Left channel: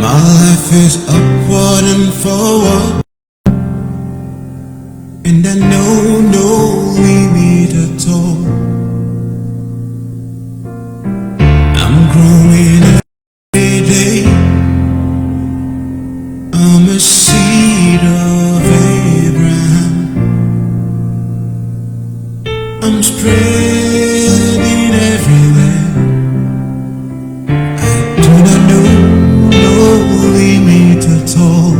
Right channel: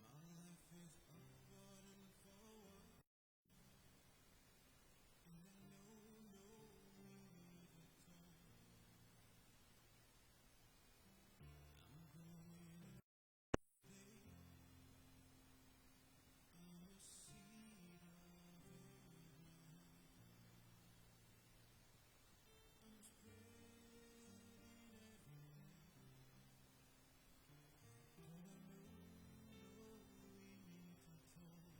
My life is upward and forward, and I know no limit at all. I'm growing every day. I'm a seed of Abraham. I'm spreading everywhere. I do not know limit at all.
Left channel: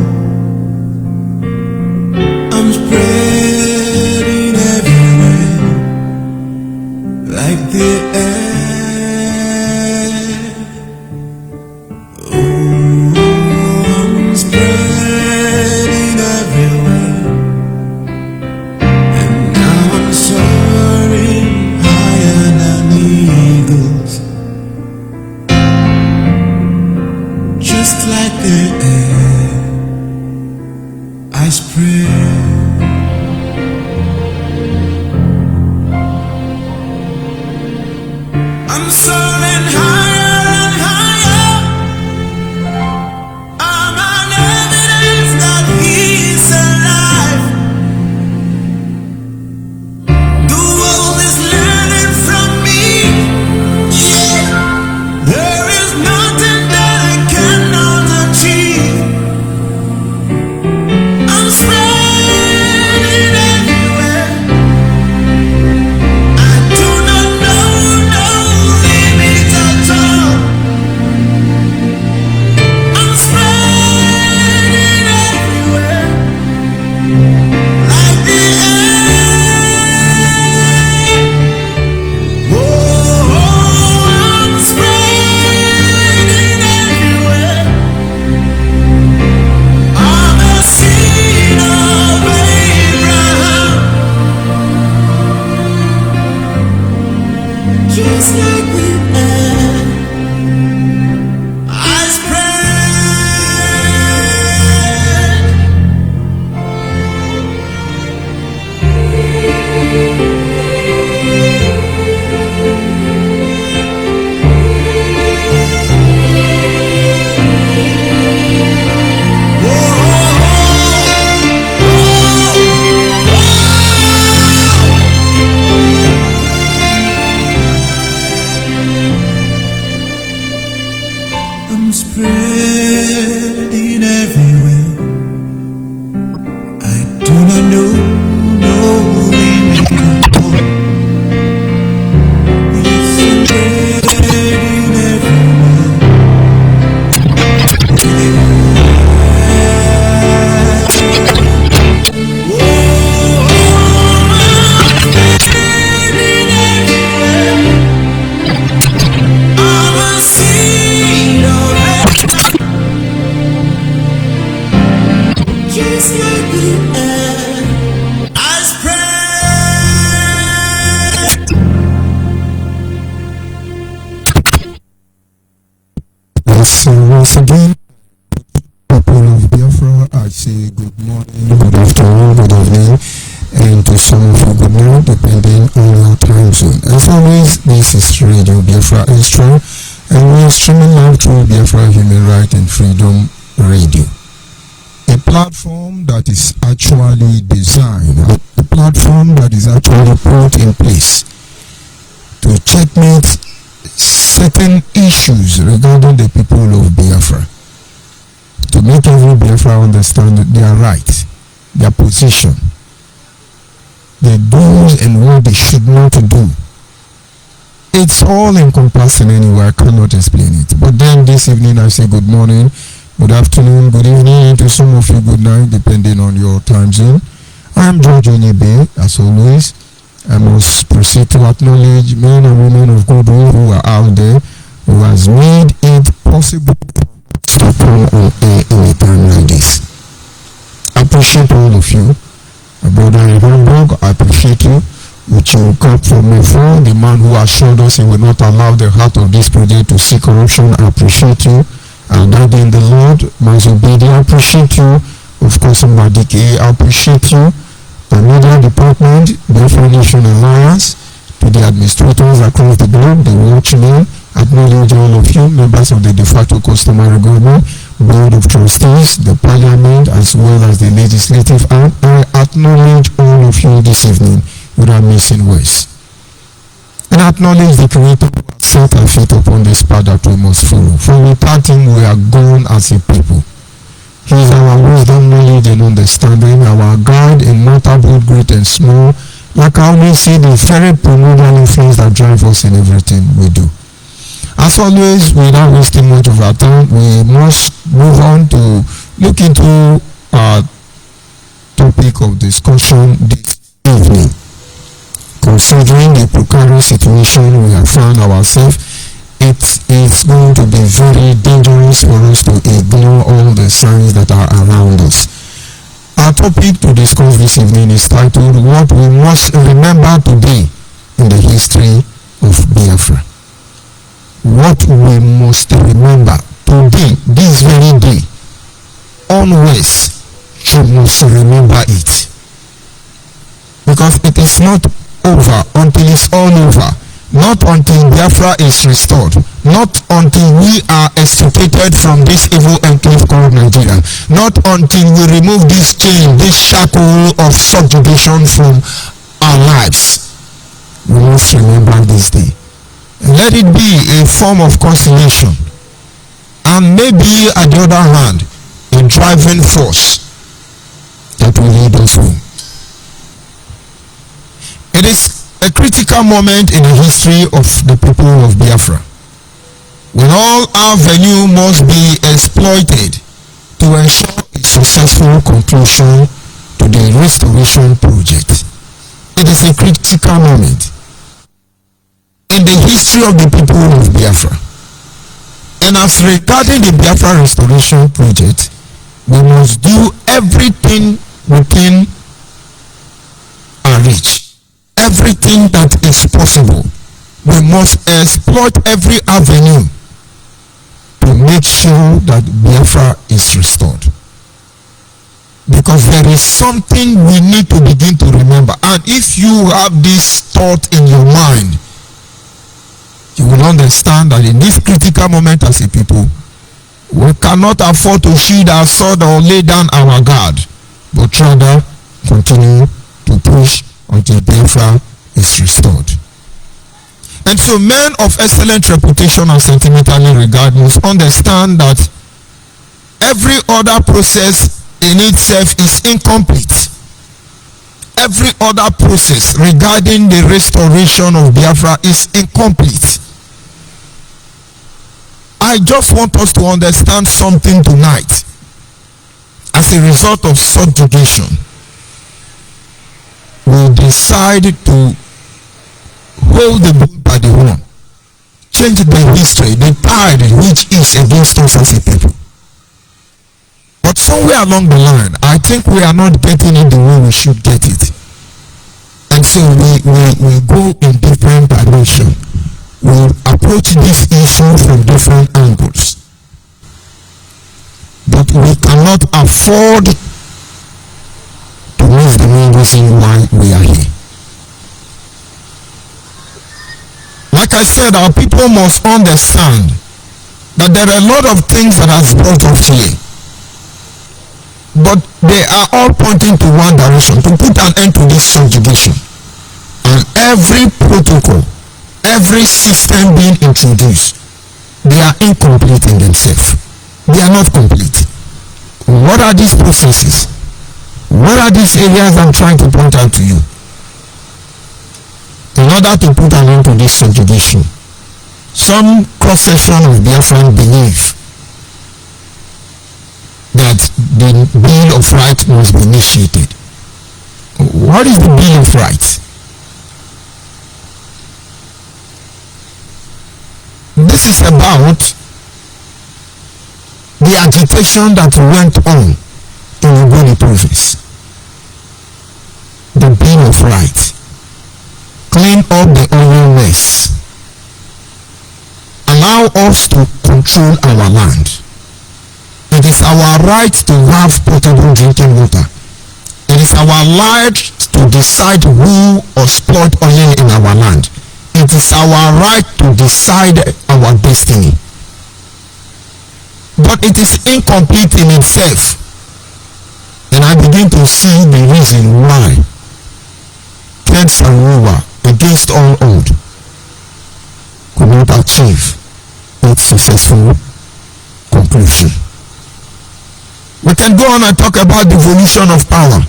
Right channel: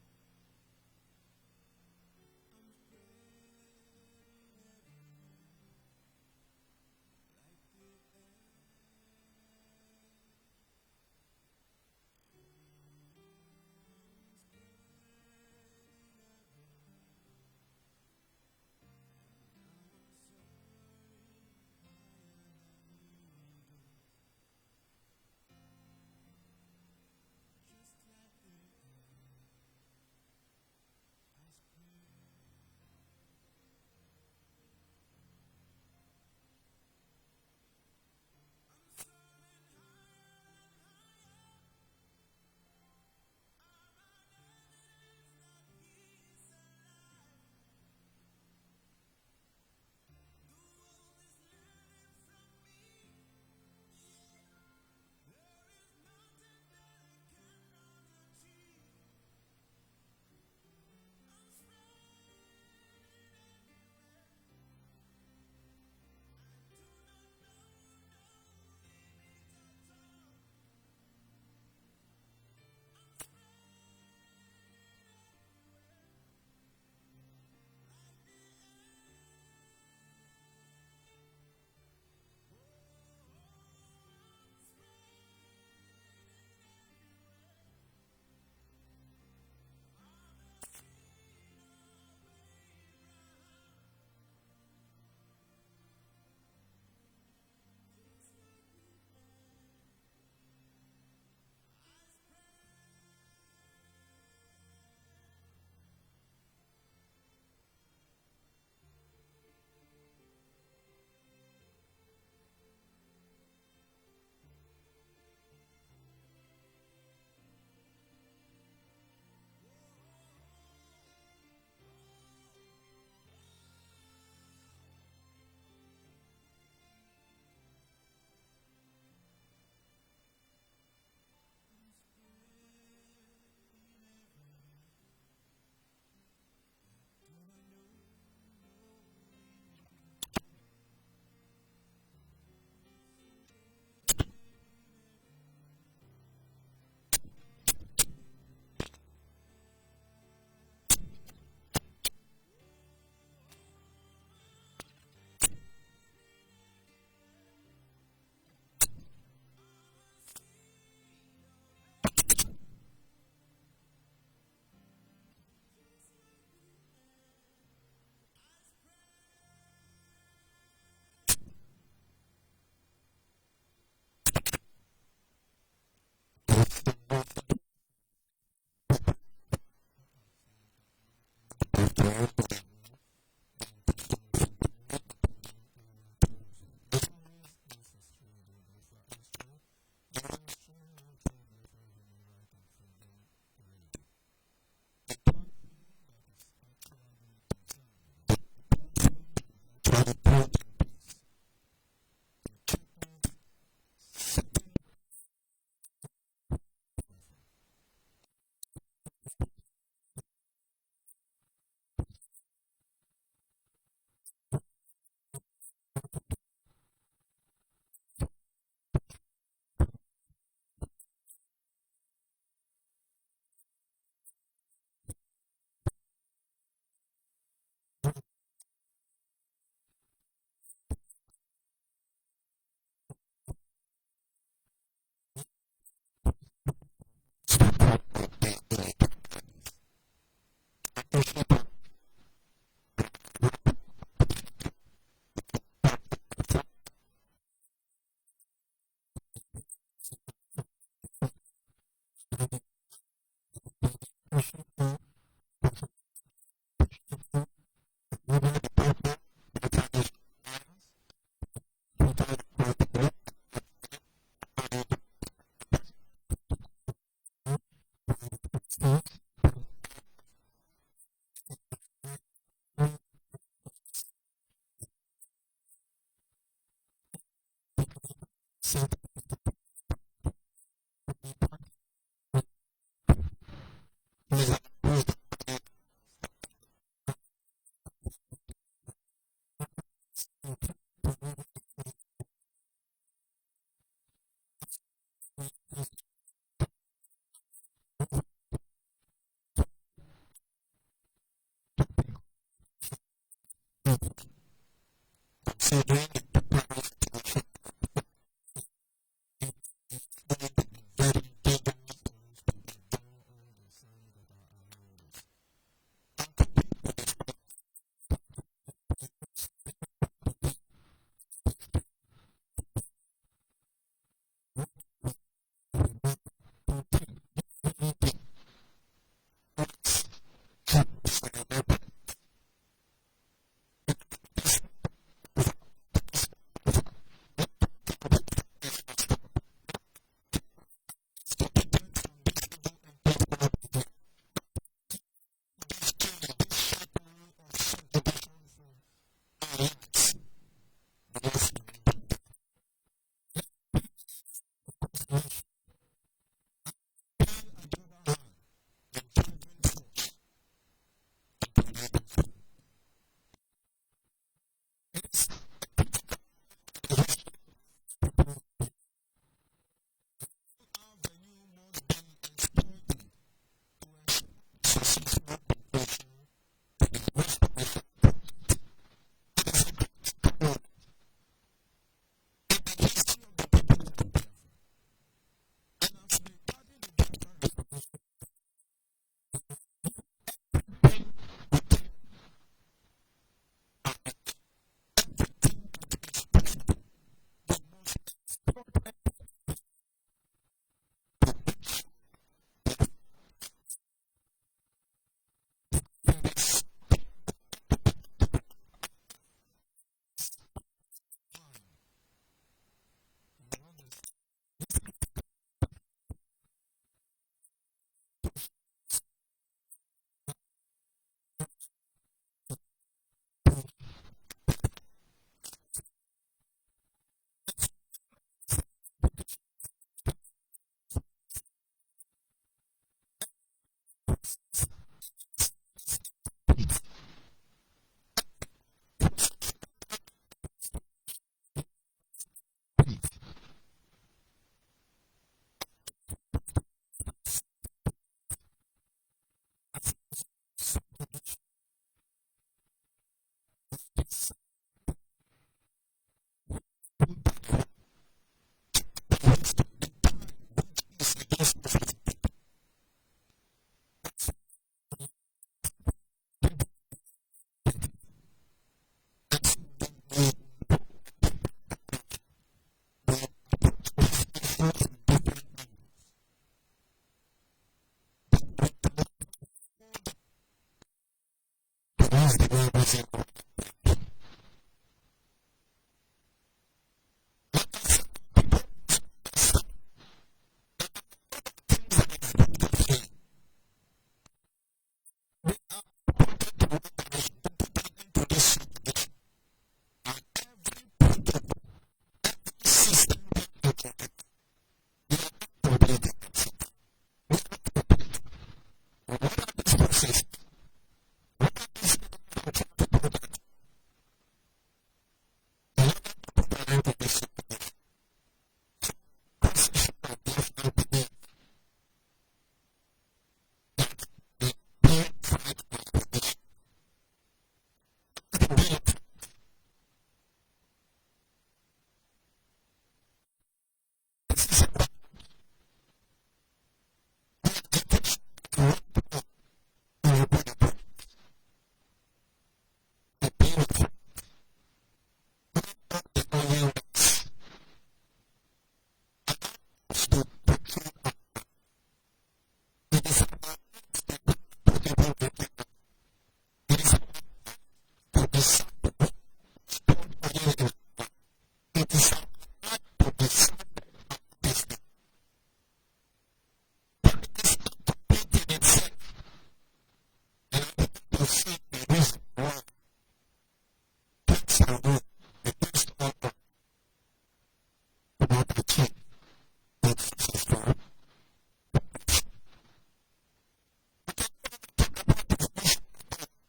I'm spreading everywhere like the air. Oh, I'm spreading everywhere, and now I'm soaring higher than eagles, just like the air I spread. I'm soaring higher and higher. I'm an evidence that He's alive. The world is learning from me. Yeah, there is nothing that I cannot achieve. I'm spreading everywhere. I do not know no limit at all. I'm spreading everywhere like the air. Oh, I'm spreading everywhere. I'm a seed of Abraham, just like the air I spread. I'm spreading everywhere. I do not know no limit at all. Yes, I'm spreading everywhere. Oh, I'm spreading everywhere. I'm a seed of just like the air I spread. Yes, so once again, people of Biafra, I say good morning, good afternoon, good evening, and to some of you good night, depending on your time zone. As always, this is Radio Biafra Extra, and we are streaming live through Biafra Human Rights and Freedom Radio. A platform that is actually designed, a platform that is actually put in place to checkmate certain issues regarding the people of Biafra, to make every Biafra understand their right, their position, their do's and what they should not do. It's all encompassing anyway, I cannot explain it. But then this evening I say good morning, good afternoon, good evening, and to some of you good night, depending on your time zone. I'm George Onyebe, as always. I must proceed to acknowledge men and women of God who are out there, who has made it possible to come on air in a time like this. I appreciate all of you. My brother in Hamburg, I appreciate you. Which you come from before, the man who assured us he will not allow the heart of this project to see corruption. I appreciate you. And Daddy in the Lord, Mazobedi, I appreciate you. Of course, Mbadike, I appreciate you. The media department, the Biafra Nation Alliance, to the administrators across the globe, the watchmen, acknowledge all of you, members of the de facto customary government, board of trustees, the parliament, as well as the legislative arm. I acknowledge all of you this evening without missing words. And acknowledge the Creator who has set our feet upon this path that we must follow. For without Him, we are gone as a people. He is our wisdom, knowledge, and understanding, our guide in matter both great and small. Like I always say, the very primordial influence that drives us in everything we do. As always, without wasting much of our time, we must move on to look into our topic of discussion this evening. Considering the precarious situation we have found ourselves, it is going to be very dangerous for us to ignore all the signs that are around us. Our topic to discuss this evening is titled, What We Must Remember Today in the History of Biafra. What we must remember today, this very day, onwards, you must remember it. Because it is not over until it's all over. Not until Biafra is restored. Not until we are extricated from this evil enclave called Nigeria. Not until we remove this chain, this shackle of subjugation from our lives. We must remember this day. And let it be a form of consolation. And maybe, at the other hand, a driving force that will lead us home. It is a critical moment in the history of the people of Biafra, when all avenue must be exploited to ensure a successful conclusion to the restoration project. It is a critical moment in the history of the people of Biafra. And as regarding the Biafra restoration project, we must do everything within our reach. Everything that is possible. We must exploit every avenue to make sure that Biafra is restored. Because there is something we need to begin to remember. And if you have this thought in your mind, you will understand that in this critical moment as a people, we cannot afford to shield our sword or lay down our guard, but rather continue to push until Biafra is restored. And so men of excellent reputation and sentimentally regard must understand that every other process in itself is incomplete. Every other process regarding the restoration of Biafra is incomplete. I just want us to understand something tonight. As a result of subjugation, we decide to hold the bull by the horn, change the history, the tide which is against us as a people. But somewhere along the line, I think we are not getting it the way we should get it. And so we go in different directions. We approach this issue from different angles. But we cannot afford to miss the main reason why we are here. Like I said, our people must understand that there are a lot of things that has brought us here. But they are all pointing to one direction, to put an end to this subjugation. And every protocol, every system being introduced, they are incomplete in themselves. They are not complete. What are these processes? What are these areas I'm trying to point out to you? In order to put an end to this subjugation, some cross-section of Biafran believe that the Bill of Rights must be initiated. What is the Bill of Rights? This is about the agitation that went on in Ogoni province. right. Clean up the oil mess. Allow us to control our land. It is our right to have potable drinking water. It is our right to decide who exploit oil in our land. It is our right to decide our destiny. But it is incomplete in itself. And I begin to see the reason why Ken Saro-Wiwa, against all odds, could not achieve its successful conclusion. We can go on and talk about devolution of power.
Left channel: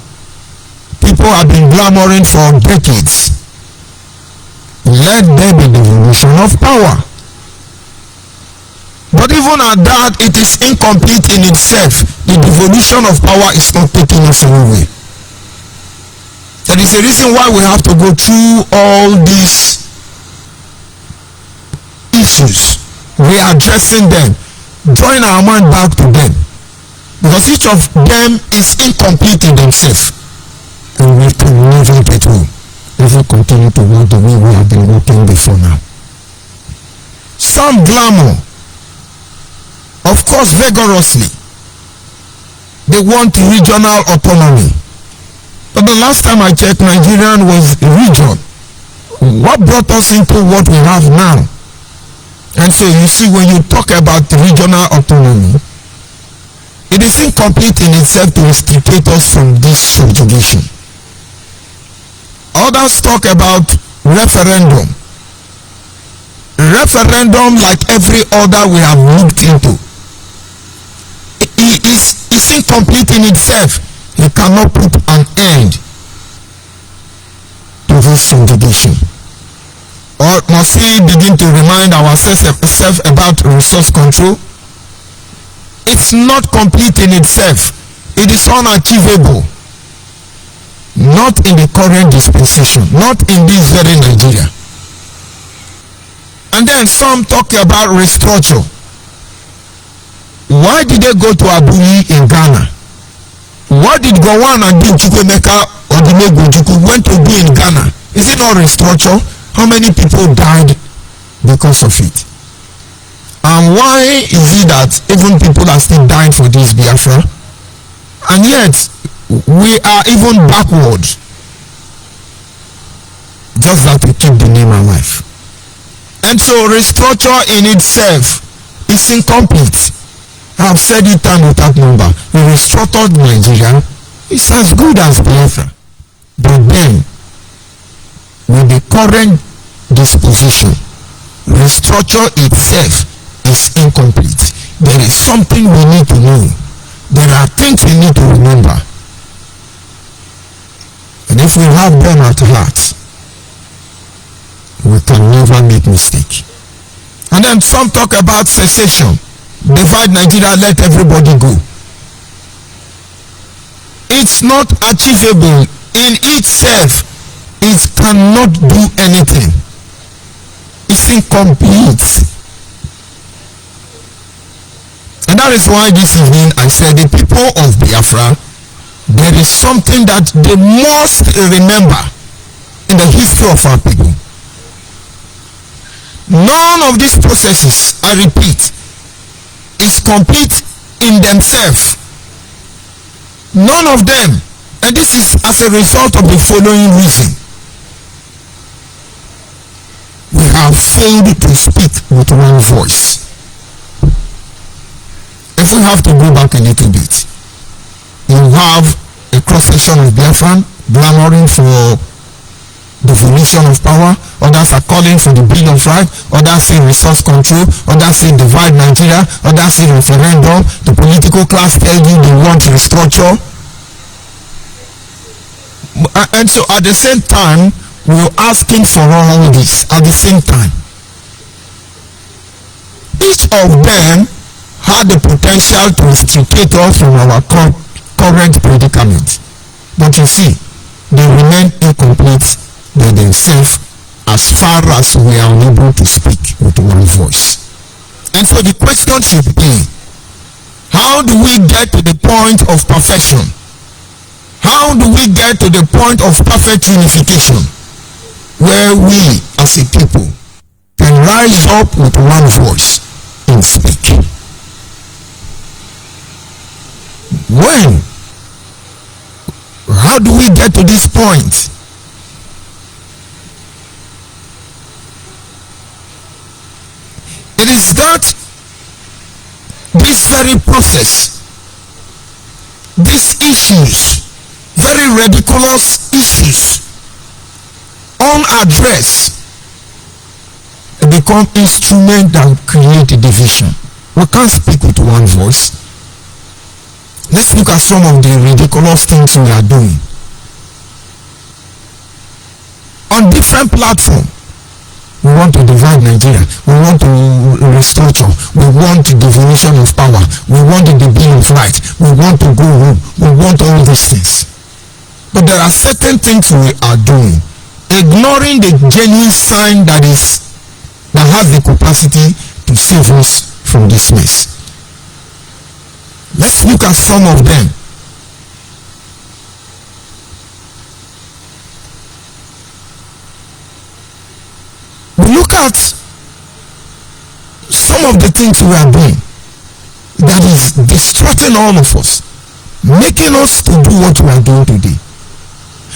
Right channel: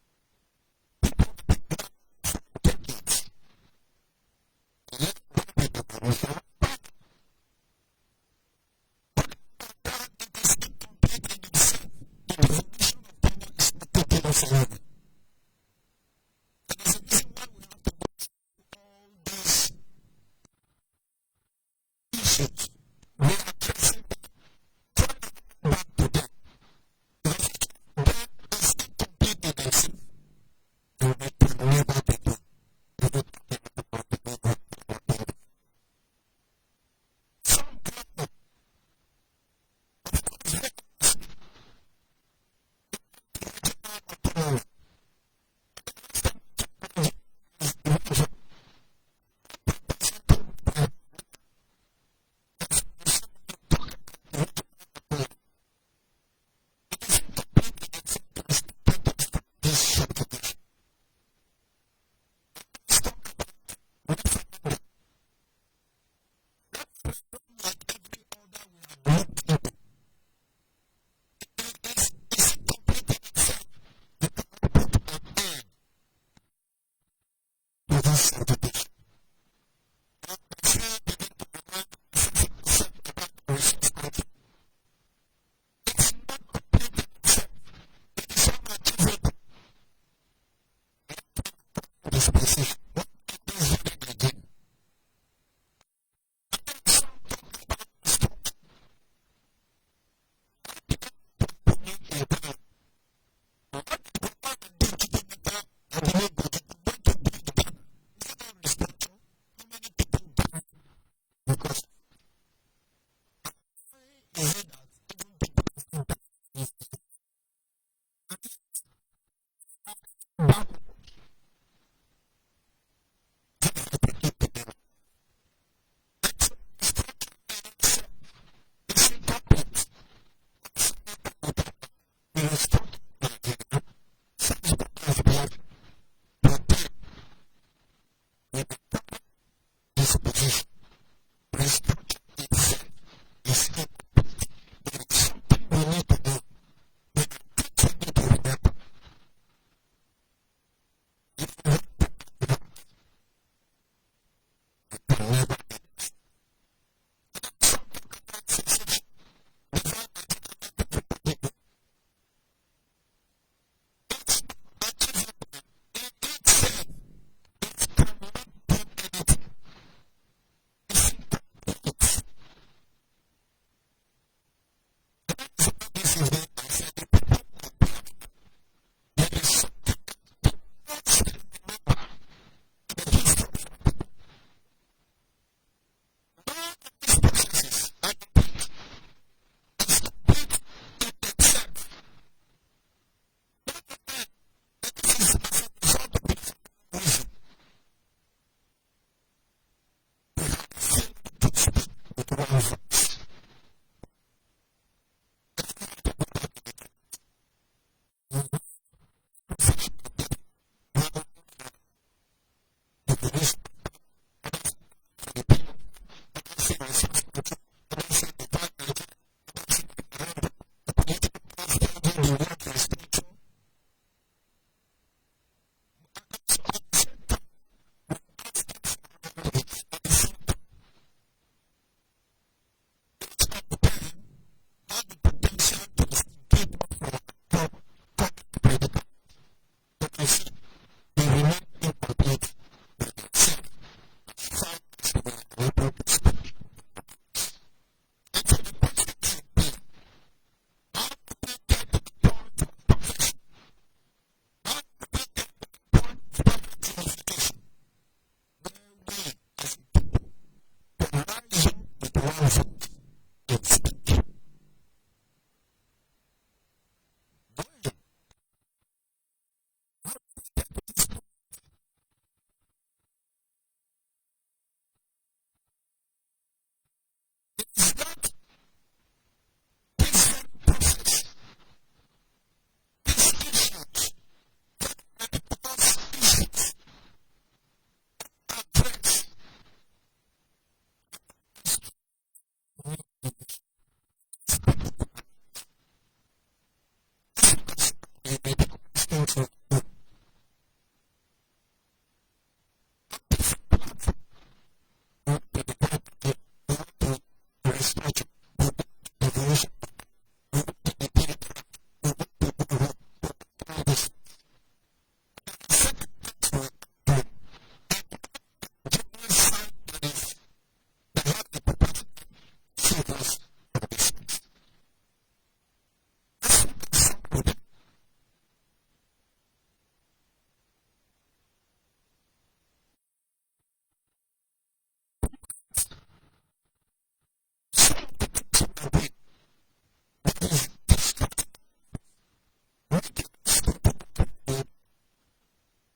People have been clamoring for decades. Let there be devolution of power. But even at that, it is incomplete in itself. The devolution of power is not taking us away. There is a reason why we have to go through all these issues. We are addressing them, drawing our mind back to them, because each of them is incomplete in themselves, and we can never get home if we continue to work the way we have been working before now. Some glamour, of course, vigorously. They want regional autonomy. But the last time I checked, Nigeria was a region. What brought us into what we have now? And so you see, when you talk about regional autonomy, it is incomplete in itself to extricate us from this subjugation. Others talk about referendum. Referendum, like every other we have looked into, is incomplete in itself. You cannot put an end to this subjugation. Or must we begin to remind ourselves about resource control? It's not complete in itself. It is unachievable. Not in the current dispensation, not in this very Nigeria. And then some talk about restructure. Why did they go to Abuyi in Ghana? What did Gowon and Chukwemeka or Dimegwu went to do in Ghana? Is it not restructure? How many people died because of it? And why is it that even people are still dying for this Biafra? And yet, we are even backward. Just that we keep the name alive. And so restructure in itself is incomplete. I have said it time without number. A restructured Nigeria is as good as Biafra. But then, with the current disposition, restructure itself is incomplete. There is something we need to know. There are things we need to remember. And if we have them at heart, we can never make mistake. And then some talk about secession. Divide Nigeria, let everybody go. It's not achievable in itself. It cannot do anything. It's incomplete. And that is why this evening I said the people of Biafra, there is something that they must remember in the history of our people. None of these processes, I repeat, is complete in themselves. None of them. And this is as a result of the following reason. We have failed to speak with one voice. If we have to go back a little bit, you have a cross-section of Biafran clamoring for devolution of power, others are calling for the Bill of Rights, others say resource control, others say divide Nigeria, others say referendum. The political class tell you they want restructure. And so at the same time, we're asking for all this at the same time. Each of them had the potential to extricate us from our current predicament. But you see, they remain incomplete by themselves as far as we are unable to speak with one voice. And so the question should be, how do we get to the point of perfection? How how do we get to the point of perfect unification where we as a people can rise up with one voice and speak? When? How do we get to this point? It is that this very process, these issues, very ridiculous issues, unaddressed, become instruments that create a division. We can't speak with one voice. Let's look at some of the ridiculous things we are doing. On different platforms, we want to divide Nigeria. We want to restructure. We want the definition of power. We want the Bill of Rights. We want to go home. We want all these things. But there are certain things we are doing, ignoring the genuine sign that has the capacity to save us from this mess. Let's look at some of them. We look at some of the things we are doing that is distracting all of us, making us to do what we are doing today.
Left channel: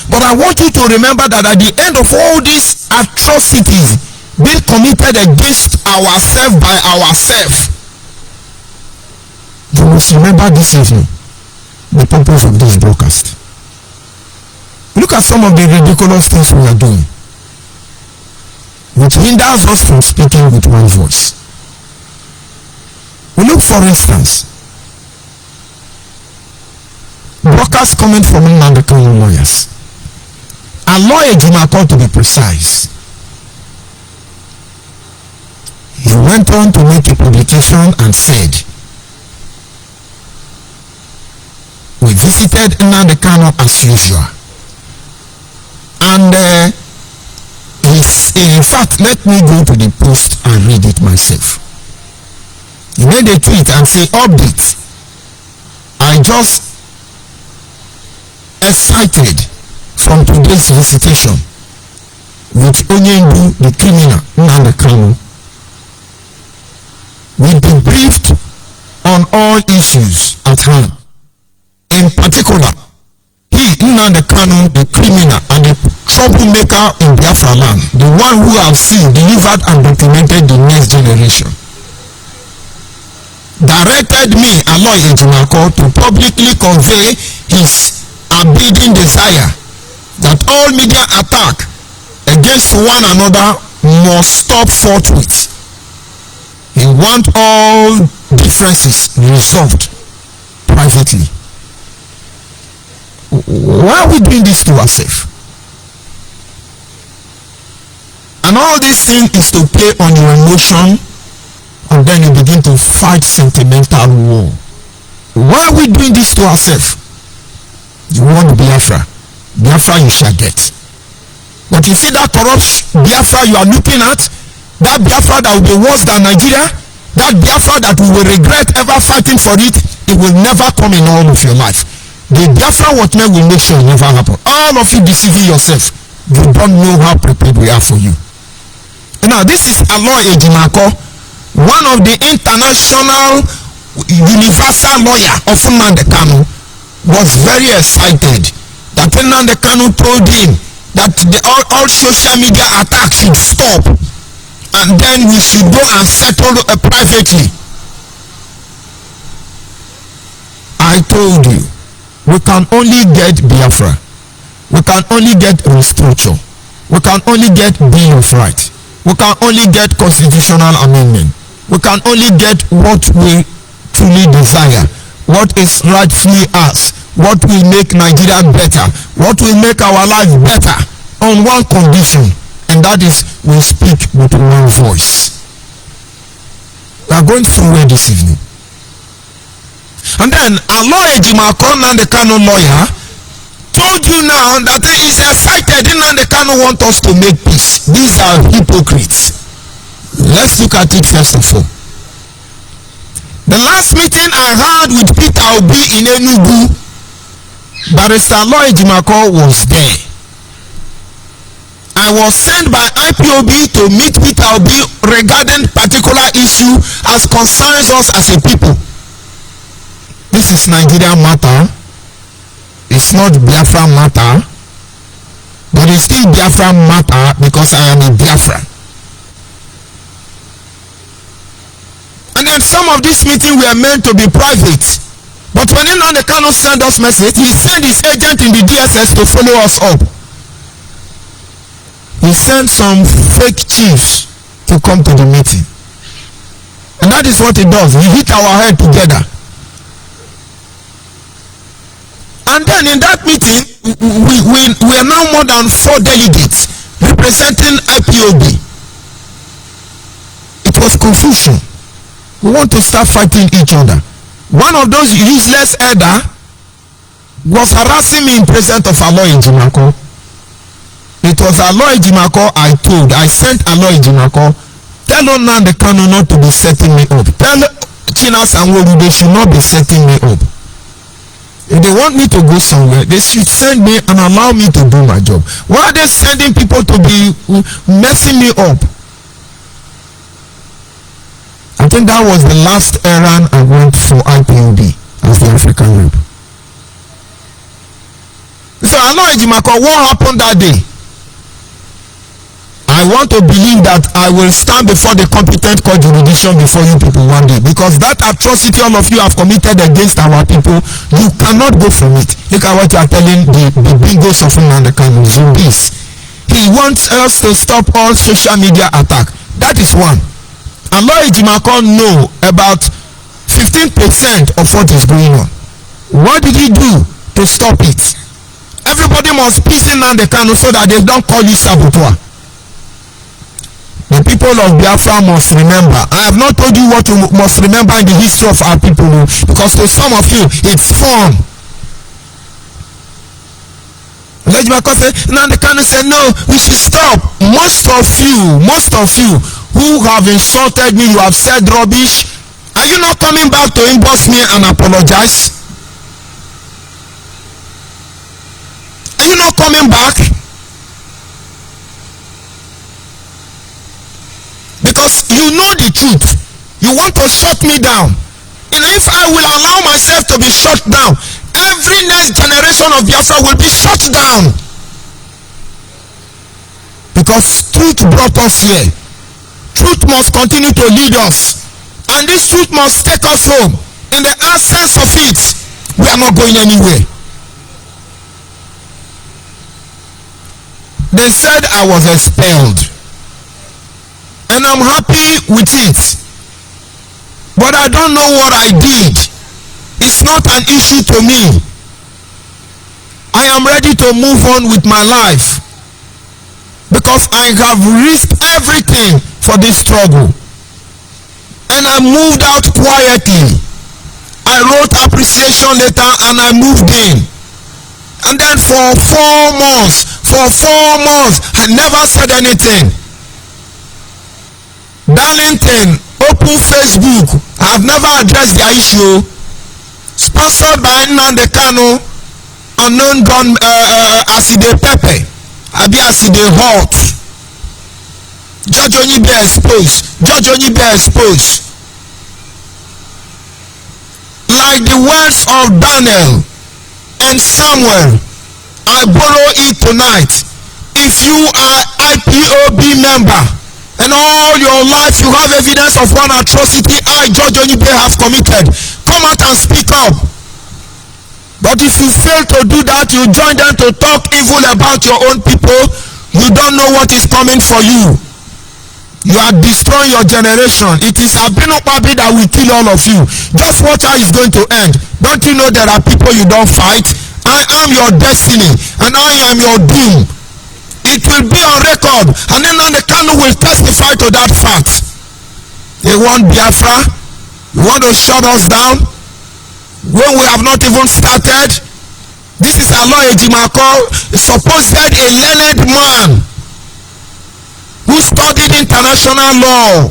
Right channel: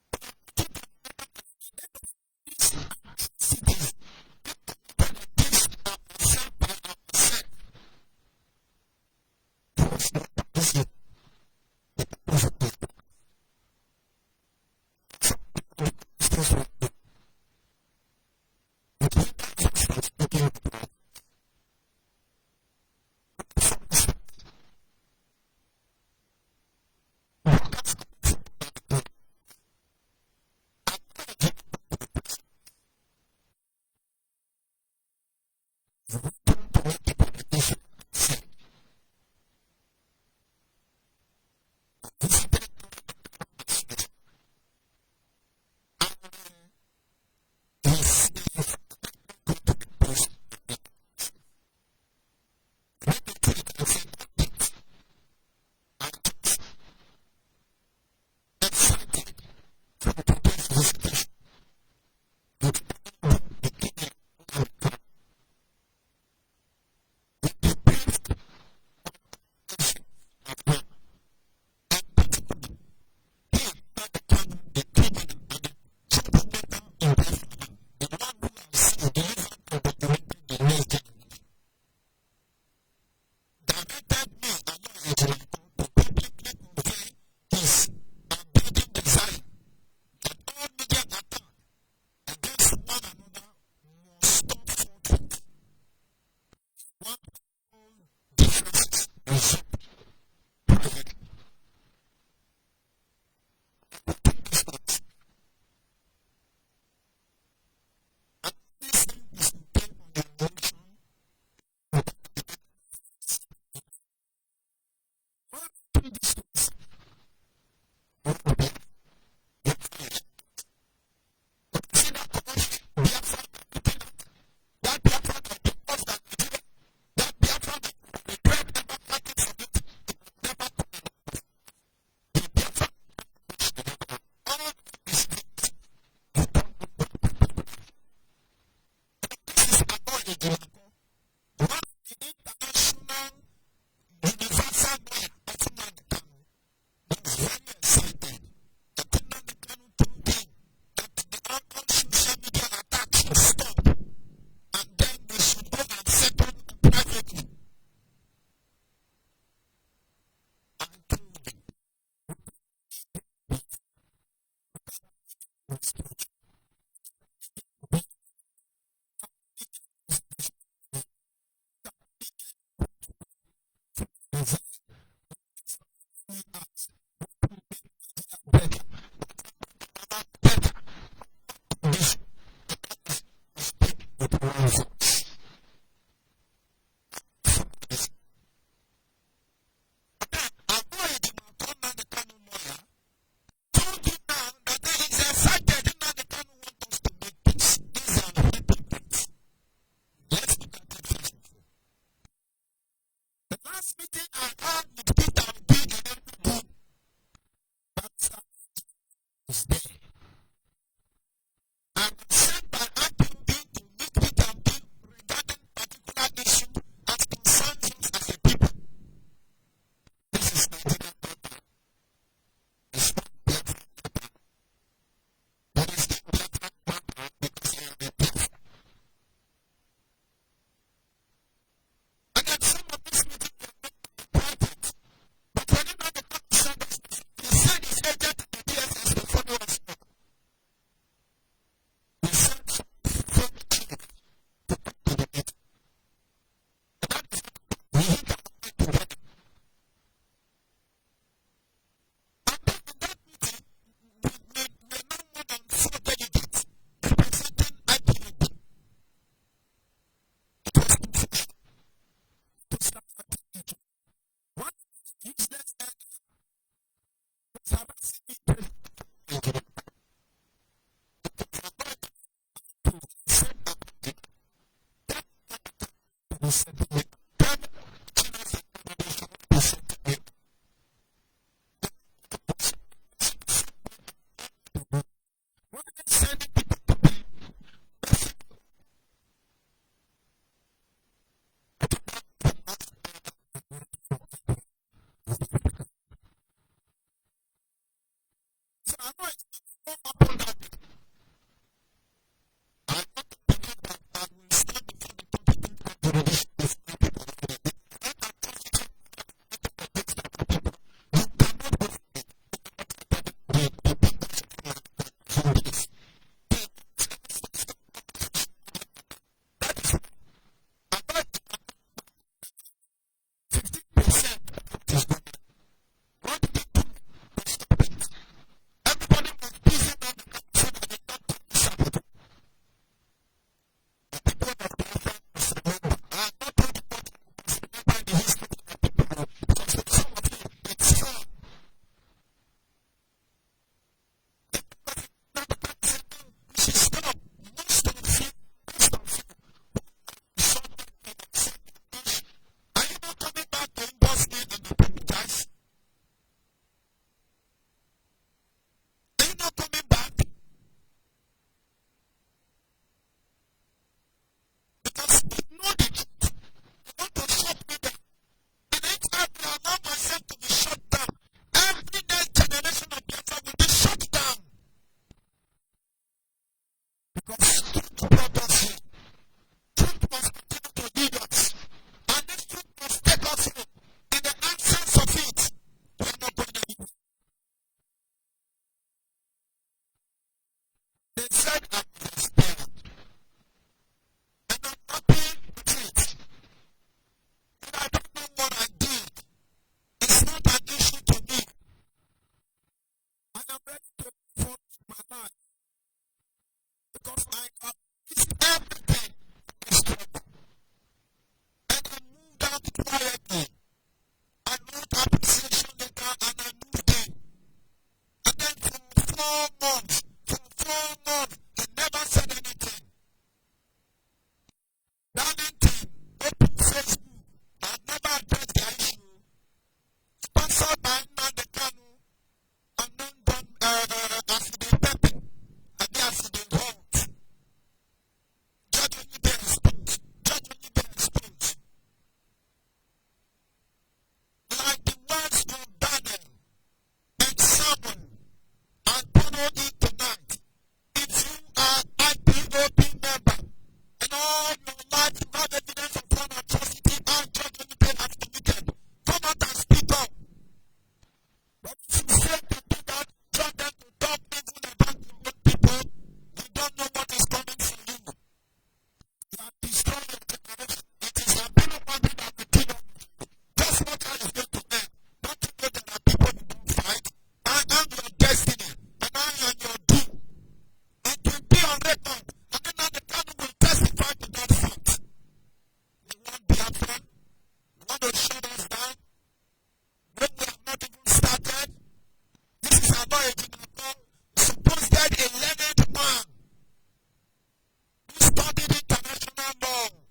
But I want you to remember that at the end of all these atrocities being committed against ourselves by ourselves, you must remember this evening the purpose of this broadcast. Look at some of the ridiculous things we are doing, which hinders us from speaking with one voice. We look, for instance, brokers coming from Nnamdi Kanu lawyers. A lawyer, Ejimako to be precise. He went on to make a publication and said, we visited Nnamdi Kanu as usual. And in fact, let me go to the post and read it myself. He made a tweet and say, update. I just excited from today's visitation with Onyendu, the criminal, Nnamdi Kanu. We debriefed on all issues at hand. In particular, he, Nnamdi Kanu, the criminal and the troublemaker in Biafra land, the one who have seen, delivered and documented the next generation, directed me, Aloy Ejimako, to publicly convey his abiding desire that all media attack against one another must stop forthwith. He wants all differences resolved privately. Why are we doing this to ourselves? And all this thing is to play on your emotion, and then you begin to fight sentimental war. Why are we doing this to ourselves? You want Biafra. Biafra you shall get. But you see that corrupt Biafra you are looking at, that Biafra that will be worse than Nigeria, that Biafra that we will regret ever fighting for it, it will never come in all of your life. The Biafra watchmen will make sure it never happen. All of you deceiving yourself. You don't know how prepared we are for you. Now this is Aloy Ejimako, one of the international universal lawyer of Nnamdi Kanu, was very excited that Nnamdi Kanu told him that all social media attacks should stop, and then we should go and settle privately. I told you, we can only get Biafra, we can only get restructure, we can only get Bill of Rights, we can only get constitutional amendment, we can only get what we truly desire, what is rightfully ours, what will make Nigeria better, what will make our life better, on one condition, and that is we speak with one voice. We are going through it this evening. And then Aloy Ejimako, Nnamdi Kanu lawyer, told you now that he is excited. Nnamdi Kanu wants us to make peace. These are hypocrites. Let's look at it first of all. The last meeting I had with Peter Obi in Enugu, Barrister Aloy Ejimakor was there. I was sent by IPOB to meet Peter Obi regarding particular issue as concerns us as a people. This is Nigeria matter. It's not Biafra matter. But it's still Biafra matter because I am a Biafra. And then some of these meetings were meant to be private. But when Nnamdi Kanu sent us message, he sent his agent in the DSS to follow us up. He sent some fake chiefs to come to the meeting. And that is what he does. He hit our head together. And then in that meeting, we are now more than 4 delegates representing IPOB. It was confusion. We want to start fighting each other. One of those useless elder was harassing me in presence of Aloy Ejimakor. It was Aloy Ejimakor I sent Aloy Ejimakor, tell Nnamdi Kanu not to be setting me up. Tell Chinasa Nworu they should not be setting me up. If they want me to go somewhere, they should send me and allow me to do my job. Why are they sending people to be messing me up? I think that was the last errand I went for IPOB as the African rep. So Aloy Ejimakor, what happened that day? I want to believe that I will stand before the competent court jurisdiction before you people one day, because that atrocity all of you have committed against our people, you cannot go from it. Look at what you are telling the bingos of Nnamdi Kanu, Zumbis. He wants us to stop all social media attack. That is one. Aloy Ejimakor know about 15% of what is going on. What did he do to stop it? Everybody must peace in Nnamdi Kanu so that they don't call you saboteur. The people of Biafra must remember. I have not told you what you must remember in the history of our people, because to some of you it's fun. Ejimakor said, Nnamdi Kanu said, no, we should stop. Most of you who have insulted me, you have said rubbish. Are you not coming back to inbox me and apologize? Are you not coming back? Because you know the truth. You want to shut me down. And if I will allow myself to be shut down, every next generation of Biafra will be shut down. Because truth brought us here. Truth must continue to lead us. And this truth must take us home. In the absence of it, we are not going anywhere. They said I was expelled. And I'm happy with it. But I don't know what I did. It's not an issue to me. I am ready to move on with my life. Because I have risked everything for this struggle. And I moved out quietly. I wrote appreciation letter and I moved in. And then for 4 months, I never said anything. Darlington, open Facebook. I have never addressed their issue. Sponsored by Nnamdi Kanu, unknown gun, Aside Pepe, Abi Aside Hot. Judge Onyibe exposed. Like the words of Daniel and Samuel, I borrow it tonight. If you are IPOB member, and all your life you have evidence of one atrocity I, Judge Onyibe, have committed, come out and speak up. But if you fail to do that, you join them to talk evil about your own people, you don't know what is coming for you. You are destroying your generation. It is Abino Pabi that will kill all of you. Just watch how it's going to end. Don't you know there are people you don't fight? I am your destiny and I am your doom. It will be on record, and then Nnamdi Kanu will testify to that fact. They want Biafra. You want to shut us down when we have not even started. This is Aloy Ejimakor, supposed a learned man who studied international law,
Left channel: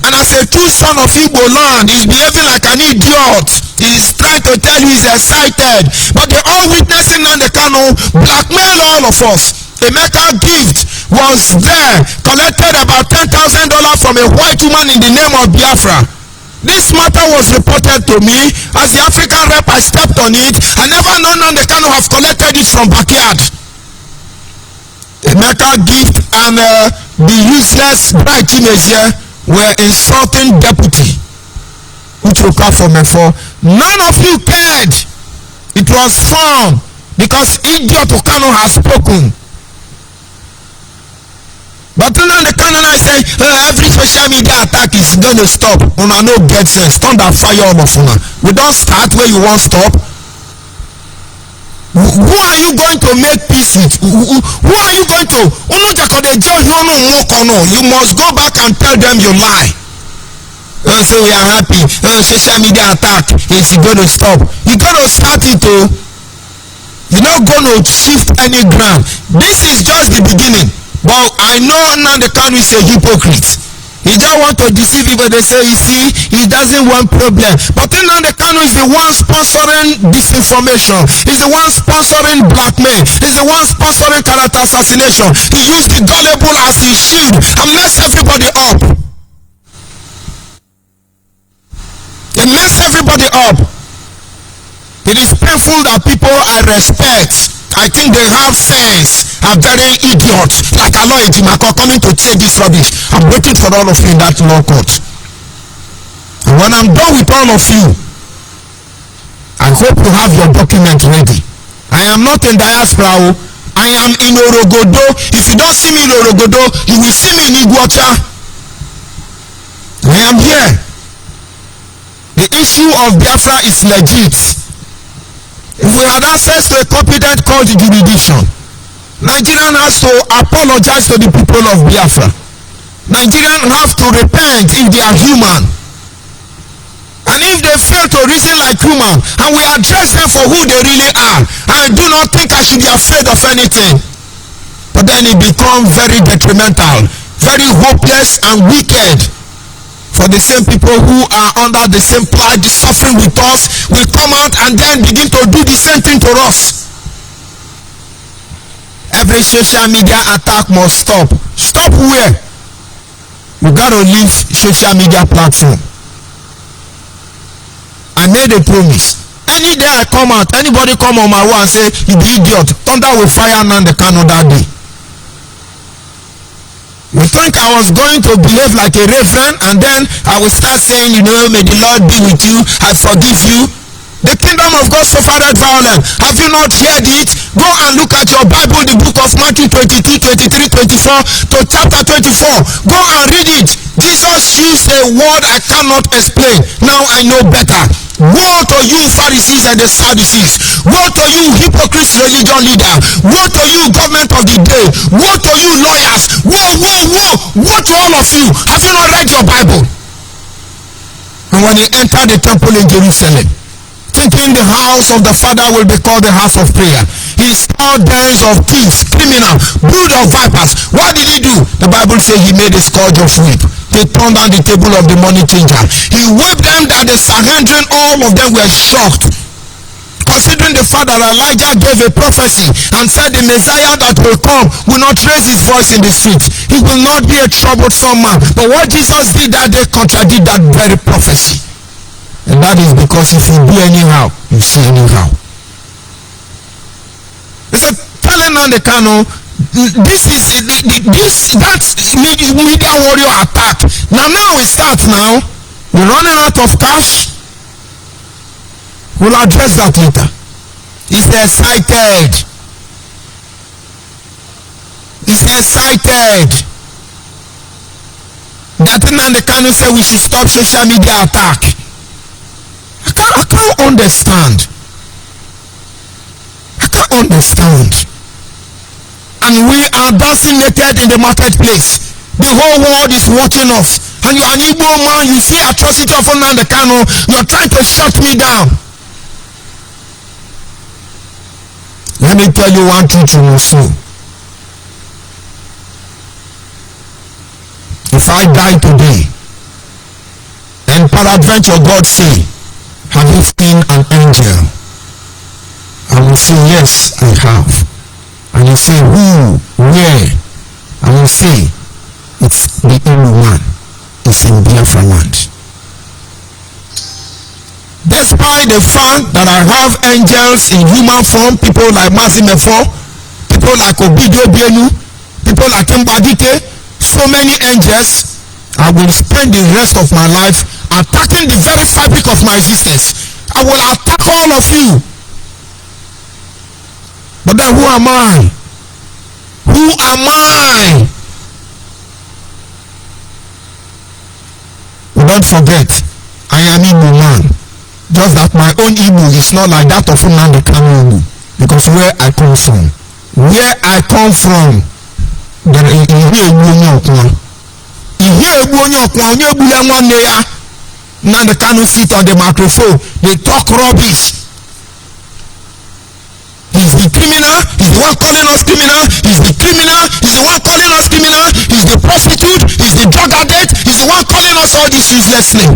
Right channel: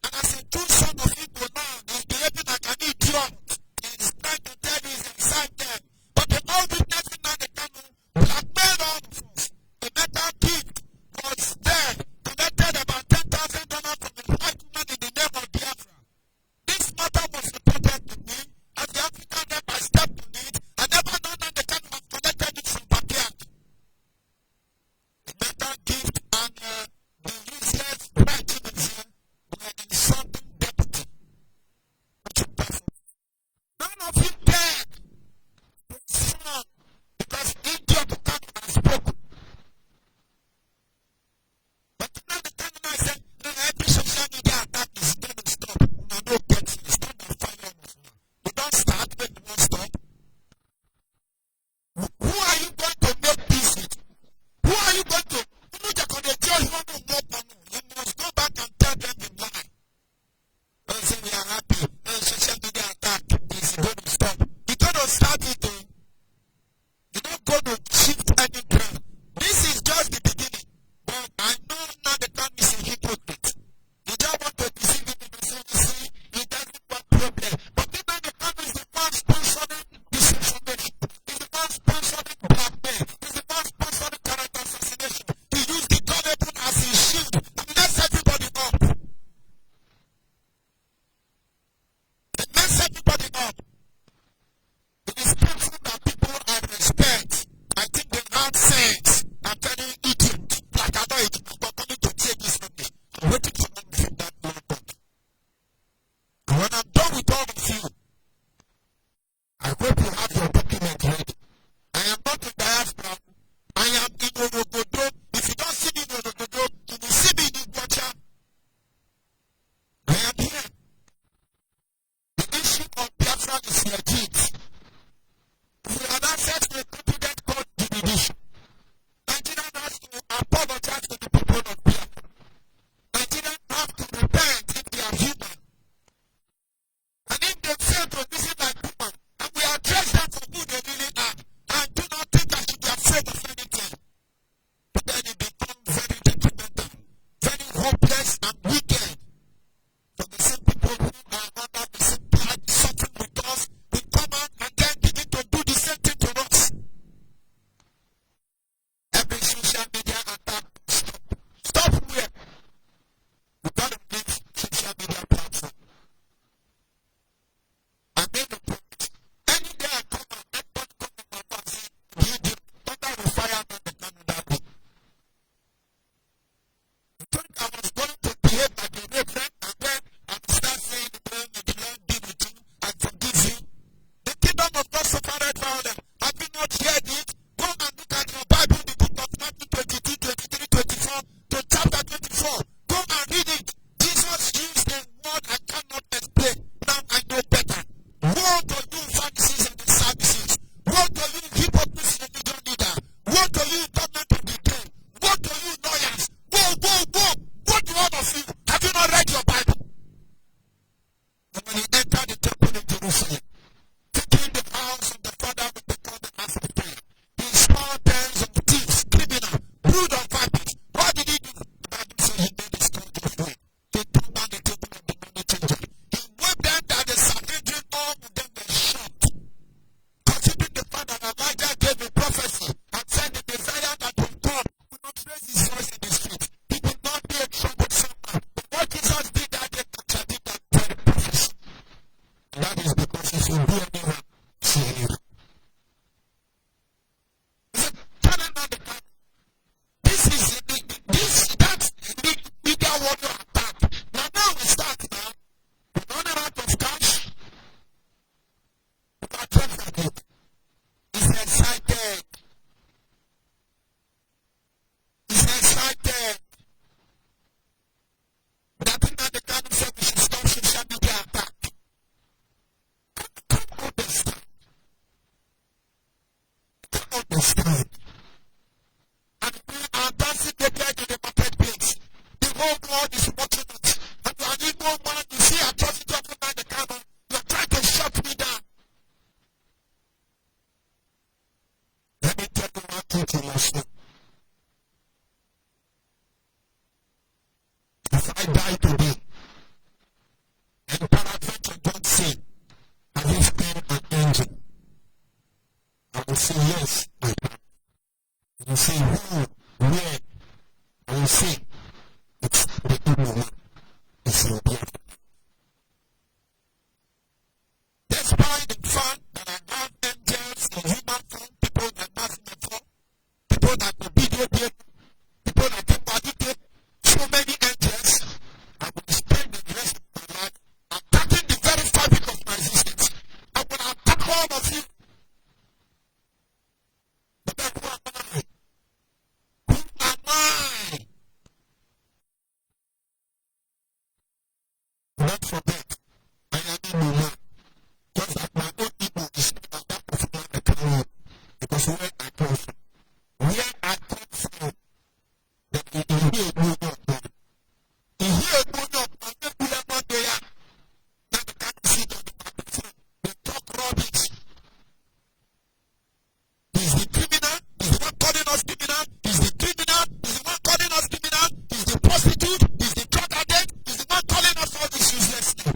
and as a true son of Igbo land, he's behaving like an idiot. He He's trying to tell you he's excited. But they all witnessing Nnamdi Kanu blackmail all of us. Emeka Gift was there, collected about $10,000 from a white woman in the name of Biafra. This matter was reported to me. As the African rep, I stepped on it. I never known Nnamdi Kanu have collected it from backyard. Emeka Gift and the useless Bright Chimezie were insulting deputy Uchoka from Efo. None of you cared. It was fun because idiot Okano has spoken. But Nnamdi Kanu I say every social media attack is going to stop. Una no get sense. Thunder fire all of una. We don't start where you want stop. Who are you going to make peace with? Who are you going to? You must go back and tell them you lie. So we are happy. Social media attack is going to stop. You got to start it too. You're not going to shift any ground. This is just the beginning. But I know Nnamdi Kanu is a hypocrite. He just want to deceive people. They say, you see, he doesn't want problem. But Nnamdi Kanu is the one sponsoring disinformation. He's the one sponsoring blackmail. He's the one sponsoring character assassination. He used the gullible as his shield and mess everybody up. He mess everybody up. It is painful that people I respect, I think they have sense, are very idiots like Aloy Ejimako coming to say this rubbish. I'm waiting for all of you in that law court. And when I'm done with all of you, I hope you have your document ready. I am not in diaspora. I am in Orogodo. If you don't see me in Orogodo, you will see me in Iguacha. I am here. The issue of Biafra is legit. If we had access to a competent court jurisdiction, Nigerian has to apologize to the people of Biafra. Nigerians have to repent if they are human. And if they fail to reason like human, and we address them for who they really are, I do not think I should be afraid of anything. But then it becomes very detrimental, very hopeless and wicked. For the same people who are under the same plight, suffering with us, will come out and then begin to do the same thing to us. Every social media attack must stop. Stop where? You got to leave social media platform. I made a promise. Any day I come out, anybody come on my way and say, you be idiot, thunder will fire Nnamdi Kanu that day. You think I was going to behave like a reverend and then I will start saying, you know, may the Lord be with you, I forgive you. The kingdom of God suffered violence. Have you not heard it? Go and look at your Bible, the book of Matthew 22, 23, 24 to chapter 24. Go and read it. Jesus used a word I cannot explain. Now I know better. Woe to you Pharisees and the Sadducees. Woe to you hypocrites religion leader. Woe to you government of the day. Woe to you lawyers. Woe, woe, woe. Woe to all of you. Have you not read your Bible? And when he entered the temple in Jerusalem, thinking the house of the Father will be called the house of prayer, he saw dens of thieves, criminals, brood of vipers. What did he do? The Bible says he made a scourge of whip. They turned down the table of the money changer. He whipped them that the Sanhedrin, all of them were shocked. Considering the fact that Elijah gave a prophecy and said the Messiah that will come will not raise his voice in the street. He will not be a troublesome man. But what Jesus did that day contradicted that very prophecy. And that is because if you do anyhow, you see anyhow. He said, telling Nnamdi Kanu, that's media warrior attack. Now we start now. We're running out of cash. We'll address that later. He's excited. He's excited. That Nnamdi Kanu said we should stop social media attack. I can't understand. I can't understand. And we are dancing naked in the marketplace. The whole world is watching us. And you are an Igbo man, you see atrocity of Nnamdi Kanu, you are trying to shut me down. Let me tell you one truth you must know. If I die today, and peradventure God say, have you seen an angel? I will say, yes, I have. And you say, who? Where? I will say, it's the Igbo man. It's in Biafra land. Despite the fact that I have angels in human form, people like Masimefo, people like Obidio Bienu, people like Mbadike, so many angels, I will spend the rest of my life attacking the very fabric of my existence. I will attack all of you. But then who am I? Who am I? Don't forget, I am Igbo man. Just that my own Igbo is not like that of Nnamdi Kanu. Because where I come from, there is Nnamdi Kanu sit on the microphone, they talk rubbish. He's the criminal, he's the one calling us criminal, he's the criminal, he's the one calling us criminal, he's the prostitute, he's the drug addict, he's the one calling us all this useless name.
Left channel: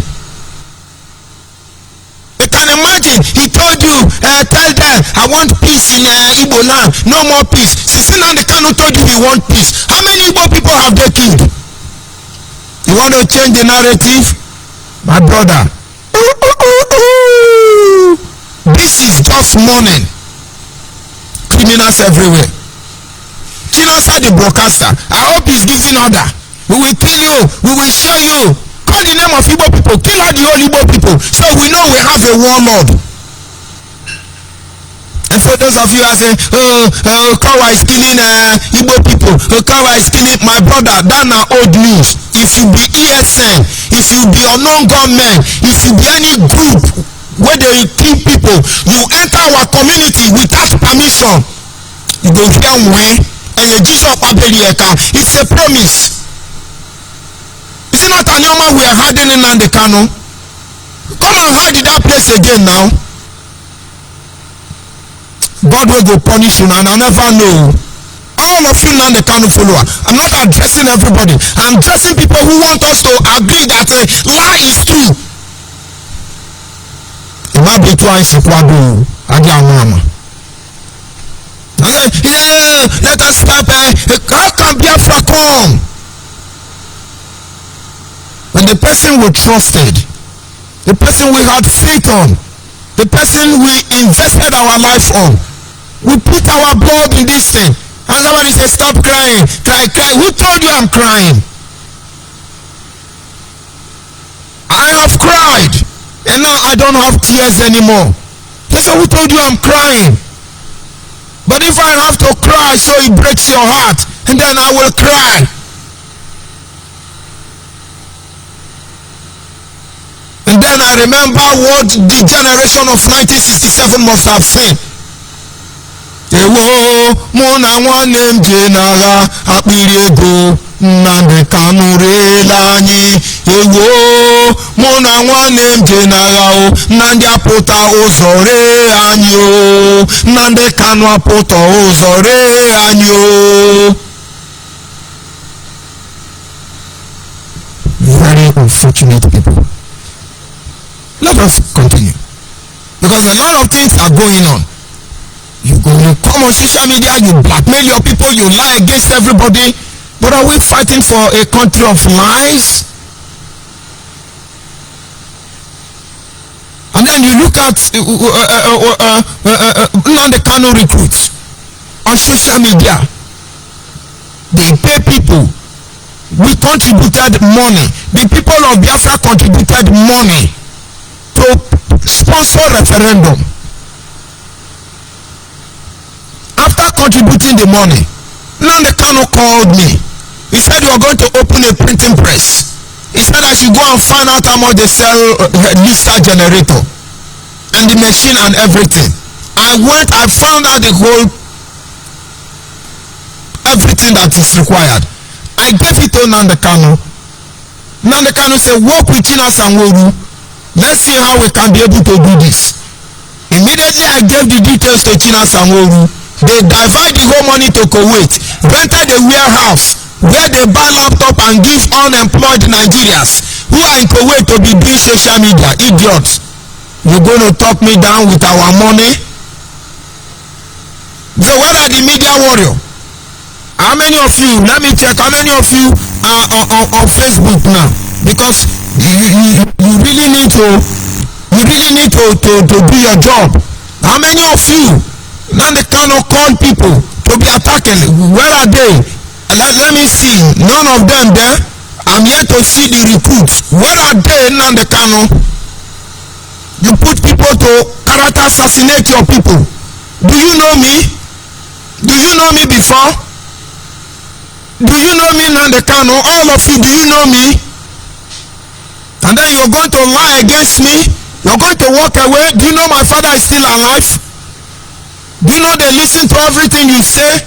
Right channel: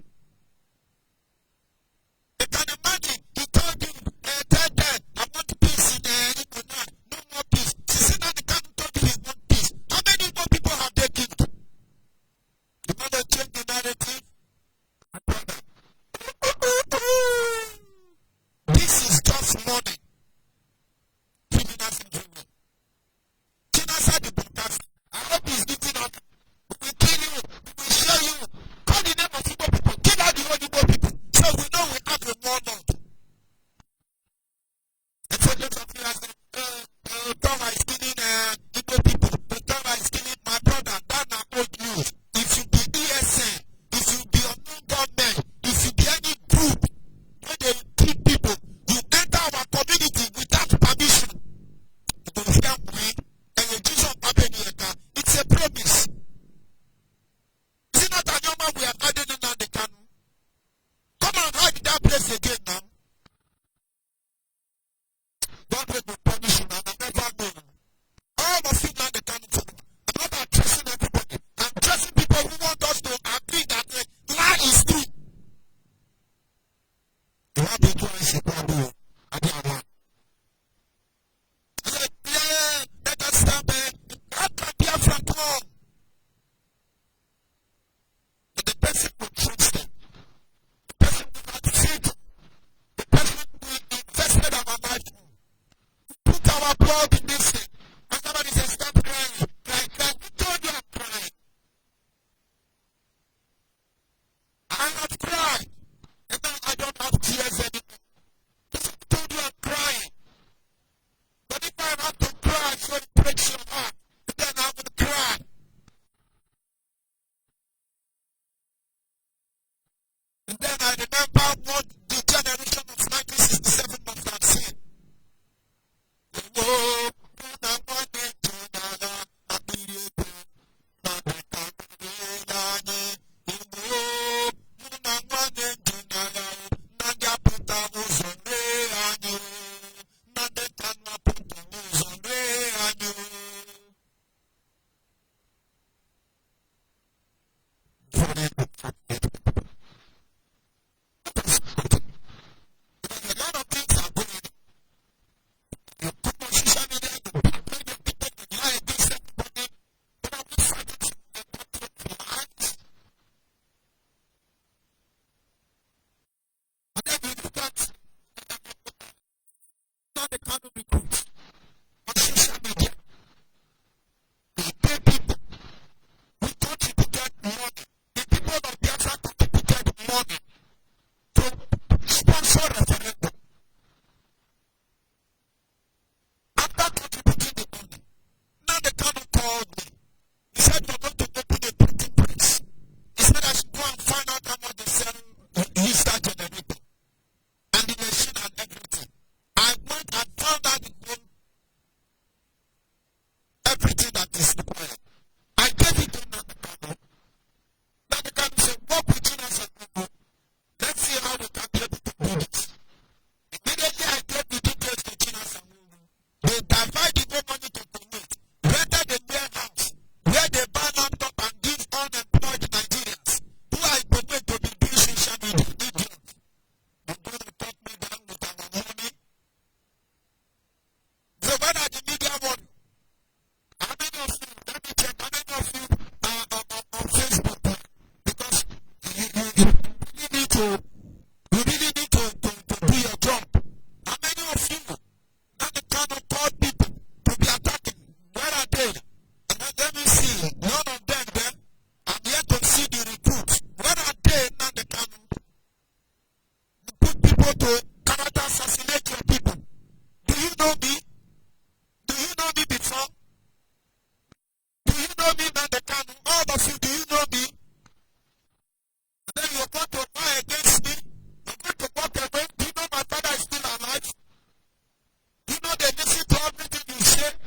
You can imagine, he told you, tell them, I want peace in Igbo land, no more peace. Since Nnamdi Kanu told you he want peace, how many Igbo people have they killed? You want to change the narrative? My brother, this is just morning. Criminals everywhere. Chinosa the broadcaster, I hope he's giving order. We will kill you, we will show you. Call the name of Igbo people, kill all the whole Igbo people, so we know we have a warlord. And for those of you who are saying, Kawa is killing Igbo people, Kawa is killing my brother, that's not old news. If you be ESN, if you be unknown government, if you be any group where they kill people, you enter our community without permission, you go hear when and you Jesus Abelieka. It's a promise. Is it not an Yoma we are hiding in Nnamdi Kanu? Come and hide in that place again now. God will go punish you and I never know. All of you Nnamdi Kanu follower. I'm not addressing everybody. I'm addressing people who want us to agree that a lie is true. Let us stop. How can Biafra come? When the person we trusted, the person we had faith on, the person we invested our life on, we put our blood in this thing, and somebody says, stop crying, cry. Who told you I'm crying? I have cried. And now I don't have tears anymore. They say, who told you I'm crying? But if I have to cry so it breaks your heart, and then I will cry. And then I remember what the generation of 1967 must have seen. Ewo mona nwanne m je n'agha akpịrị ego Nnamdi Kanu reela anyị. Ewo mona nwanne m je n'agha o Nnamdi apụta ụzọ ree anyị o Nnamdi Kanu apụta ụzọ ree anyị o. Very unfortunate people. Let us continue, because a lot of things are going on. You come on social media, you blackmail your people, you lie against everybody. But are we fighting for a country of lies? And then you look at Nnamdi Kanu recruits on social media. They pay people. We contributed money. The people of Biafra contributed money to sponsor referendum. After contributing the money, Nnamdi Kanu called me. He said, you are going to open a printing press. He said I should go and find out how much they sell Lista generator and the machine and everything. I went, I found out the whole, everything that is required. I gave it to Nnamdi Kanu. Nnamdi Kanu said, work with China Sanwo-Olu. Let's see how we can be able to do this. Immediately I gave the details to China Sanwo-Olu. They divide the whole money to Kuwait, rented a warehouse where they buy laptop and give unemployed Nigerians who are in Kuwait to be doing social media, idiots. You're going to talk me down with our money? So where are the media warrior? How many of you, let me check, how many of you are on Facebook now? Because you really need to do your job. How many of you now they cannot call people to be attacking? Where are they? Let me see. None of them there. I'm here to see the recruits. Where are they now they cannot? You put people to character assassinate your people. Do you know me? Do you know me before? Do you know me now the Kano? All of you, do you know me? And then you're going to lie against me? You're going to walk away? Do you know my father is still alive? Do you know they listen to everything you say?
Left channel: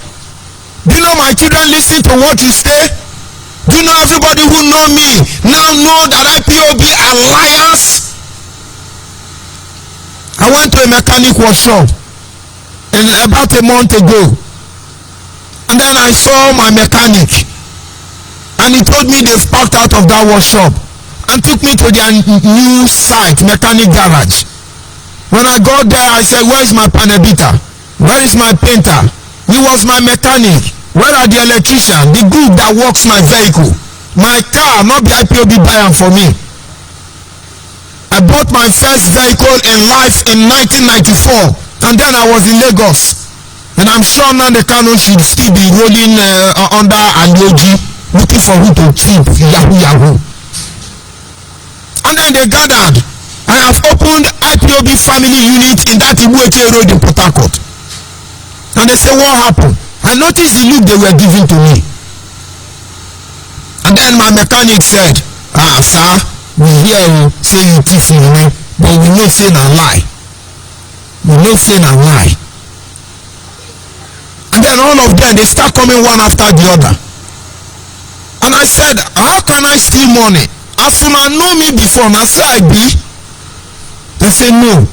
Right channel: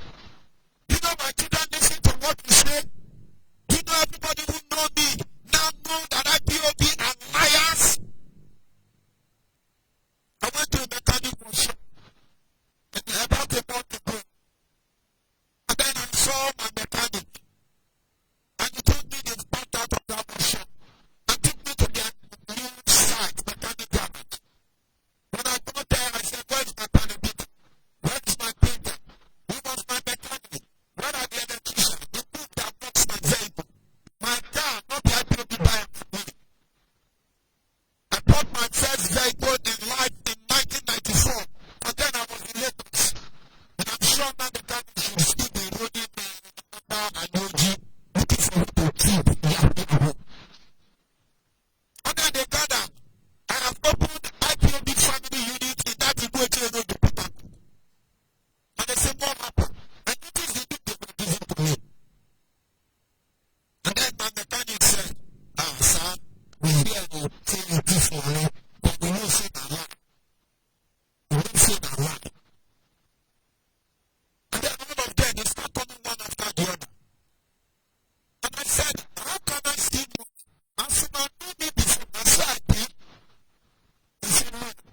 Do you know my children listen to what you say? Do you know everybody who know me now know that IPOB alliance? I went to a mechanic workshop about a month ago. And then I saw my mechanic, and he told me they've packed out of that workshop and took me to their new site, mechanic garage. When I got there, I said, where is my panel beater? Where is my painter? He was my mechanic. Where are the electrician? The group that works my vehicle. My car, not the IPOB buyer for me. I bought my first vehicle in life in 1994, and then I was in Lagos. And I'm sure now the Kano should still be rolling under Alioji, looking for who to keep, Yahoo. And then they gathered. I have opened IPOB family unit in that Ibueche road in Port Harcourt. And they say, what happened? I noticed the look they were giving to me. And then my mechanic said, sir, we hear you say you thief money, but we know say na lie. We know say na lie. And then all of them, they start coming one after the other. And I said, how can I steal money? As soon as know me before, I say I be. They say no.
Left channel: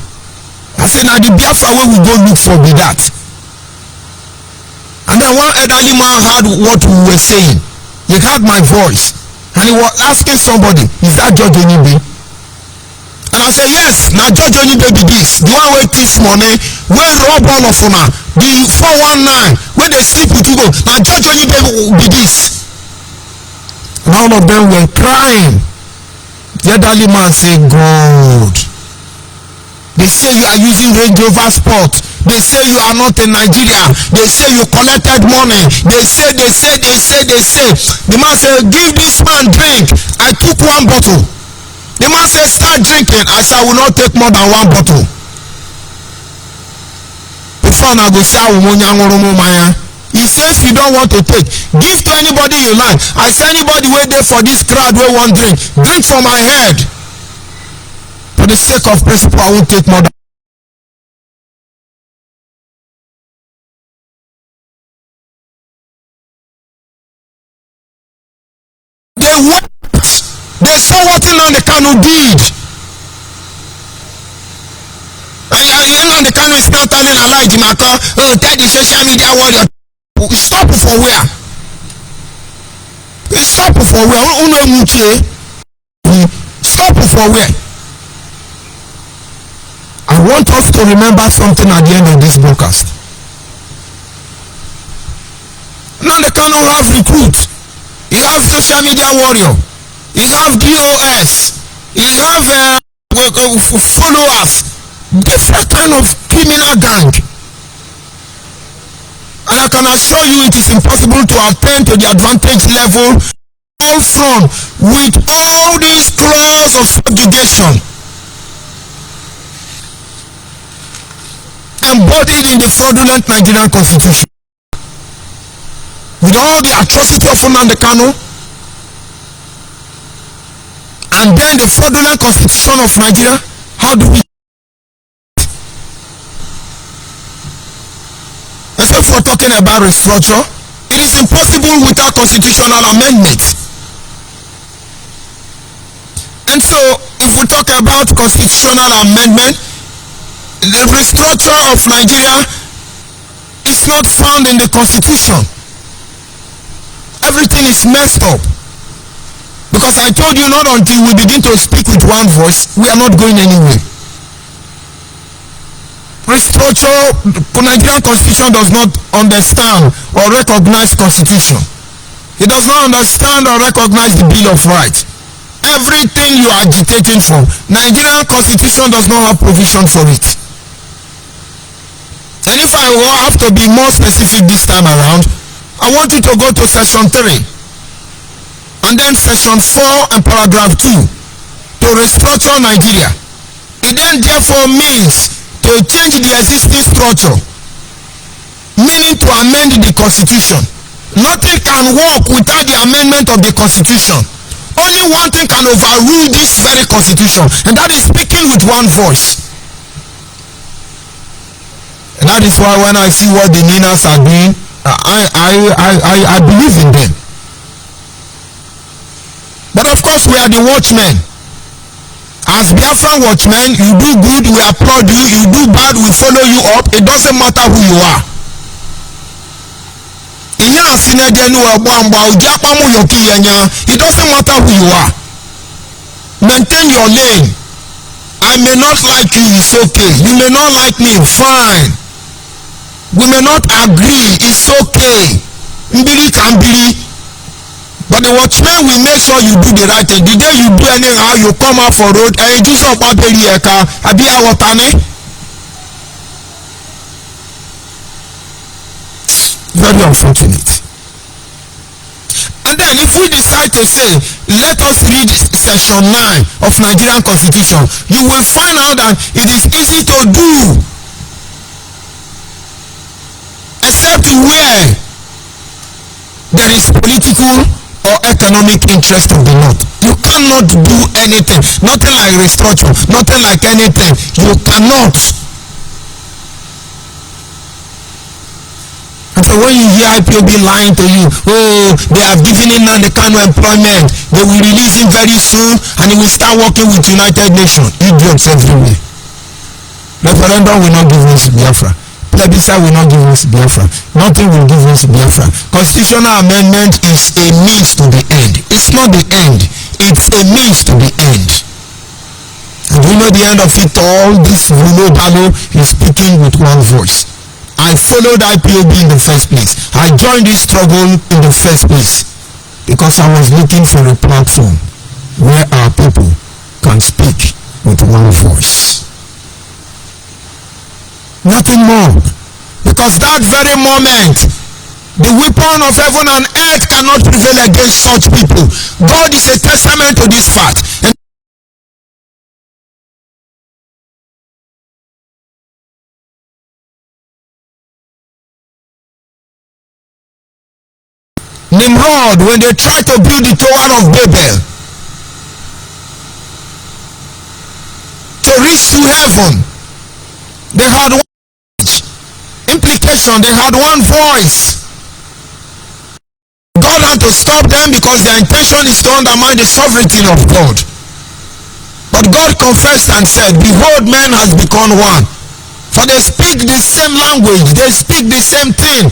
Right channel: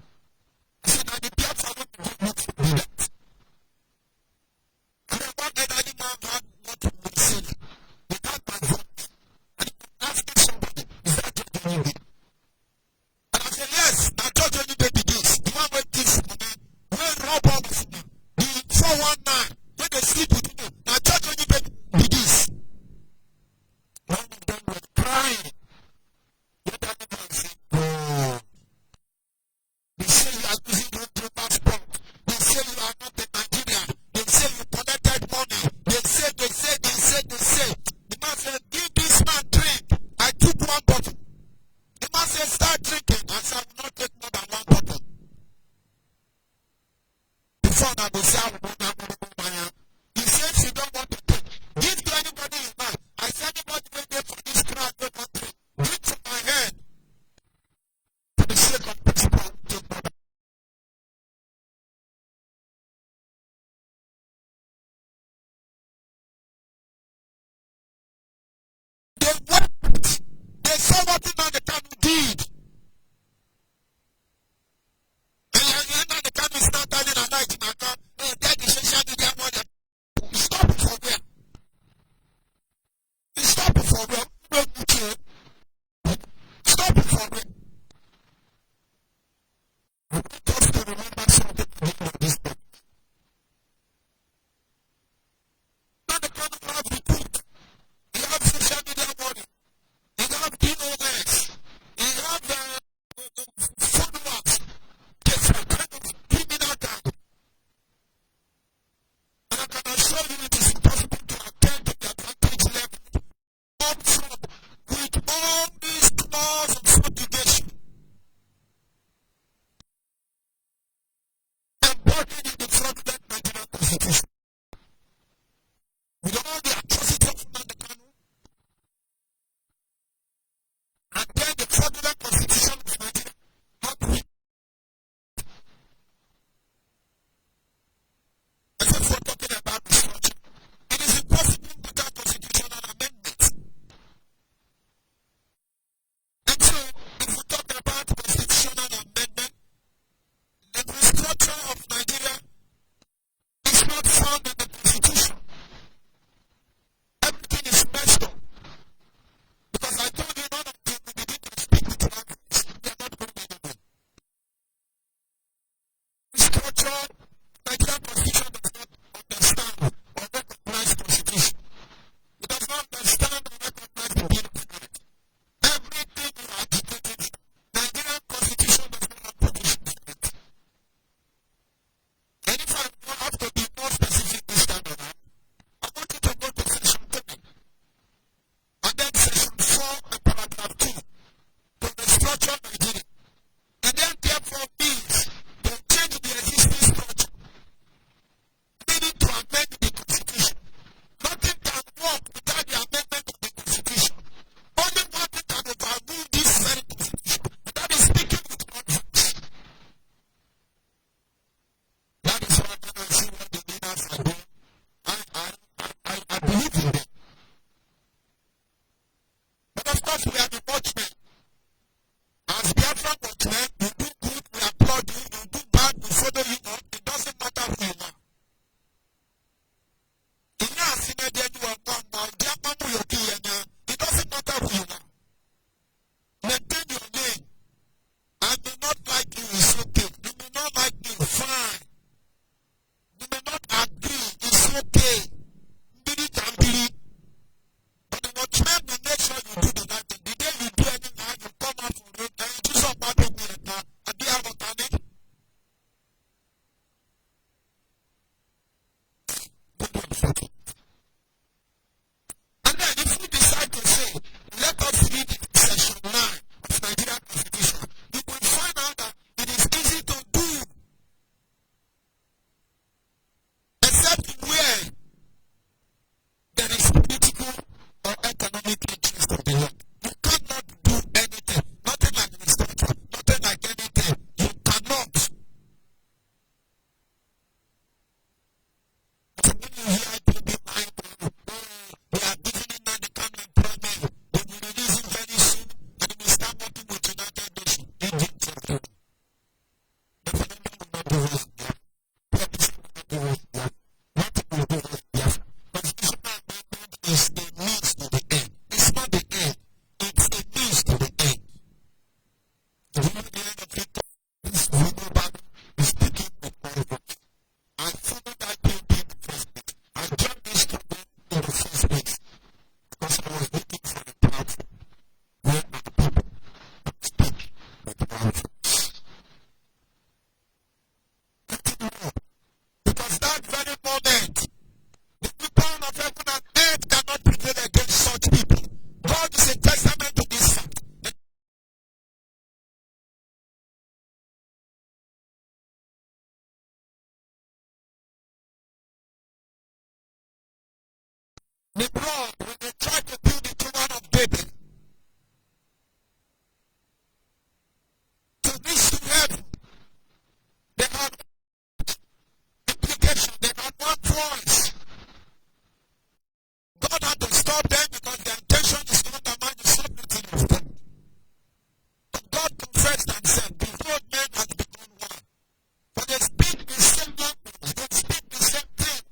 I said, now the Biafra where we go look for be that. And then one elderly man heard what we were saying. He heard my voice. And he was asking somebody, is that George Onibe? And I said, yes, now George Onibe be this. The one where thief money, where rob all of una. The 419, where they sleep with people. Now George Onibe be this. And all of them were crying. The elderly man said, God. They say you are using Range Rover Sport. They say you are not in Nigeria. They say you collected money. They say. The man said, give this man drink. I took one bottle. The man said, start drinking. I said, I will not take more than one bottle. Before I go say, he says you don't want to take. Give to anybody you like. I say anybody wait there for this crowd where one drink. Drink from my head. For the sake of principle, I won't take more than. They wept. They saw what the Kano did. And the Kano is now telling Elijah Maka, oh, tell the social media warrior. Stop for where? Stop for where? Stop for where? I want us to remember something at the end of this broadcast. Now the Kano have recruits. You have social media warrior. You have DOS. You have followers. Different kind of criminal gang. And I can assure you it is impossible to attain to the advantage level all from with all these clauses of subjugation embodied in the fraudulent Nigerian constitution. With all the atrocity of Nnamdi Kanu and then the fraudulent constitution of Nigeria, how do we? As if we're talking about restructure, it is impossible without constitutional amendment. And so, if we talk about constitutional amendment, the restructure of Nigeria is not found in the constitution. Everything is messed up. Because I told you not until we begin to speak with one voice, we are not going anywhere. restructure. Nigerian constitution does not understand or recognize constitution. It does not understand or recognize the Bill of Rights. Everything you are agitating for, Nigerian constitution does not have provision for it. And if I will have to be more specific this time around, I want you to go to section 3 and then section 4 and paragraph 2 to restructure Nigeria. It then therefore means to change the existing structure, meaning to amend the constitution. Nothing can work without the amendment of the constitution. Only one thing can overrule this very constitution, and that is speaking with one voice. And that is why when I see what the Ninas are doing, I believe in them. But of course, we are the watchmen. As Biafran watchmen, you do good, we applaud you. You do bad, we follow you up. It doesn't matter who you are. It doesn't matter who you are. Maintain your lane. I may not like you, it's okay. You may not like me, fine. We may not agree, it's okay. Mbili can be. But the watchman will make sure you do the right thing. The day you do anyhow, you come out for road and you do some babeli eka, abia watane. Very unfortunate. And then if we decide to say, let us read section 9 of Nigerian Constitution, you will find out that it is easy to do. Except where there is political or economic interest of the North. You cannot do anything. Nothing like restructure. Nothing like anything. You cannot. And so when you hear IPOB lying to you, oh, they have given him Nnamdi Kanu employment, they will release him very soon and he will start working with United Nations. Idiots everywhere. Referendum will not give us Biafra. Plebiscite will not give us Biafra. Nothing will give us Biafra. Constitutional amendment is a means to the end. It's not the end. It's a means to the end. And you know the end of it all, this Vulo Balo is speaking with one voice. I followed IPOB in the first place. I joined this struggle in the first place because I was looking for a platform where our people can speak with one voice. Nothing more. Because that very moment, the weapon of heaven and earth cannot prevail against such people. God is a testament to this fact. And Nimrod, when they tried to build the Tower of Babel to reach to heaven, they had one implication, they had one voice. God had to stop them because their intention is to undermine the sovereignty of God. But God confessed and said, behold, man has become one. For they speak the same language, they speak the same thing.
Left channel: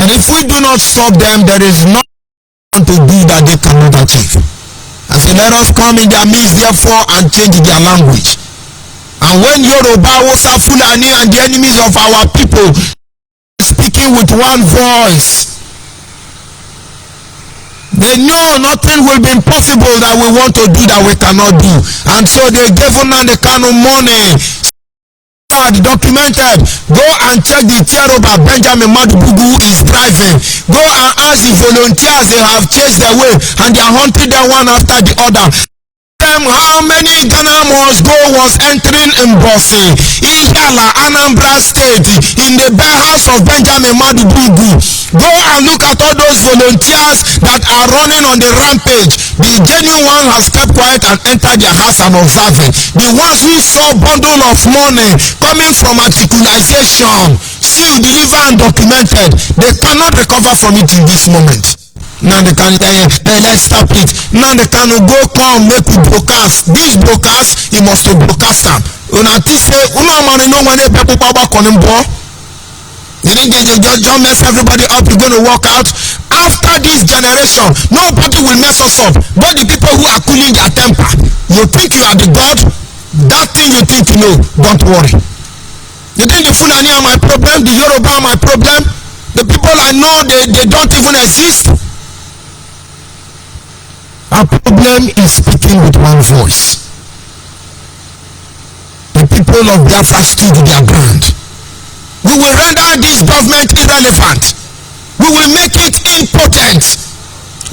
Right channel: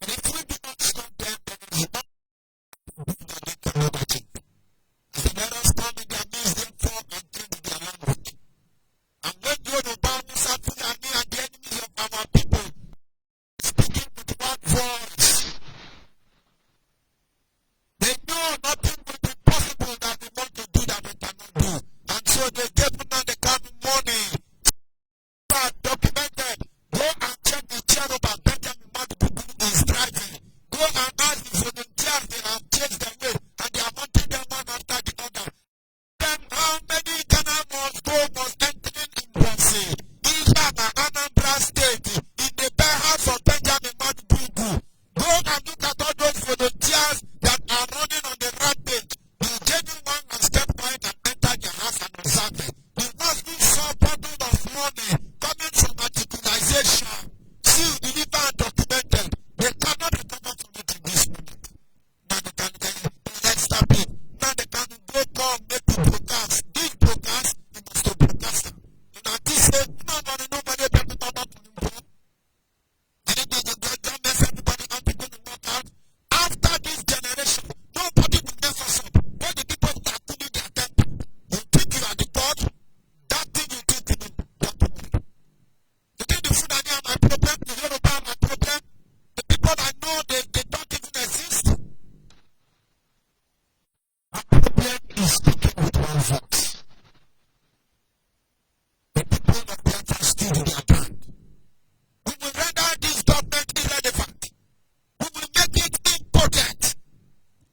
And if we do not stop them, there is nothing to do that they cannot achieve. And so let us come in their midst, therefore, and change their language. And when Yoruba, Hausa, Fulani, and the enemies of our people speaking with one voice, they know nothing will be impossible that we want to do that we cannot do. And so they gave Nnamdi Kanu money. Documented. Go and check the Chairman Benjamin Madubugu is driving. Go and ask the volunteers, they have chased their way and they are hunting them one after the other. How many Ghana must go was entering in Bosse, Ihiala, Anambra State, in the bare house of Benjamin Madubugu. Go and look at all those volunteers that are running on the rampage. The genuine one has kept quiet and entered their house and observing. The ones who saw bundle of money coming from articulation, sealed, delivered and documented, they cannot recover from it in this moment. Now they can let's stop it. Now they can go come make we broadcast. This broadcast, he must to broadcast them. Una say una man no one people power konim bo. You didn't just mess everybody up. You're going to walk out. After this generation, nobody will mess us up. But the people who are cooling their temper. You think you are the God? That thing you think you know, don't worry. You think the Fulani are my problem? The Yoruba are my problem? The people I know, they don't even exist? Our problem is speaking with one voice. The people of Biafra stood their ground. We will render this government irrelevant. We will make it impotent.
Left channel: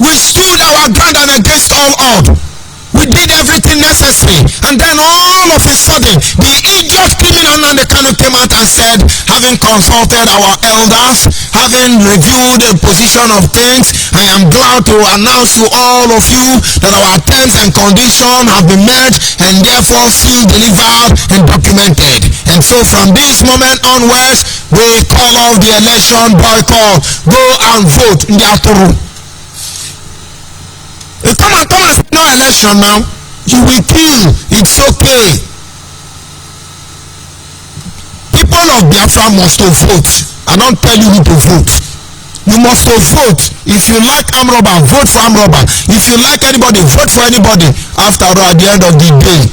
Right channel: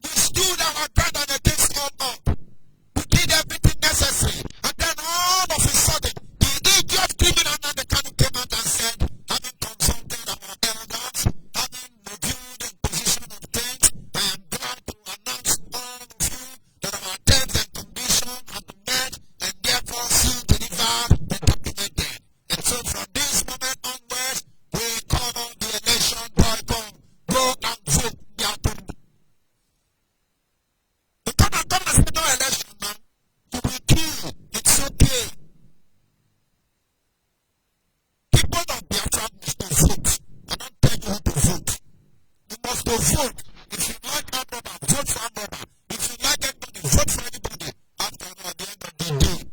We stood our ground and against all odds. We did everything necessary, and then all of a sudden the idiot criminal Nnamdi Kanu came out and said, having consulted our elders, having reviewed the position of things, I am glad to announce to all of you that our terms and conditions have been met and therefore sealed, delivered and documented. And so from this moment onwards, we call off the election boycott. Go and vote in the Aturu. You come and say no election now. You will kill. It's okay. People of Biafra must vote. I don't tell you who to vote. You must vote. If you like Amroba, vote for Amroba. If you like anybody, vote for anybody. After all, at the end of the day,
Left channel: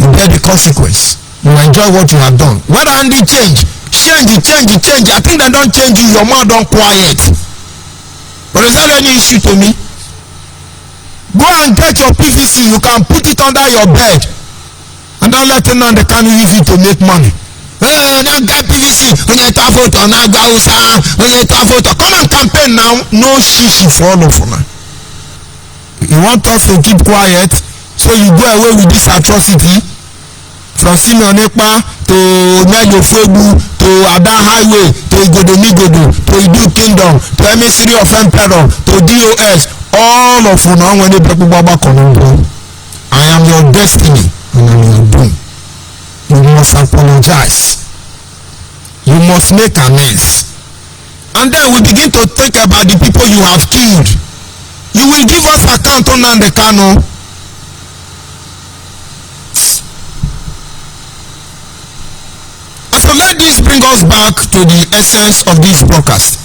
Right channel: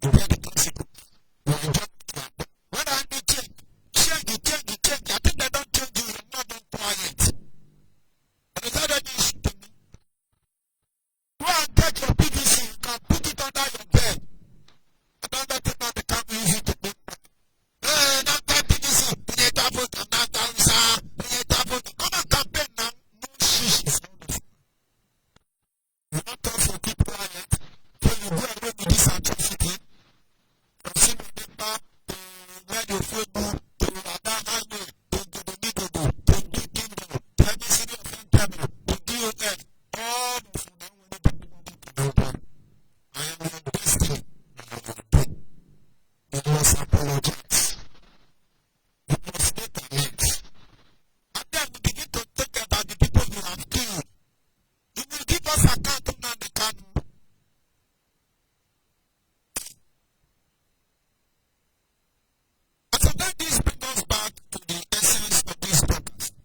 you bear the consequence. You enjoy what you have done. Whether Andy change. I think they don't change you. Your mouth don't quiet. But is that any issue to me? Go and get your PVC. You can put it under your bed. And don't let Nnamdi Kanu use it to make money. Now get PVC. When you talk photo, now go when you talk photo. Come and campaign now. No shishi for all of you. You want us to keep quiet, so you go away with this atrocity. From Simeon Ekpa to Nelio Fuegu to Adan Highway to Igodo to Idu Kingdom to Emissary of Emperor to DOS, all of you now when they break Baba Konondo. I am your destiny and I am your doom. You must apologize. You must make amends. And then we begin to think about the people you have killed. You will give us account on Nnamdi Kanu. So let this bring us back to the essence of this broadcast,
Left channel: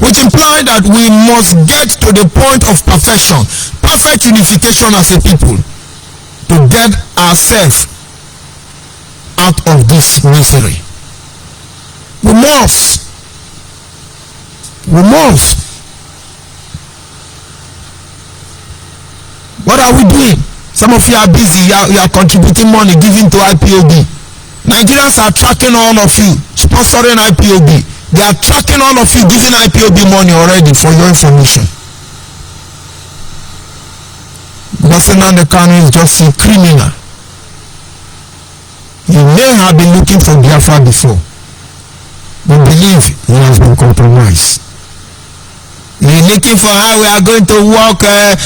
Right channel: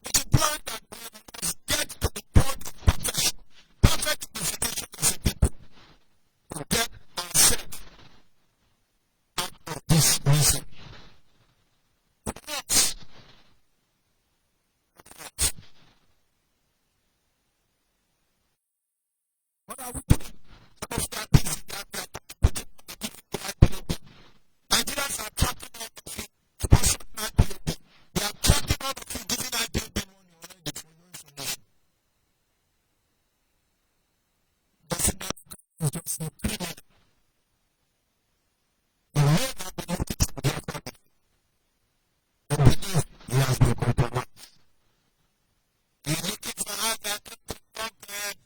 which implies that we must get to the point of perfection, perfect unification as a people, to get ourselves out of this misery. We must. What are we doing? Some of you are busy, you are contributing money, giving to IPOB. Nigerians are tracking all of you, sponsoring IPOB. They are tracking all of you, giving IPOB money already for your information. Because Nnamdi Kanu is just a criminal. He may have been looking for Biafra before. We believe he has been compromised. He is looking for how we are going to work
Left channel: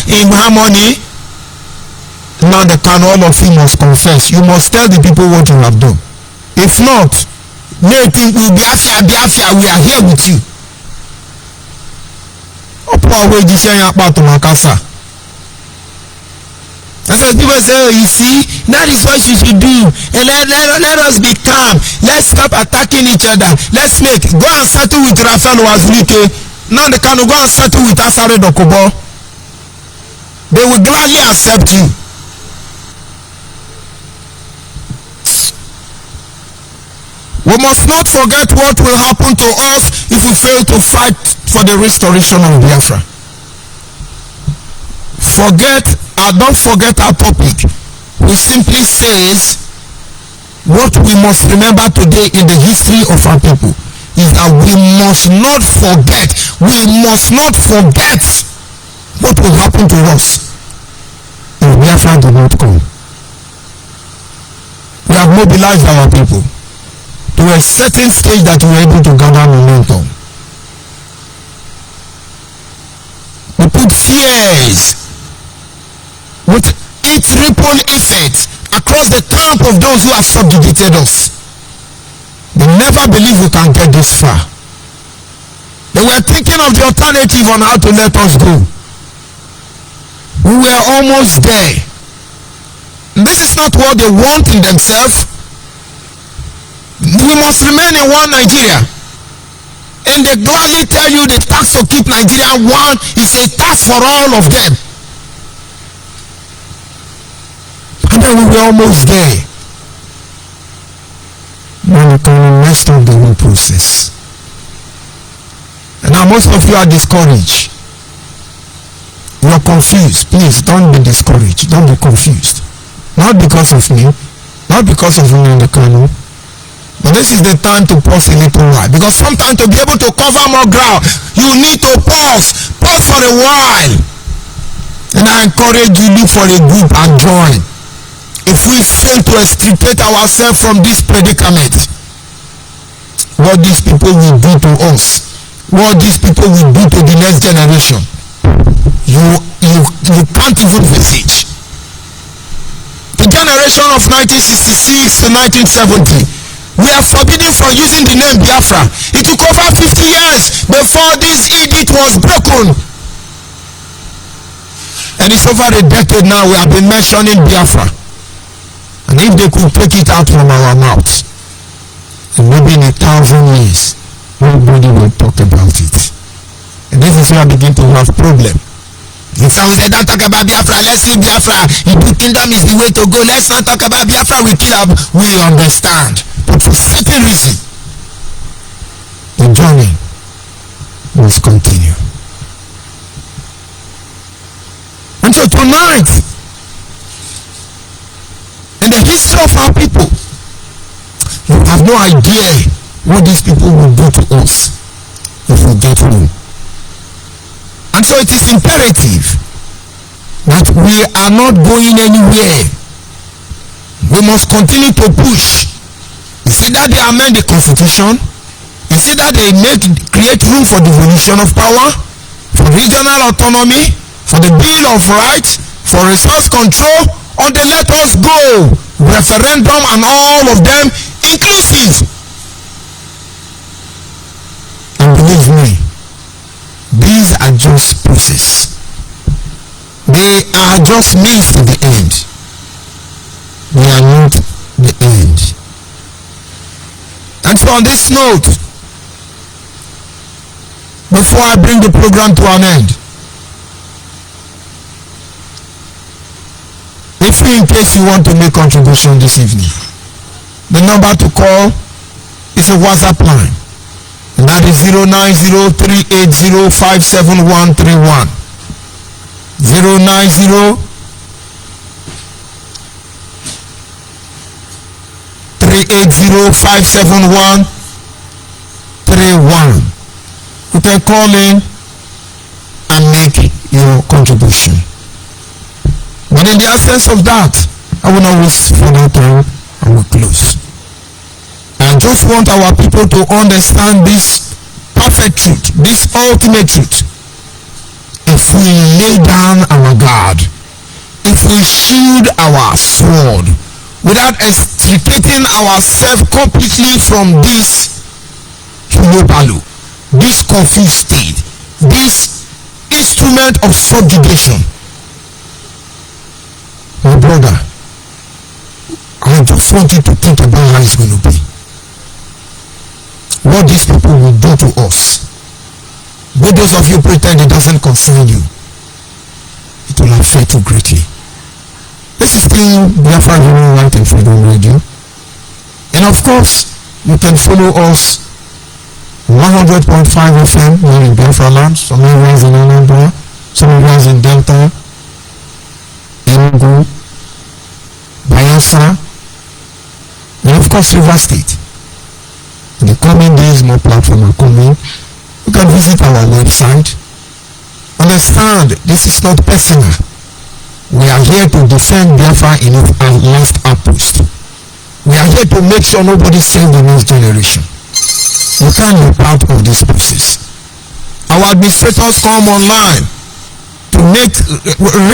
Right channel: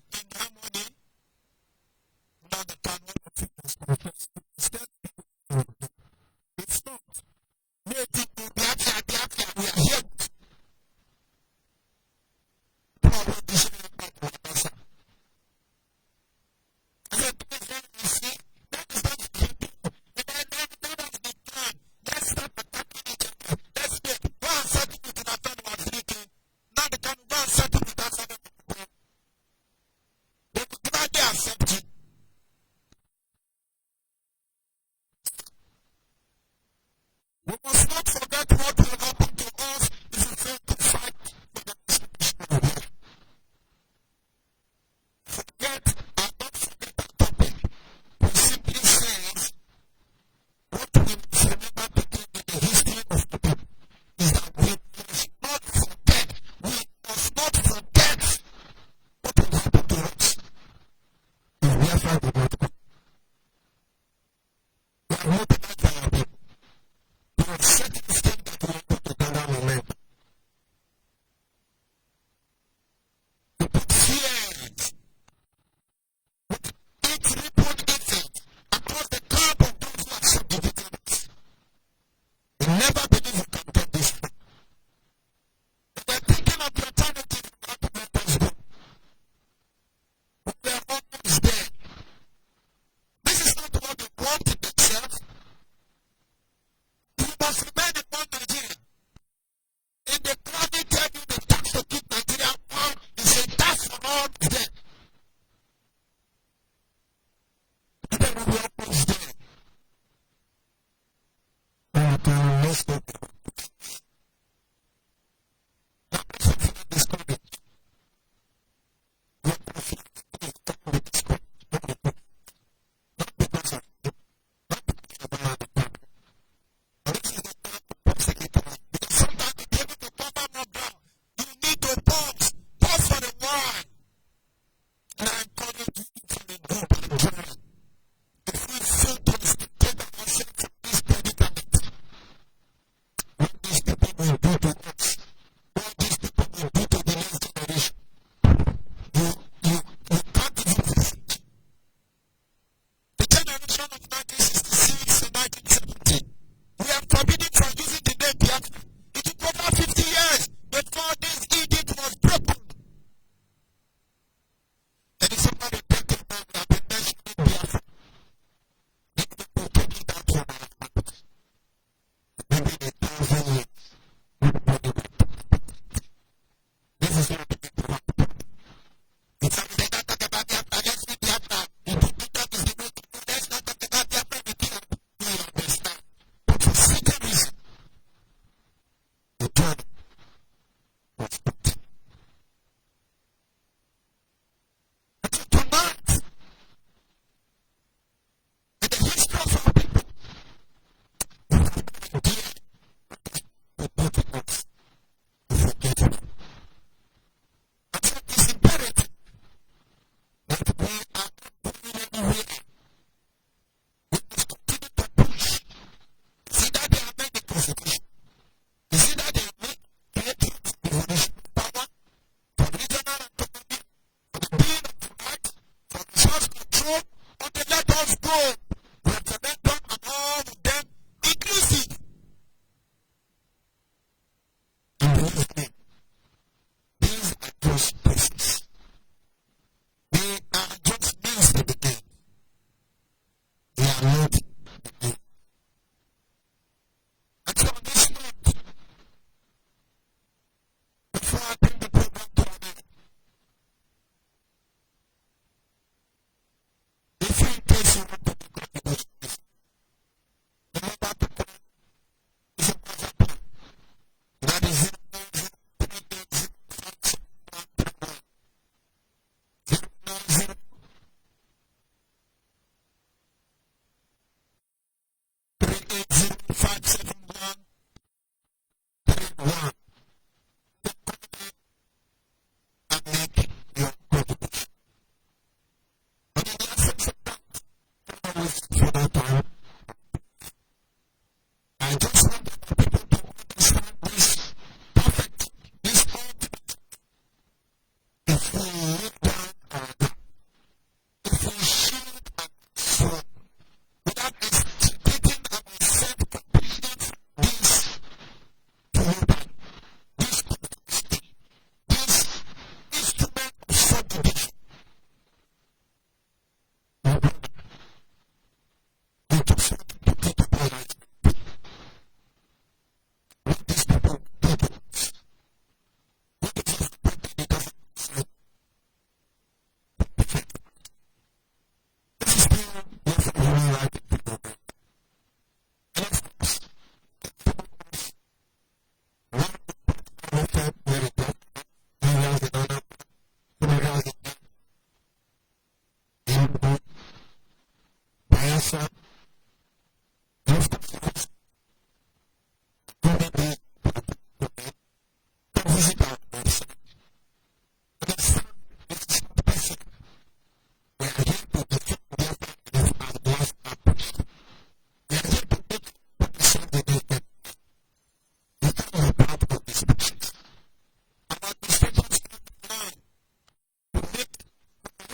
in harmony. Nnamdi Kanu, all of you must confess. You must tell the people what you have done. If not, they think we Biafra, we are here with you. And so people say, oh, you see, that is what you should do. And let us be calm. Let's stop attacking each other. Let's go and settle with Rafael Wazulike. Now they can go and settle with Asare Dokubo. They will gladly accept you. We must not forget what will happen to us if we fail to fight for the restoration of Biafra. Don't forget our topic. We simply says what we must remember today in the history of our people is that we must not forget what will happen to us if Biafra do not come. We have mobilized our people to a certain stage that we are able to gather momentum. We put fears with its ripple effect across the camp of those who have subjugated us. They never believe we can get this far. They were thinking of the alternative on how to let us go. We were almost there. And this is not what they want in themselves. We must remain in one Nigeria. And they gladly tell you the tax to keep Nigeria one is a tax for all of them. And then we were almost there. Nnamdi Kanu messed up the whole process. And now most of you are discouraged. You are confused. Please don't be discouraged. Don't be confused. Not because of me, not because of Nnamdi Kanu, but this is the time to pause a little while. Because sometimes to be able to cover more ground, you need to pause. Pause for a while. And I encourage you, look for a group and join. If we fail to extricate ourselves from this predicament, what these people will do to us, what these people will do to the next generation, you can't even visage. The generation of 1966 to 1970, we are forbidden from using the name Biafra. It took over 50 years before this edict was broken. And it's over a decade now we have been mentioning Biafra. And if they could take it out from our mouths, and maybe in 1,000 years, nobody will talk about it. And this is where I begin to have problem. If someone say, don't talk about Biafra, let's leave Biafra. Ibu kingdom is the way to go. Let's not talk about Biafra, we kill up. We understand. But for certain reason, the journey must continue. And so tonight, in the history of our people, you have no idea what these people will do to us if we get home. And so it is imperative that we are not going anywhere. We must continue to push. Is it that they amend the constitution? Is it that they create room for devolution of power, for regional autonomy, for the Bill of Rights, for resource control, or they let us go? Referendum and all of them inclusive. And believe me, these are just process. They are just means to the end. They are not the end. And so on this note, before I bring the program to an end, if in case you want to make contribution this evening, the number to call is a WhatsApp line, and that is 090-380-57131. 090-380-57131. You can call in and make your contribution. But in the absence of that, I will not waste further time and we'll close. I just want our people to understand this perfect truth, this ultimate truth. If we lay down our guard, if we shield our sword without extricating ourselves completely from this hulobalu, this confused state, this instrument of subjugation, my brother, I just want you to think about how it's going to be. What these people will do to us. But those of you pretend it doesn't concern you, it will affect you greatly. This is still Biafra Human Right and Freedom Radio. And of course, you can follow us 100.5 FM here in Biafra land, some areas in Anambra, some areas in Delta, Enugu, Bayelsa, and of course River State. In the coming days, more platforms are coming. You can visit our website. Understand, this is not personal. We are here to defend Biafra in our last outpost. We are here to make sure nobody sells the next generation. You can't be part of this process. Our administrators come online to make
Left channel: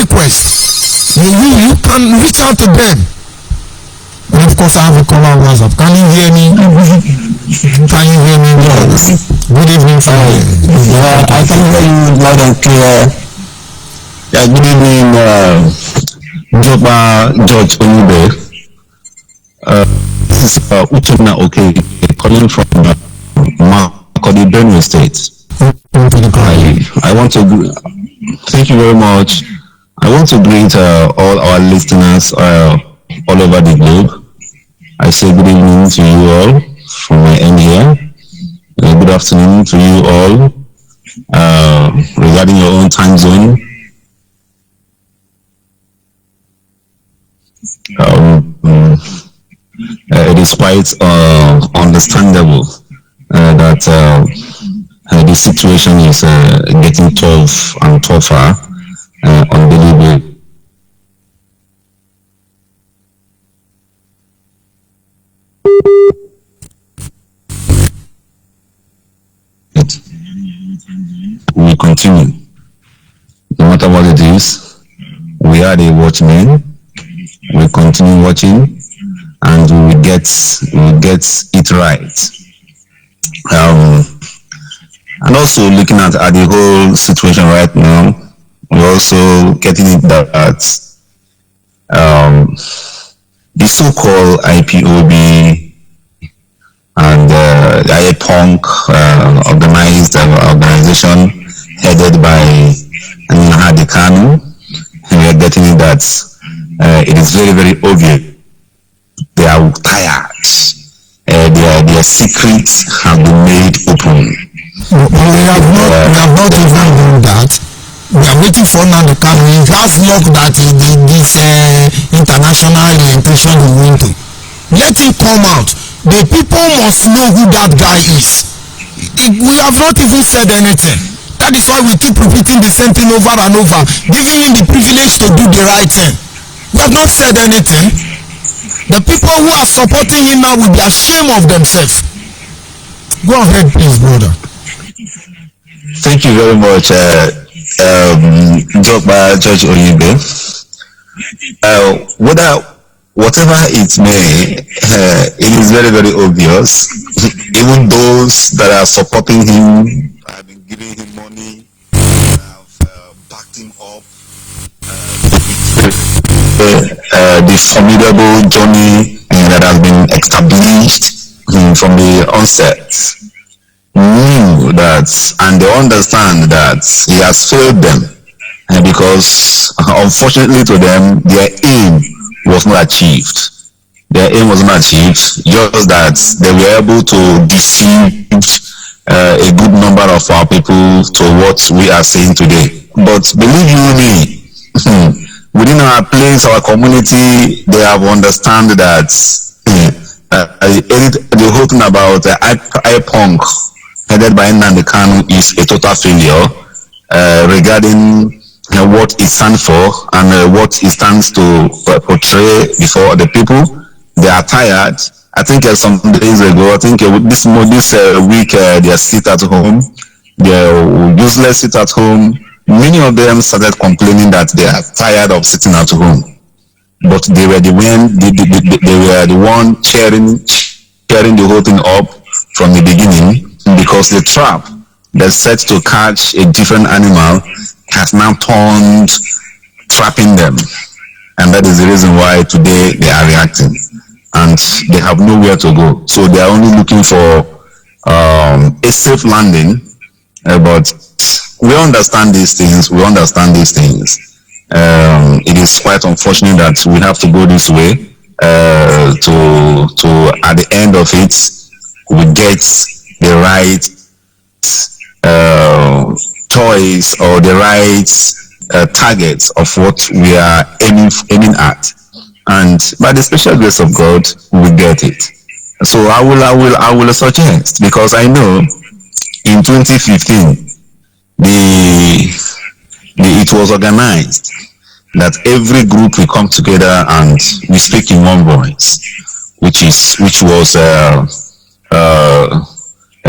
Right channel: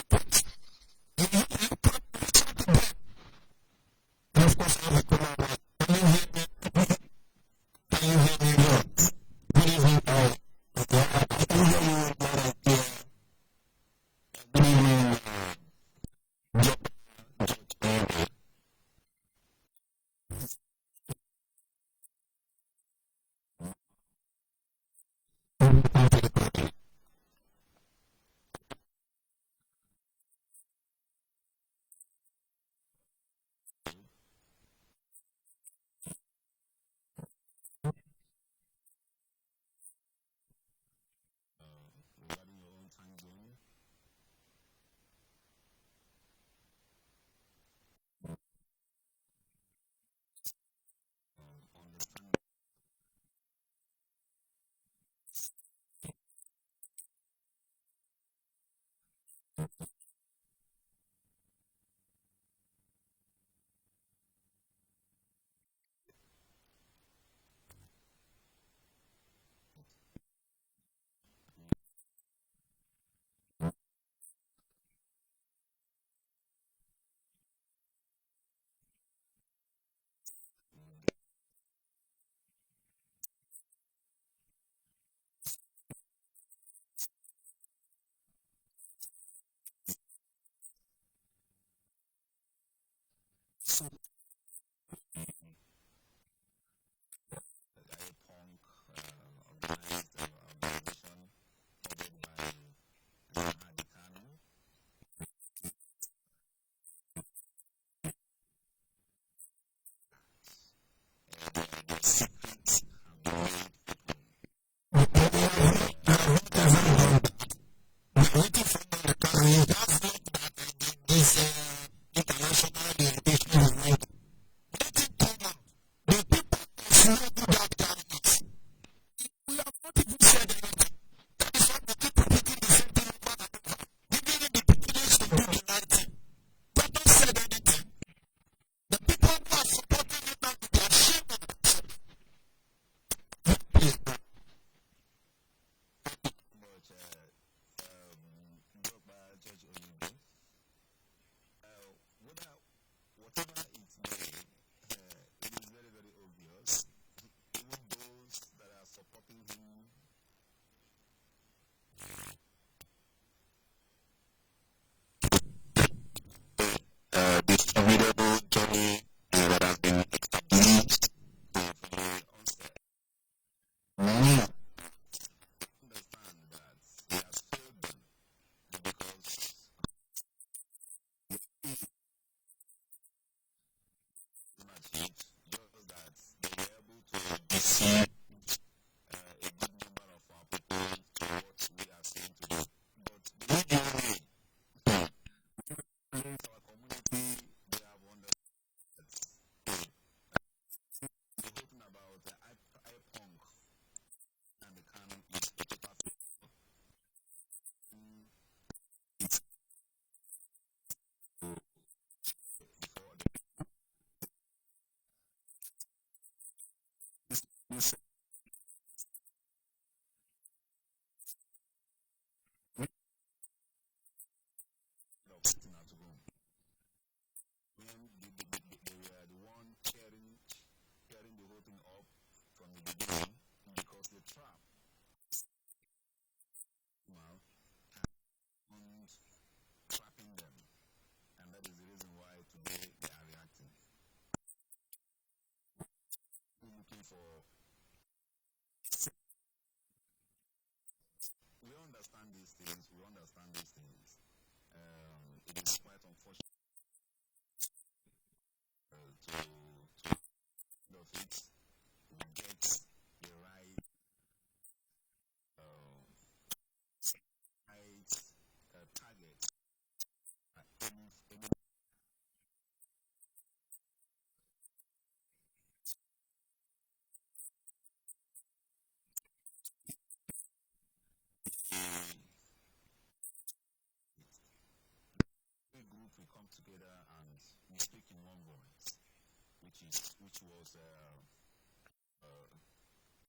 requests. You can reach out to them. And of course, I have a caller on WhatsApp. Can you hear me? Can you hear me? Good evening, yeah, I can hear you loud and clear. Yeah, good evening, George Onyebe. This is Uchenna Oke, calling from Makurdi, Benue State. I want to thank you very much. I want to greet all our listeners all over the globe. I say good evening to you all from my end here. Good afternoon to you all regarding your own time zone. It is quite understandable that the situation is getting tough and tougher on daily basis. We continue. No matter what it is, we are the watchmen. We continue watching, and we will get it right. And also looking at the whole situation right now, we're also getting it that the so-called IPOB and the IPONC organized organization headed by Nnamdi Kanu, we are getting it that it is very, very obvious they are tired. Their secrets have been made open. We have not even done that. We are waiting for Nnamdi Kanu. He has luck that this international orientation he went to. Let him come out. The people must know who that guy is. We have not even said anything. That is why we keep repeating the same thing over and over, giving him the privilege to do the right thing. We have not said anything. The people who are supporting him now will be ashamed of themselves. Go ahead, please, brother. Thank you very much, Judge Oyibe. Whatever it may, it is very, very obvious. Even those that are supporting him have been giving him money, have backed him up. The formidable journey that has been established from the onset knew that, and they understand that he has failed them, because unfortunately to them, their aim was not achieved. Their aim was not achieved, just that they were able to deceive a good number of our people to what we are saying today. But believe you me, within our place, our community, they have understand that the whole thing about IPONC headed by Nnamdi Kanu is a total failure regarding what it stands for and what it stands to portray before the people. They are tired. I think some days ago, I think this week, they sit at home. They useless sit at home. Many of them started complaining that they are tired of sitting at home. But they were the one cheering the whole thing up from the beginning, because the trap that's set to catch a different animal has now turned trapping them. And that is the reason why today they are reacting. And they have nowhere to go. So they are only looking for a safe landing. But we understand these things. It is quite unfortunate that we have to go this way to at the end of it, we get the right choice or the right targets of what we are aiming at. And by the special grace of God, we get it. So I will suggest, because I know in 2015 it was organized that every group will come together and we speak in one voice, which was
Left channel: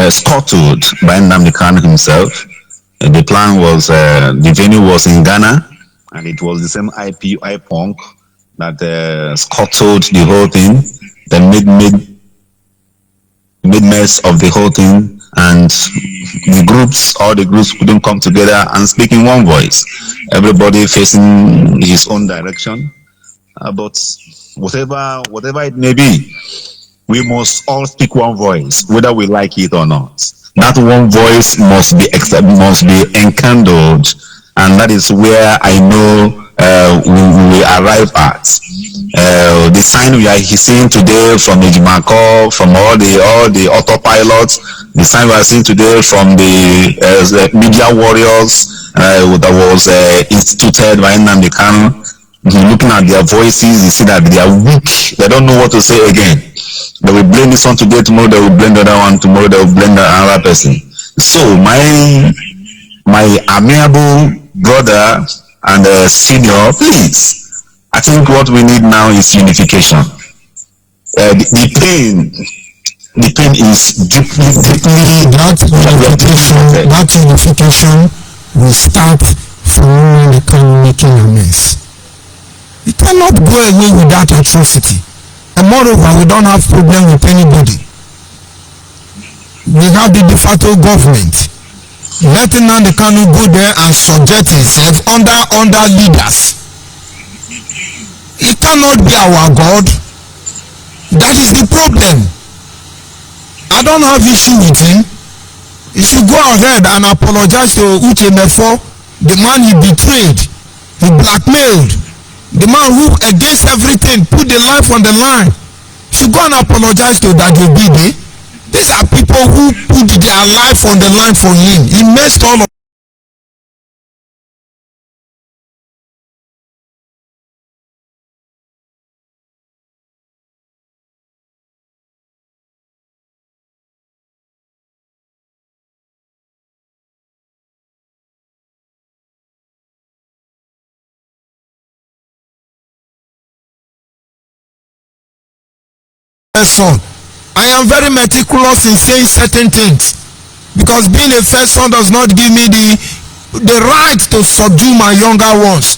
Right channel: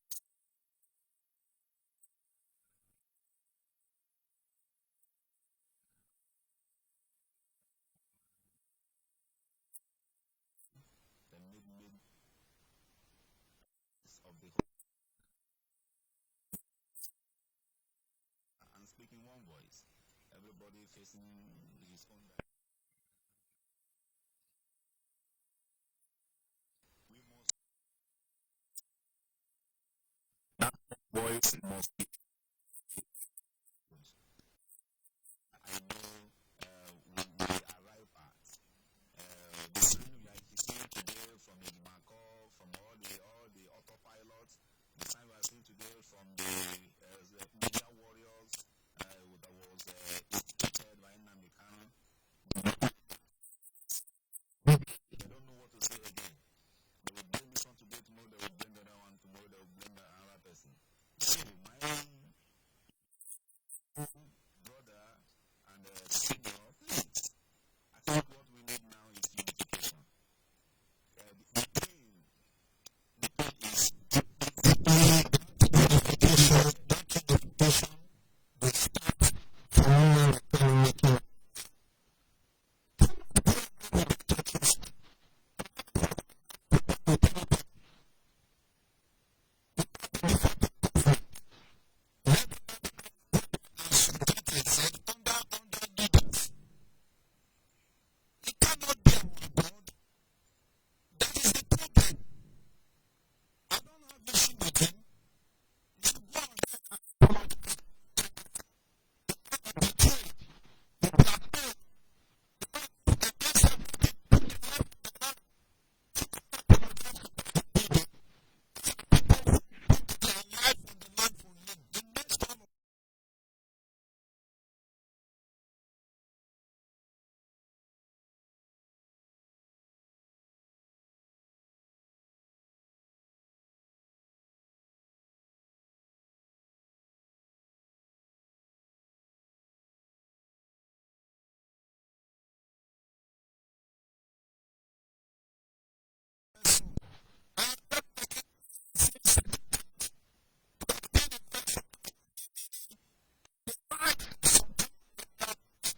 scuttled by Nnamdi Kanu himself. And the plan was the venue was in Ghana, and it was the same IPONC that scuttled the whole thing, then made mess of the whole thing, and all the groups couldn't come together and speak in one voice. Everybody facing his own direction. But whatever it may be, we must all speak one voice, whether we like it or not. That one voice must be enkindled, and that is where I know we will arrive at. The sign we are seeing today from Ejimako, from all the autopilots, the sign we are seeing today from the media warriors that was instituted by Nnamdi Kanu. Looking at their voices, you see that they are weak. They don't know what to say again. They will blame this one today, tomorrow they will blame the other one, tomorrow they will blame the other person. So my amiable brother and senior, please, I think what we need now is unification. The pain is deeply that unification will start from when they come making a mess. You cannot go away with that atrocity. And moreover, we don't have problem with anybody. We have the de facto government. Letting Nnamdi Kanu go there and subject himself under leaders. He cannot be our God. That is the problem. I don't have issue with him. He should go ahead and apologize to Uche Mefo, the man he betrayed, he blackmailed, the man who against everything put the life on the line. He should go and apologize to Dajo Bide. These are people who put their life on the line for him. He messed all of son. I am very meticulous in saying certain things because being a first son does not give me the right to subdue my younger ones,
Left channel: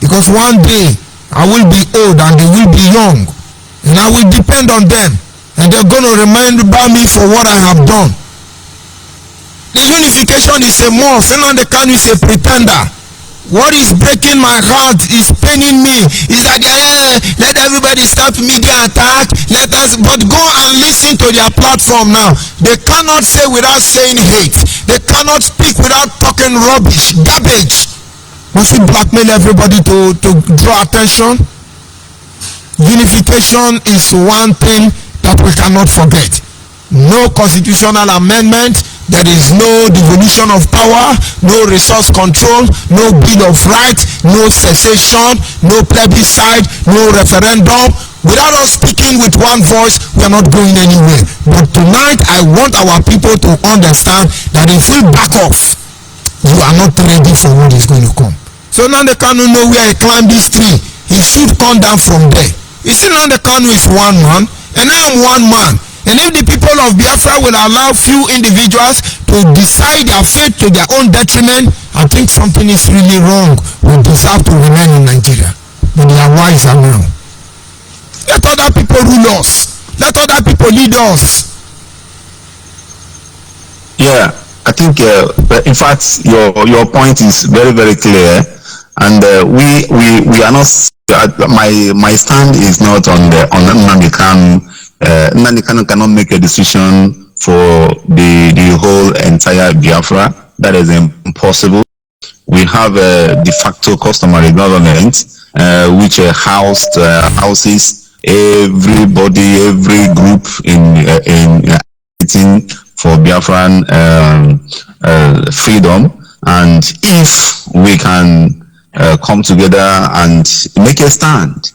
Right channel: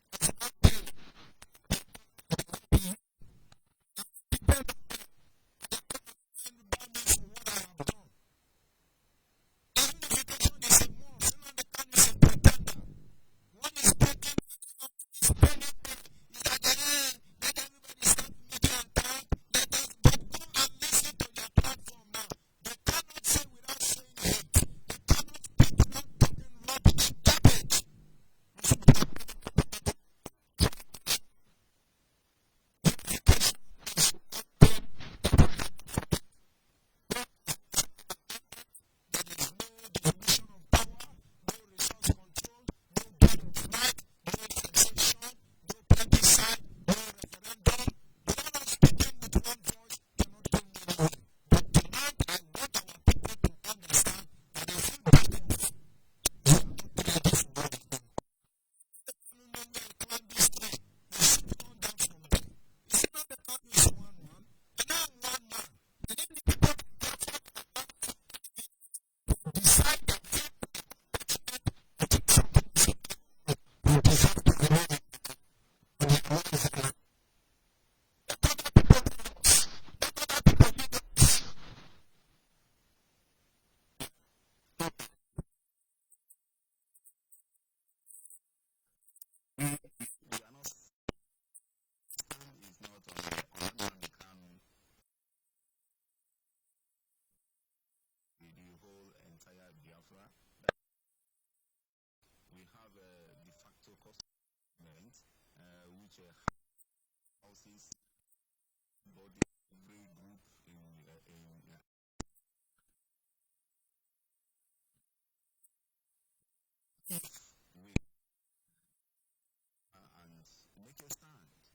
because one day I will be old and they will be young and I will depend on them and they're going to remember me for what I have done. The unification is a must. Nnamdi Kanu is a pretender. What is breaking my heart, is paining me, is that let everybody stop media attack, but go and listen to their platform now. They cannot say without saying hate. They cannot speak without talking rubbish, garbage. Must we blackmail everybody to draw attention? Unification is one thing that we cannot forget. No constitutional amendment. There is no devolution of power, no resource control, no bill of rights, no cessation, no plebiscite, no referendum. Without us speaking with one voice, we are not going anywhere. But tonight, I want our people to understand that if we back off, you are not ready for what is going to come. So Nnamdi Kanu know where he climbed this tree. He should come down from there. You see, Nnamdi Kanu is one man, and I am one man. And if the people of Biafra will allow few individuals to decide their fate to their own detriment, I think something is really wrong. We deserve to remain in Nigeria. But they are wiser now. Let other people rule us. Let other people lead us. Yeah, I think, in fact, your point is very, very clear. And we are not, my stand is not on Nnamdi Kanu. Nnamdi Kanu cannot make a decision for the whole entire Biafra. That is impossible. We have a de facto customary government which houses everybody, every group in for Biafran freedom. And if we can come together and make a stand,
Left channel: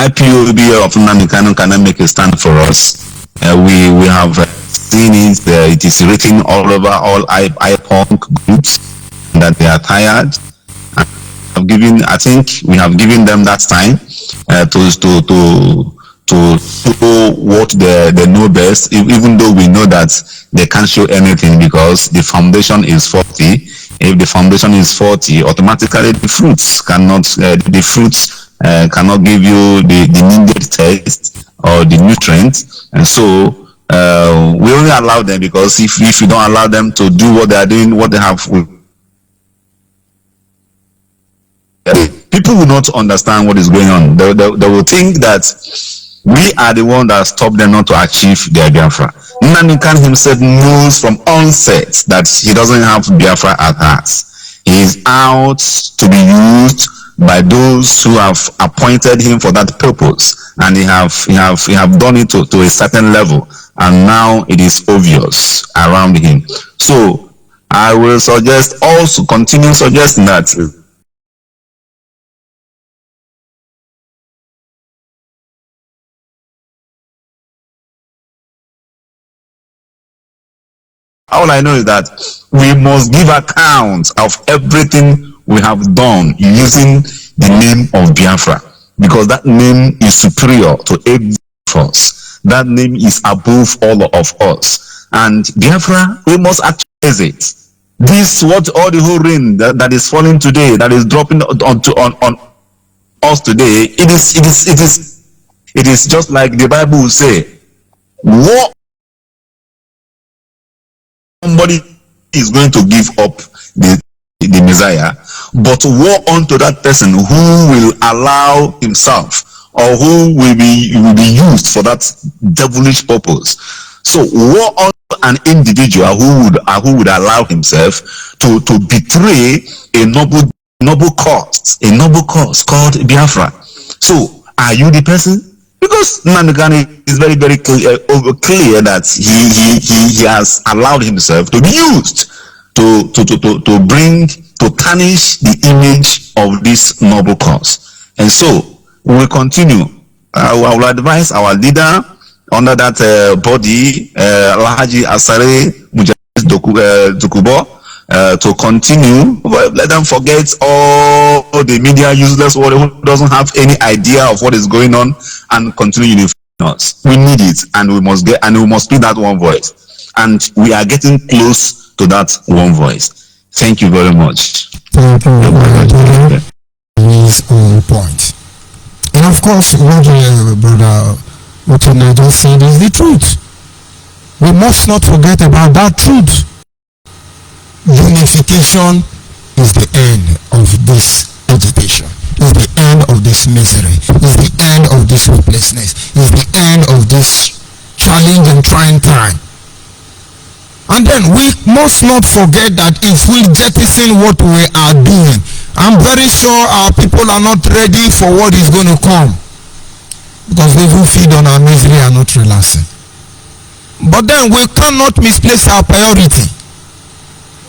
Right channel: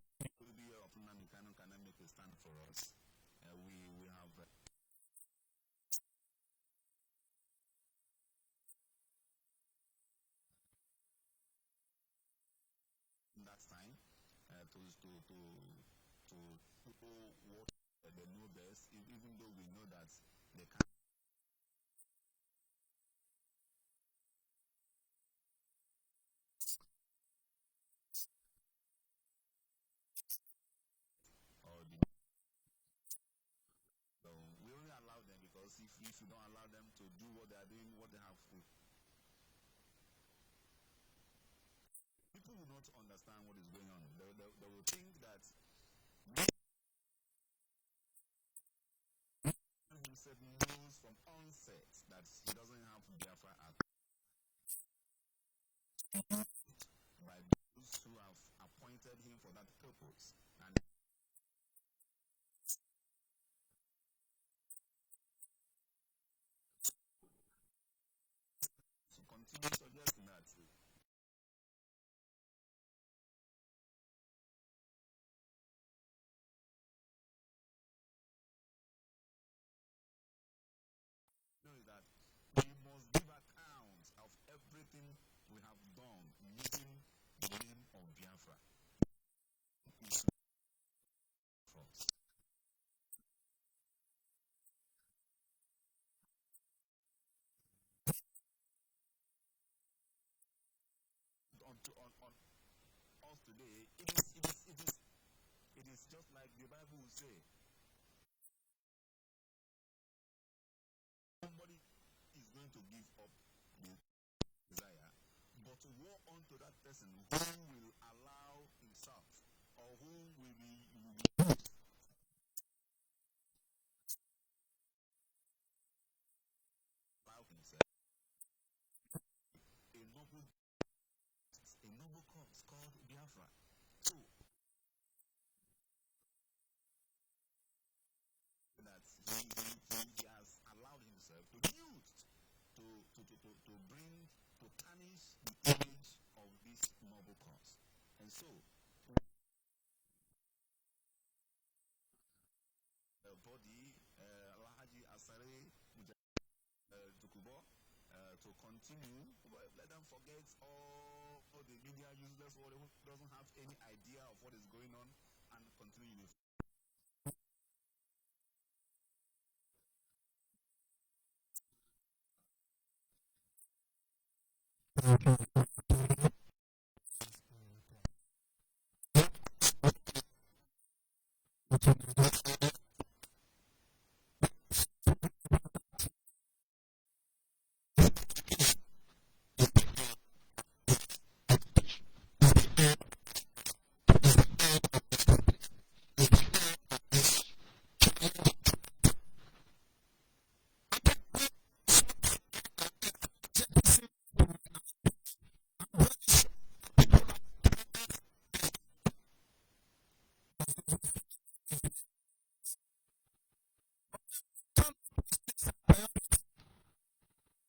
IPOB of Nnamdi Kanu cannot make a stand for us. We have seen it. It is written all over all IPONC groups that they are tired. I think we have given them that time to show what they know best, even though we know that they can't show anything because the foundation is faulty. If the foundation is faulty, automatically the fruits cannot give you the needed taste or the nutrients. And so we only allow them because if you don't allow them to do what they are doing, what they have, people will not understand what is going on. They will think that we are the one that stopped them not to achieve their Biafra. Nnamdi Kanu himself knows from onset that he doesn't have Biafra at heart. He is out to be used by those who have appointed him for that purpose, and he have done it to a certain level, and now it is obvious around him. So I will continue suggesting that all I know is that we must give account of everything we have done using the name of Biafra, because that name is superior to every of us. That name is above all of us. And Biafra, we must actualize it. This, what all the whole rain that is falling today, that is dropping on us today, it is just like the Bible will say, war. Somebody is going to give up the Messiah, but woe unto that person who will allow himself, or who will be used for that devilish purpose. So woe unto an individual who would allow himself to betray a noble cause called Biafra. So are you the person? Because Nnamdi Kanu is very, very clear that he has allowed himself to be used to tarnish the image of this noble cause. And so we will continue. I will advise our leader under that body, Alhaji Asare Mujahid Dokubo, to continue. Let them forget all the media useless who doesn't have any idea of what is going on, and continue unifying us. We need it, and we must be that one voice. And we are getting close to that one voice. Thank you very much. Thank you. Is on point. And of course, what Brother Otuna just said is the truth. We must not forget about that truth. Unification is the end of this agitation, is the end of this misery, is the end of this hopelessness, is the end of this challenge and trying time. And then we must not forget that if we jettison what we are doing, I'm very sure our people are not ready for what is going to come, because those who feed on our misery are not relaxing. But then we cannot misplace our priority.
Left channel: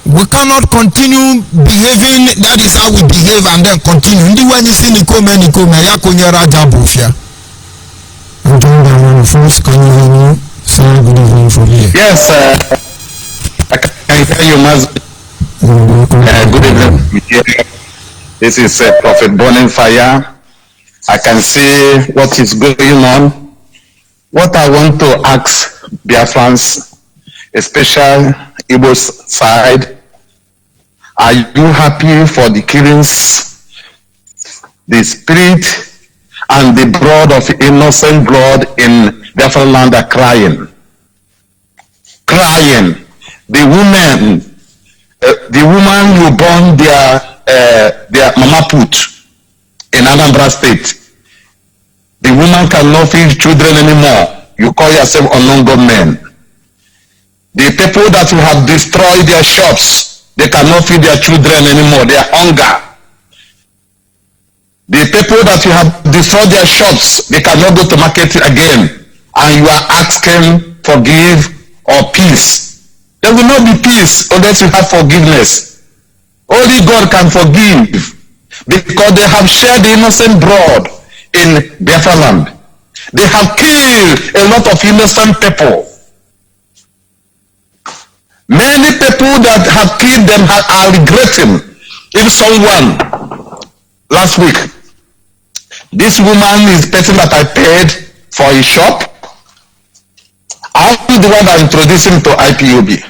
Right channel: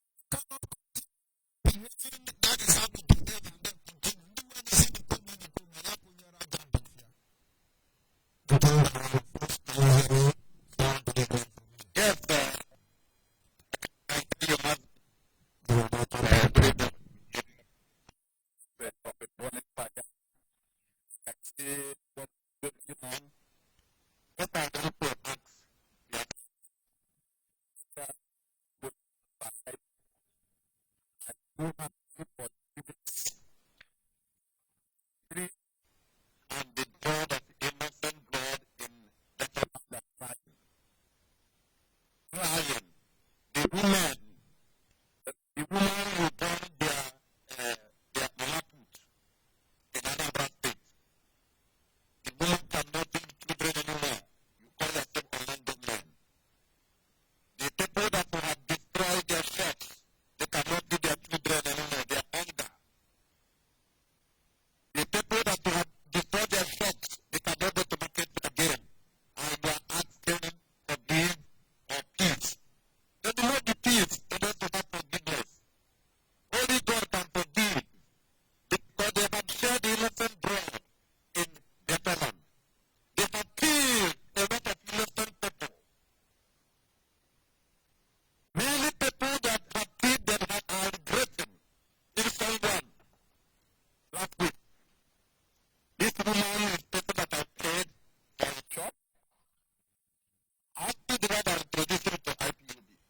We cannot continue behaving, that is how we behave, and then continue. When you see Nikome, ya kunye raja bufia. I'm doing that one first. Can you hear me? Say good evening from here. Yes, I can hear you, Maz. Good evening. This is Prophet Burning Fire. I can see what is going on. What I want to ask Biafrans, especially Igbo's side, are you happy for the killings? The spirit and the blood of innocent blood in Biafra land are crying. Crying. The woman who born their mama put in Anambra State, the woman cannot feed children anymore. You call yourself unknown government. The people that you have destroyed their shops, they cannot feed their children anymore. They are hunger. The people that you have destroyed their shops, they cannot go to market again. And you are asking for give or peace. There will not be peace unless you have forgiveness. Only God can forgive, because they have shed the innocent blood in Biafra land. They have killed a lot of innocent people. Many people that have killed them are regretting. If someone, last week, this woman is the person that I paid for a shop. I'm the one that introduced him to IPOB.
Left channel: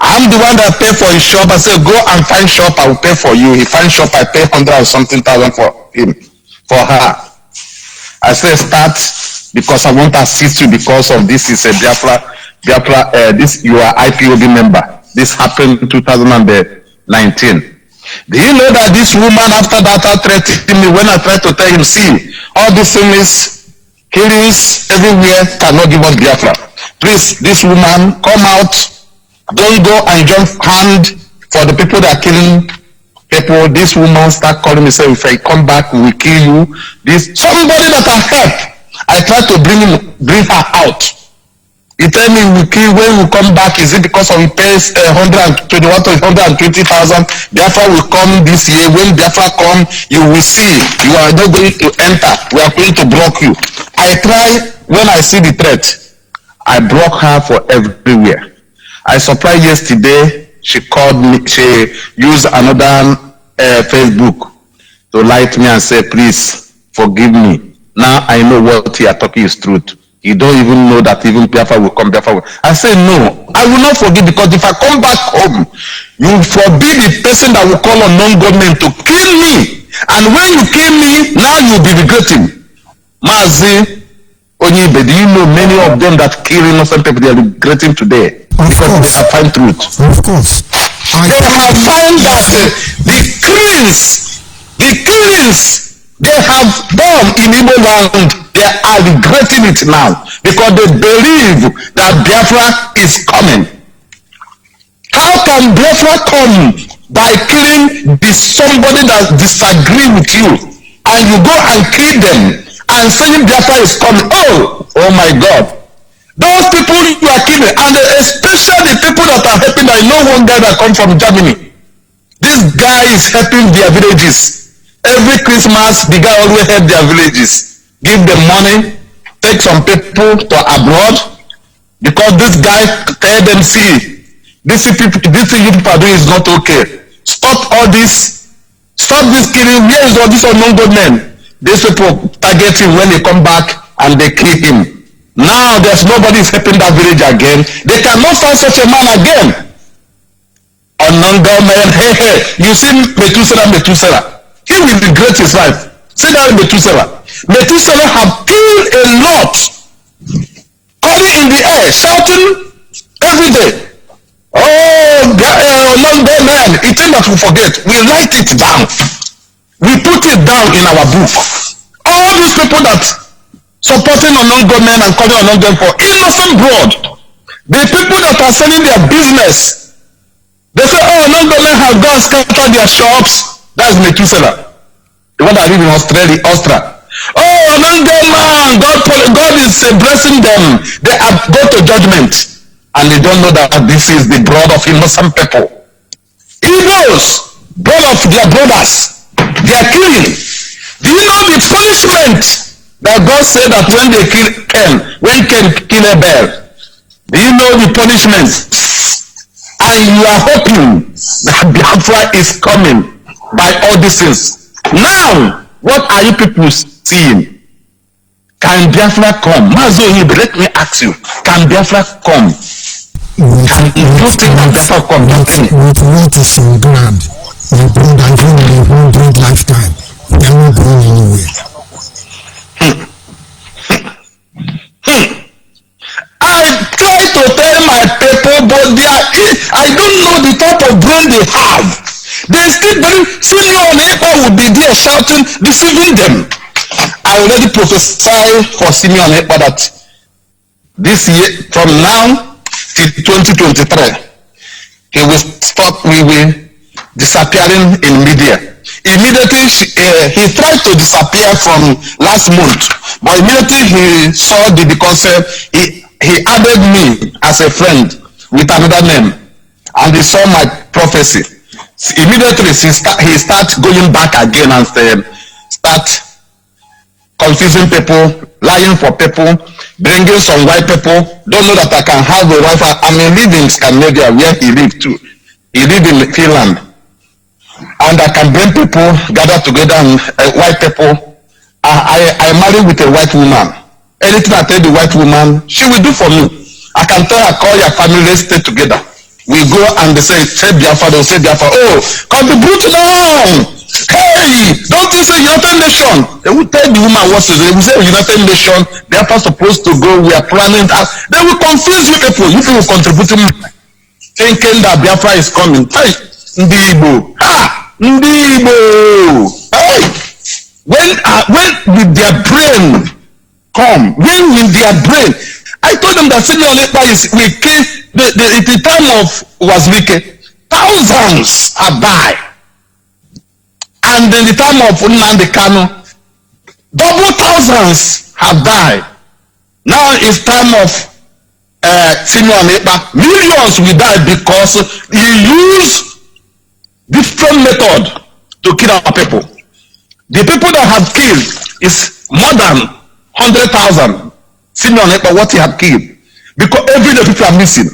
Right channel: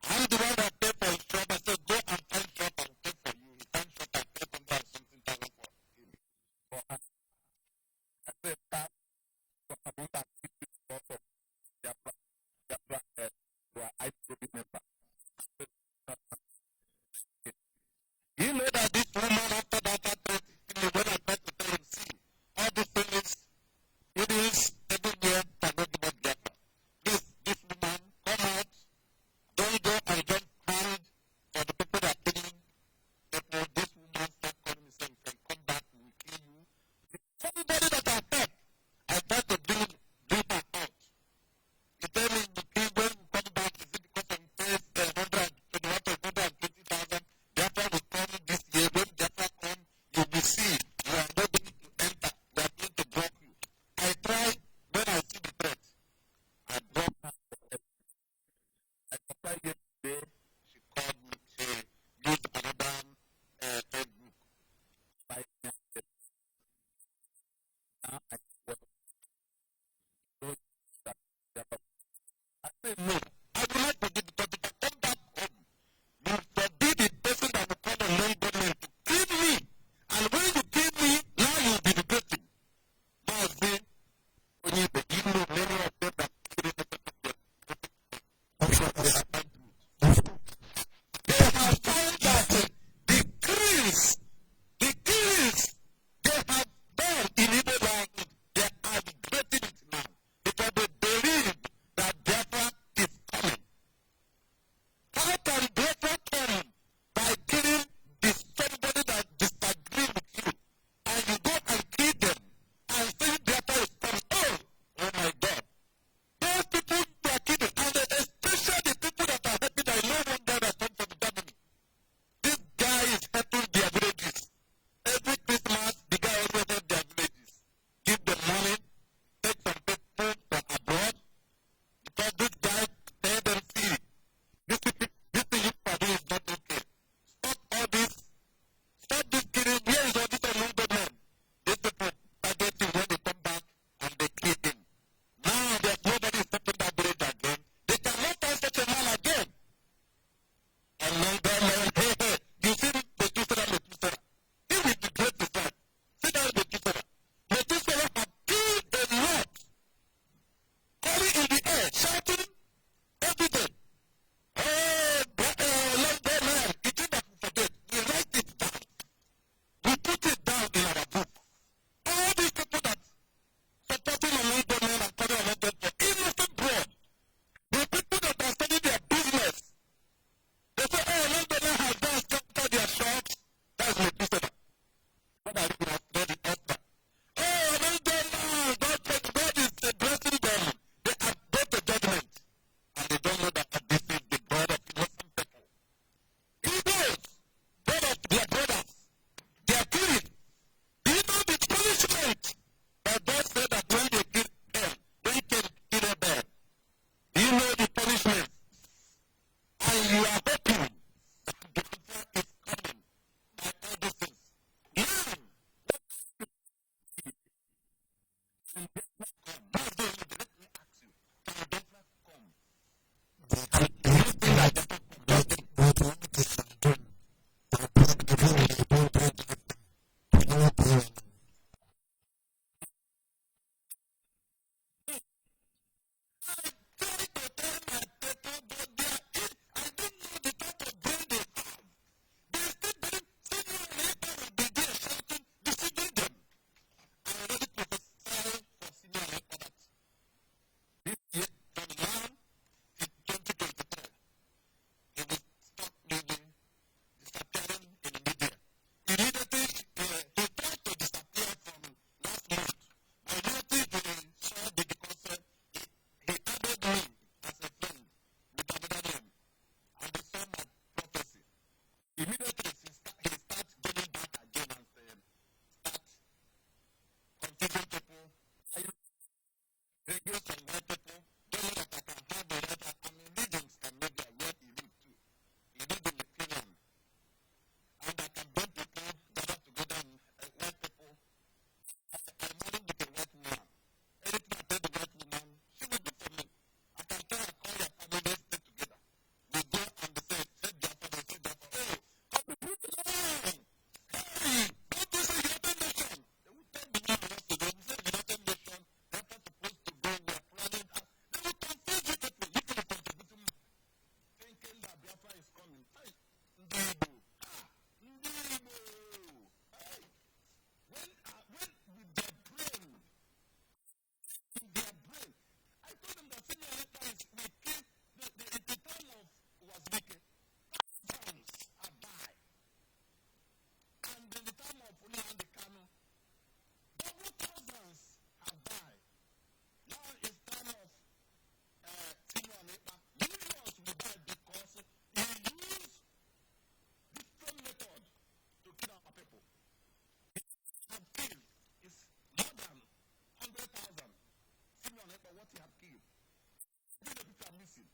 I'm the one that paid for his shop. I said, go and find shop, I will pay for you. He find shop, I pay 100 or something thousand for him, for her. I said, start, because I want to assist you, because of this is a Biafra, this you are IPOB member. This happened in 2019. Do you know that this woman after that threatened me when I tried to tell him, see, all these things, killings everywhere cannot give us Biafra. Please, this woman, come out. Don't go and jump hand for the people that are killing people, this woman start calling me, say, if I come back, we will kill you. This somebody that I help, I try to bring her out. He tell me we kill when we come back. Is it because of he pays 121 to 120,000? Biafra will come this year. When Biafra come, you will see. You are not going to enter. We are going to block you. I try when I see the threat. I block her for everywhere. I surprised yesterday. She called me. She used another Facebook to lie to me and say, "Please forgive me." Now I know what you are talking is truth. You don't even know that even Biafra will come. Biafra will. I say no, I will not forgive, because if I come back home, you forbid the person that will call on non-government to kill me. And when you kill me, now you'll be regretting. Mazi Onyibe, do you know many of them that kill innocent people, they are regretting today? Of because course. they have found truth. Of course. They have found that the killings they have done in Igbo land, they are regretting it now because they believe that Biafra is coming. How can Biafra come? By killing somebody that disagree with you, and you go and kill them and saying Biafra is coming. Oh my God. Those people you are killing, and especially the people that are helping. I know one guy that comes from Germany. This guy is helping their villages. Every Christmas, the guy always help their villages. Give them money, take some people to abroad, because this guy tell them, see, this thing you people are doing is not okay. Stop all this. Stop this killing. Where is all this unknown government? These people target him when they come back and they kill him. Now there's nobody is helping that village again. They cannot find such a man again. Unknown government, hey, you see Methuselah. He will regret his life. Say that Methuselah. Methuselah have killed a lot. Calling in the air, shouting every day. Long day man, it's thing that we forget. We write it down. We put it down in our book. All these people that supporting unknown government and calling unknown government for innocent blood. The people that are selling their business. They say, unknown government have gone scatter their shops. That's Methuselah, the one that live in Austria. Unknown government, God is blessing them. They have go to judgment, and they don't know that this is the blood of innocent people. Igbos, blood of their brothers, they are killing. Do you know the punishment that God said that when they kill Cain, when Cain kill Abel? Do you know the punishment? And you are hoping that Biafra is coming by all these things. Now, what are you people seeing? Can Biafra come? Mazi Onyibe, let me ask you, can Biafra come? Can you think that Biafra come? With what is on ground, my brother, even in a 100 lifetime, they are not going anywhere. I try to tell my people, but I don't know the type of brain they have. They still believe Simeon Ekpa will be there shouting, deceiving them. I already prophesied for Simeon Ekpa that this year, from now till 2023, he will stop disappearing in media. Immediately, he tried to disappear from last month, but immediately he saw the concept, he added me as a friend with another name, and he saw my prophecy. Immediately, he start going back again and start confusing people, lying for people, bringing some white people. Don't know that I can have a wife. I mean, live in Scandinavia where he lived too. He lived in Finland, and I can bring people, gather together, and white people. I married with a white woman. Anything I tell the white woman, she will do for me. I can tell her, call your family, let's stay together. We go and they say Biafra, they'll say Biafra. Oh, contribute now. Hey, don't you say United Nations? They will tell the woman what to do. They will say United Nations, Biafra supposed to go, we are planning that. They will confuse you people. You people contributing, thinking that Biafra is coming. Hey, Ndibo. Ndibo. Hey, when with their brain come, when with their brain, I told them that Simeon Ekpa is we came the time of Wazirike, thousands are died. And in the time of Nnamdi Kanu, double thousands have died. Now it's time of Simeon Ekpa. Millions will die because he used different method to kill our people. The people that have killed is more than 100,000. Simeon Ekpa, what he have killed. Because every day people are missing.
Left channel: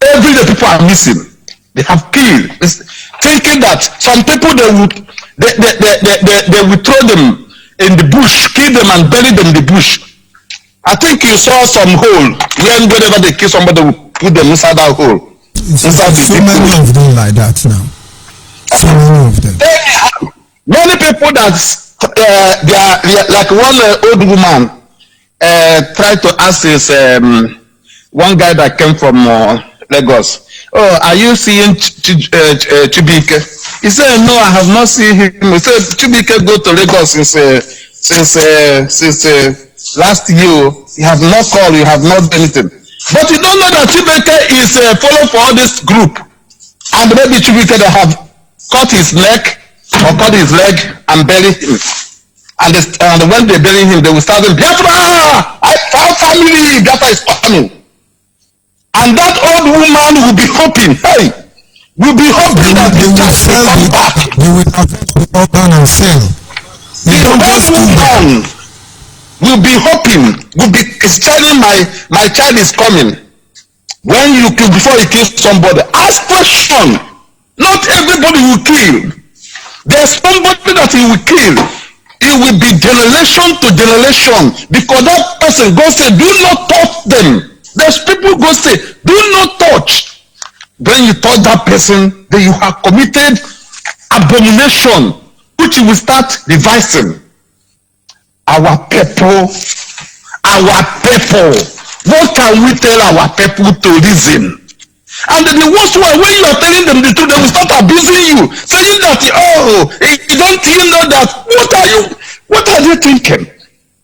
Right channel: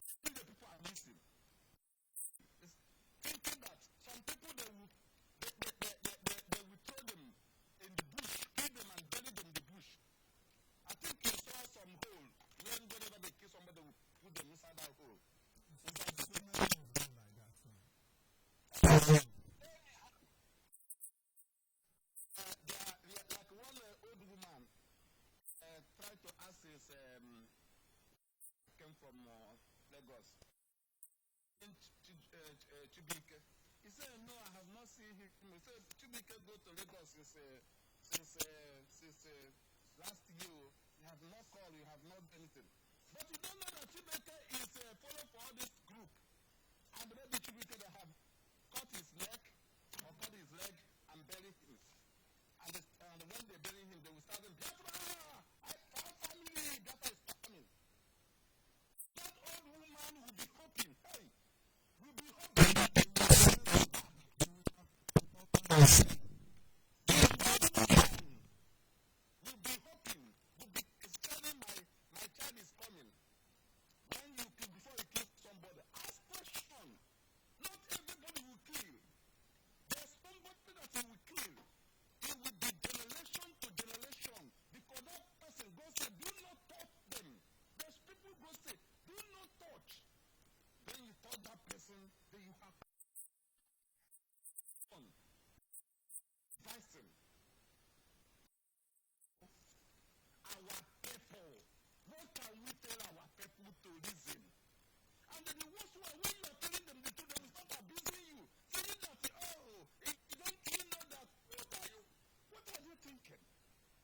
Every day people are missing. They have killed. It's thinking that some people they will throw them in the bush, kill them and bury them in the bush. I think you saw some hole whenever they kill somebody, they will put them inside that hole. Inside so many of them like that now. So many of them. Many people that they are like one old woman tried to ask this one guy that came from Lagos. Oh, are you seeing Chibike? He said, no, I have not seen him. He said, Chibike go to Lagos since last year. He have not called, you have not done anything. But you don't know that Chibike is follow for all this group. And maybe Chibike they have cut his neck or cut his leg and bury him. And when they bury him, they will start saying, Biafra! I found family! Biafra is coming. And that old woman will be hoping, hey, will be hoping that the child will come back. They will have the organ and sell. The old woman will be hoping, will be telling my child is coming. When you kill, before you kill somebody, ask question. Not everybody will kill. There's somebody that he will kill. It will be generation to generation because that person God say, do not touch them. There's people go say, do not touch. When you touch that person, then you have committed abomination, which you will start devising. Our people. What can we tell our people to reason? And the worst one, when you are telling them the truth, they will start abusing you, saying that, oh, you don't even know that. What are you thinking?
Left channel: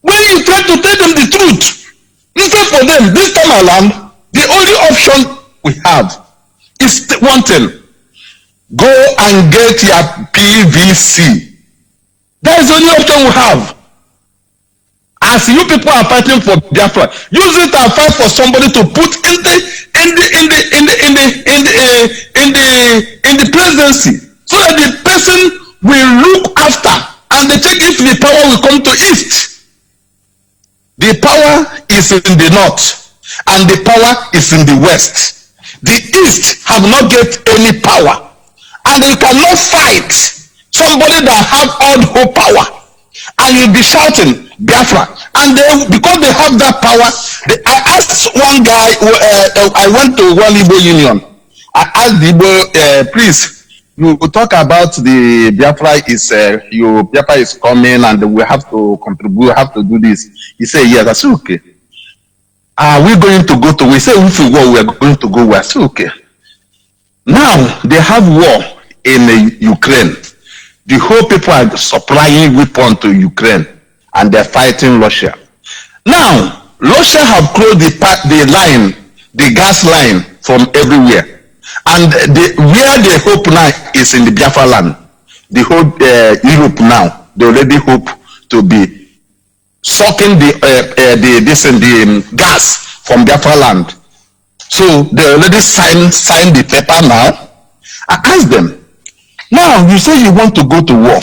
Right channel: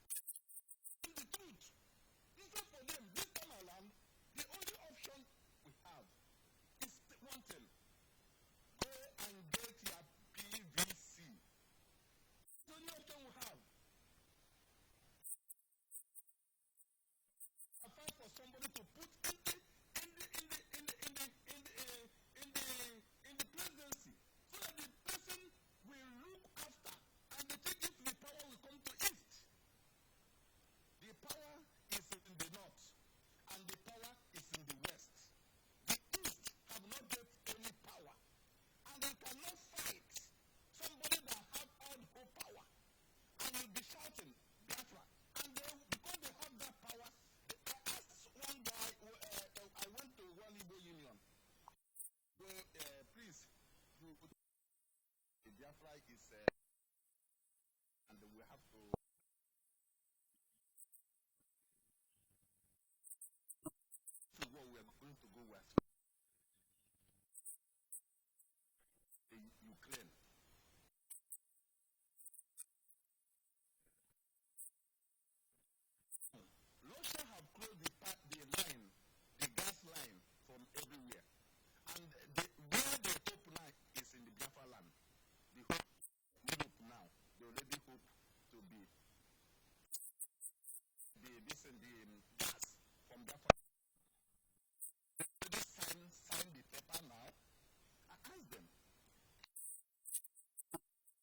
When you try to tell them the truth, instead for them, this time around, the only option we have is one thing. Go and get your PVC. That is the only option we have. As you people are fighting for Biafra, use it and fight for somebody to put in the presidency, so that the person will look after and they check if the power will come to east. The power is in the north and the power is in the west. The east have not get any power, and you cannot fight somebody that have all the whole power. And you'll be shouting Biafra, and they, because they have that power. I asked one guy. I went to one Igbo union. I asked the Igbo, please, you talk about the Biafra is Biafra is coming, and we have to contribute. We have to do this. He said, yes. I said, okay. Are we going to go to? We said, if we go, we are going to go. I said, okay. Now they have war in Ukraine. The whole people are supplying weapons to Ukraine, and they're fighting Russia. Now, Russia have closed the line, the gas line from everywhere. And where they hope now is in the Biafra land. The whole Europe now, they already hope to be sucking the gas from Biafra land. So they already signed the paper now. I asked them, now you say you want to go to war.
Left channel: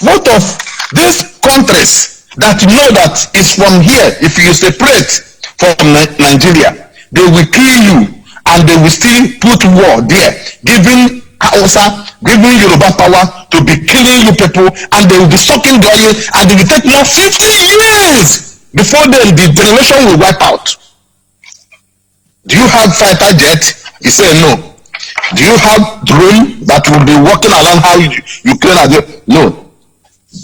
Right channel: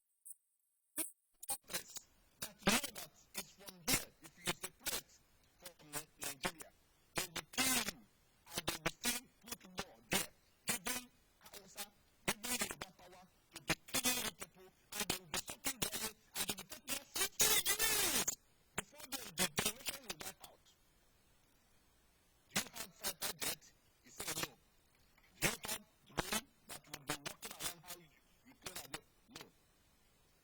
What of these countries that you know that is from here? If you separate from Nigeria, they will kill you, and they will still put war there, giving Hausa, giving Yoruba power to be killing you people, and they will be sucking the oil, and they will take more 50 years before then the generation will wipe out. Do you have fighter jet? He said no. Do you have drone that will be walking around how Ukraine are doing? No.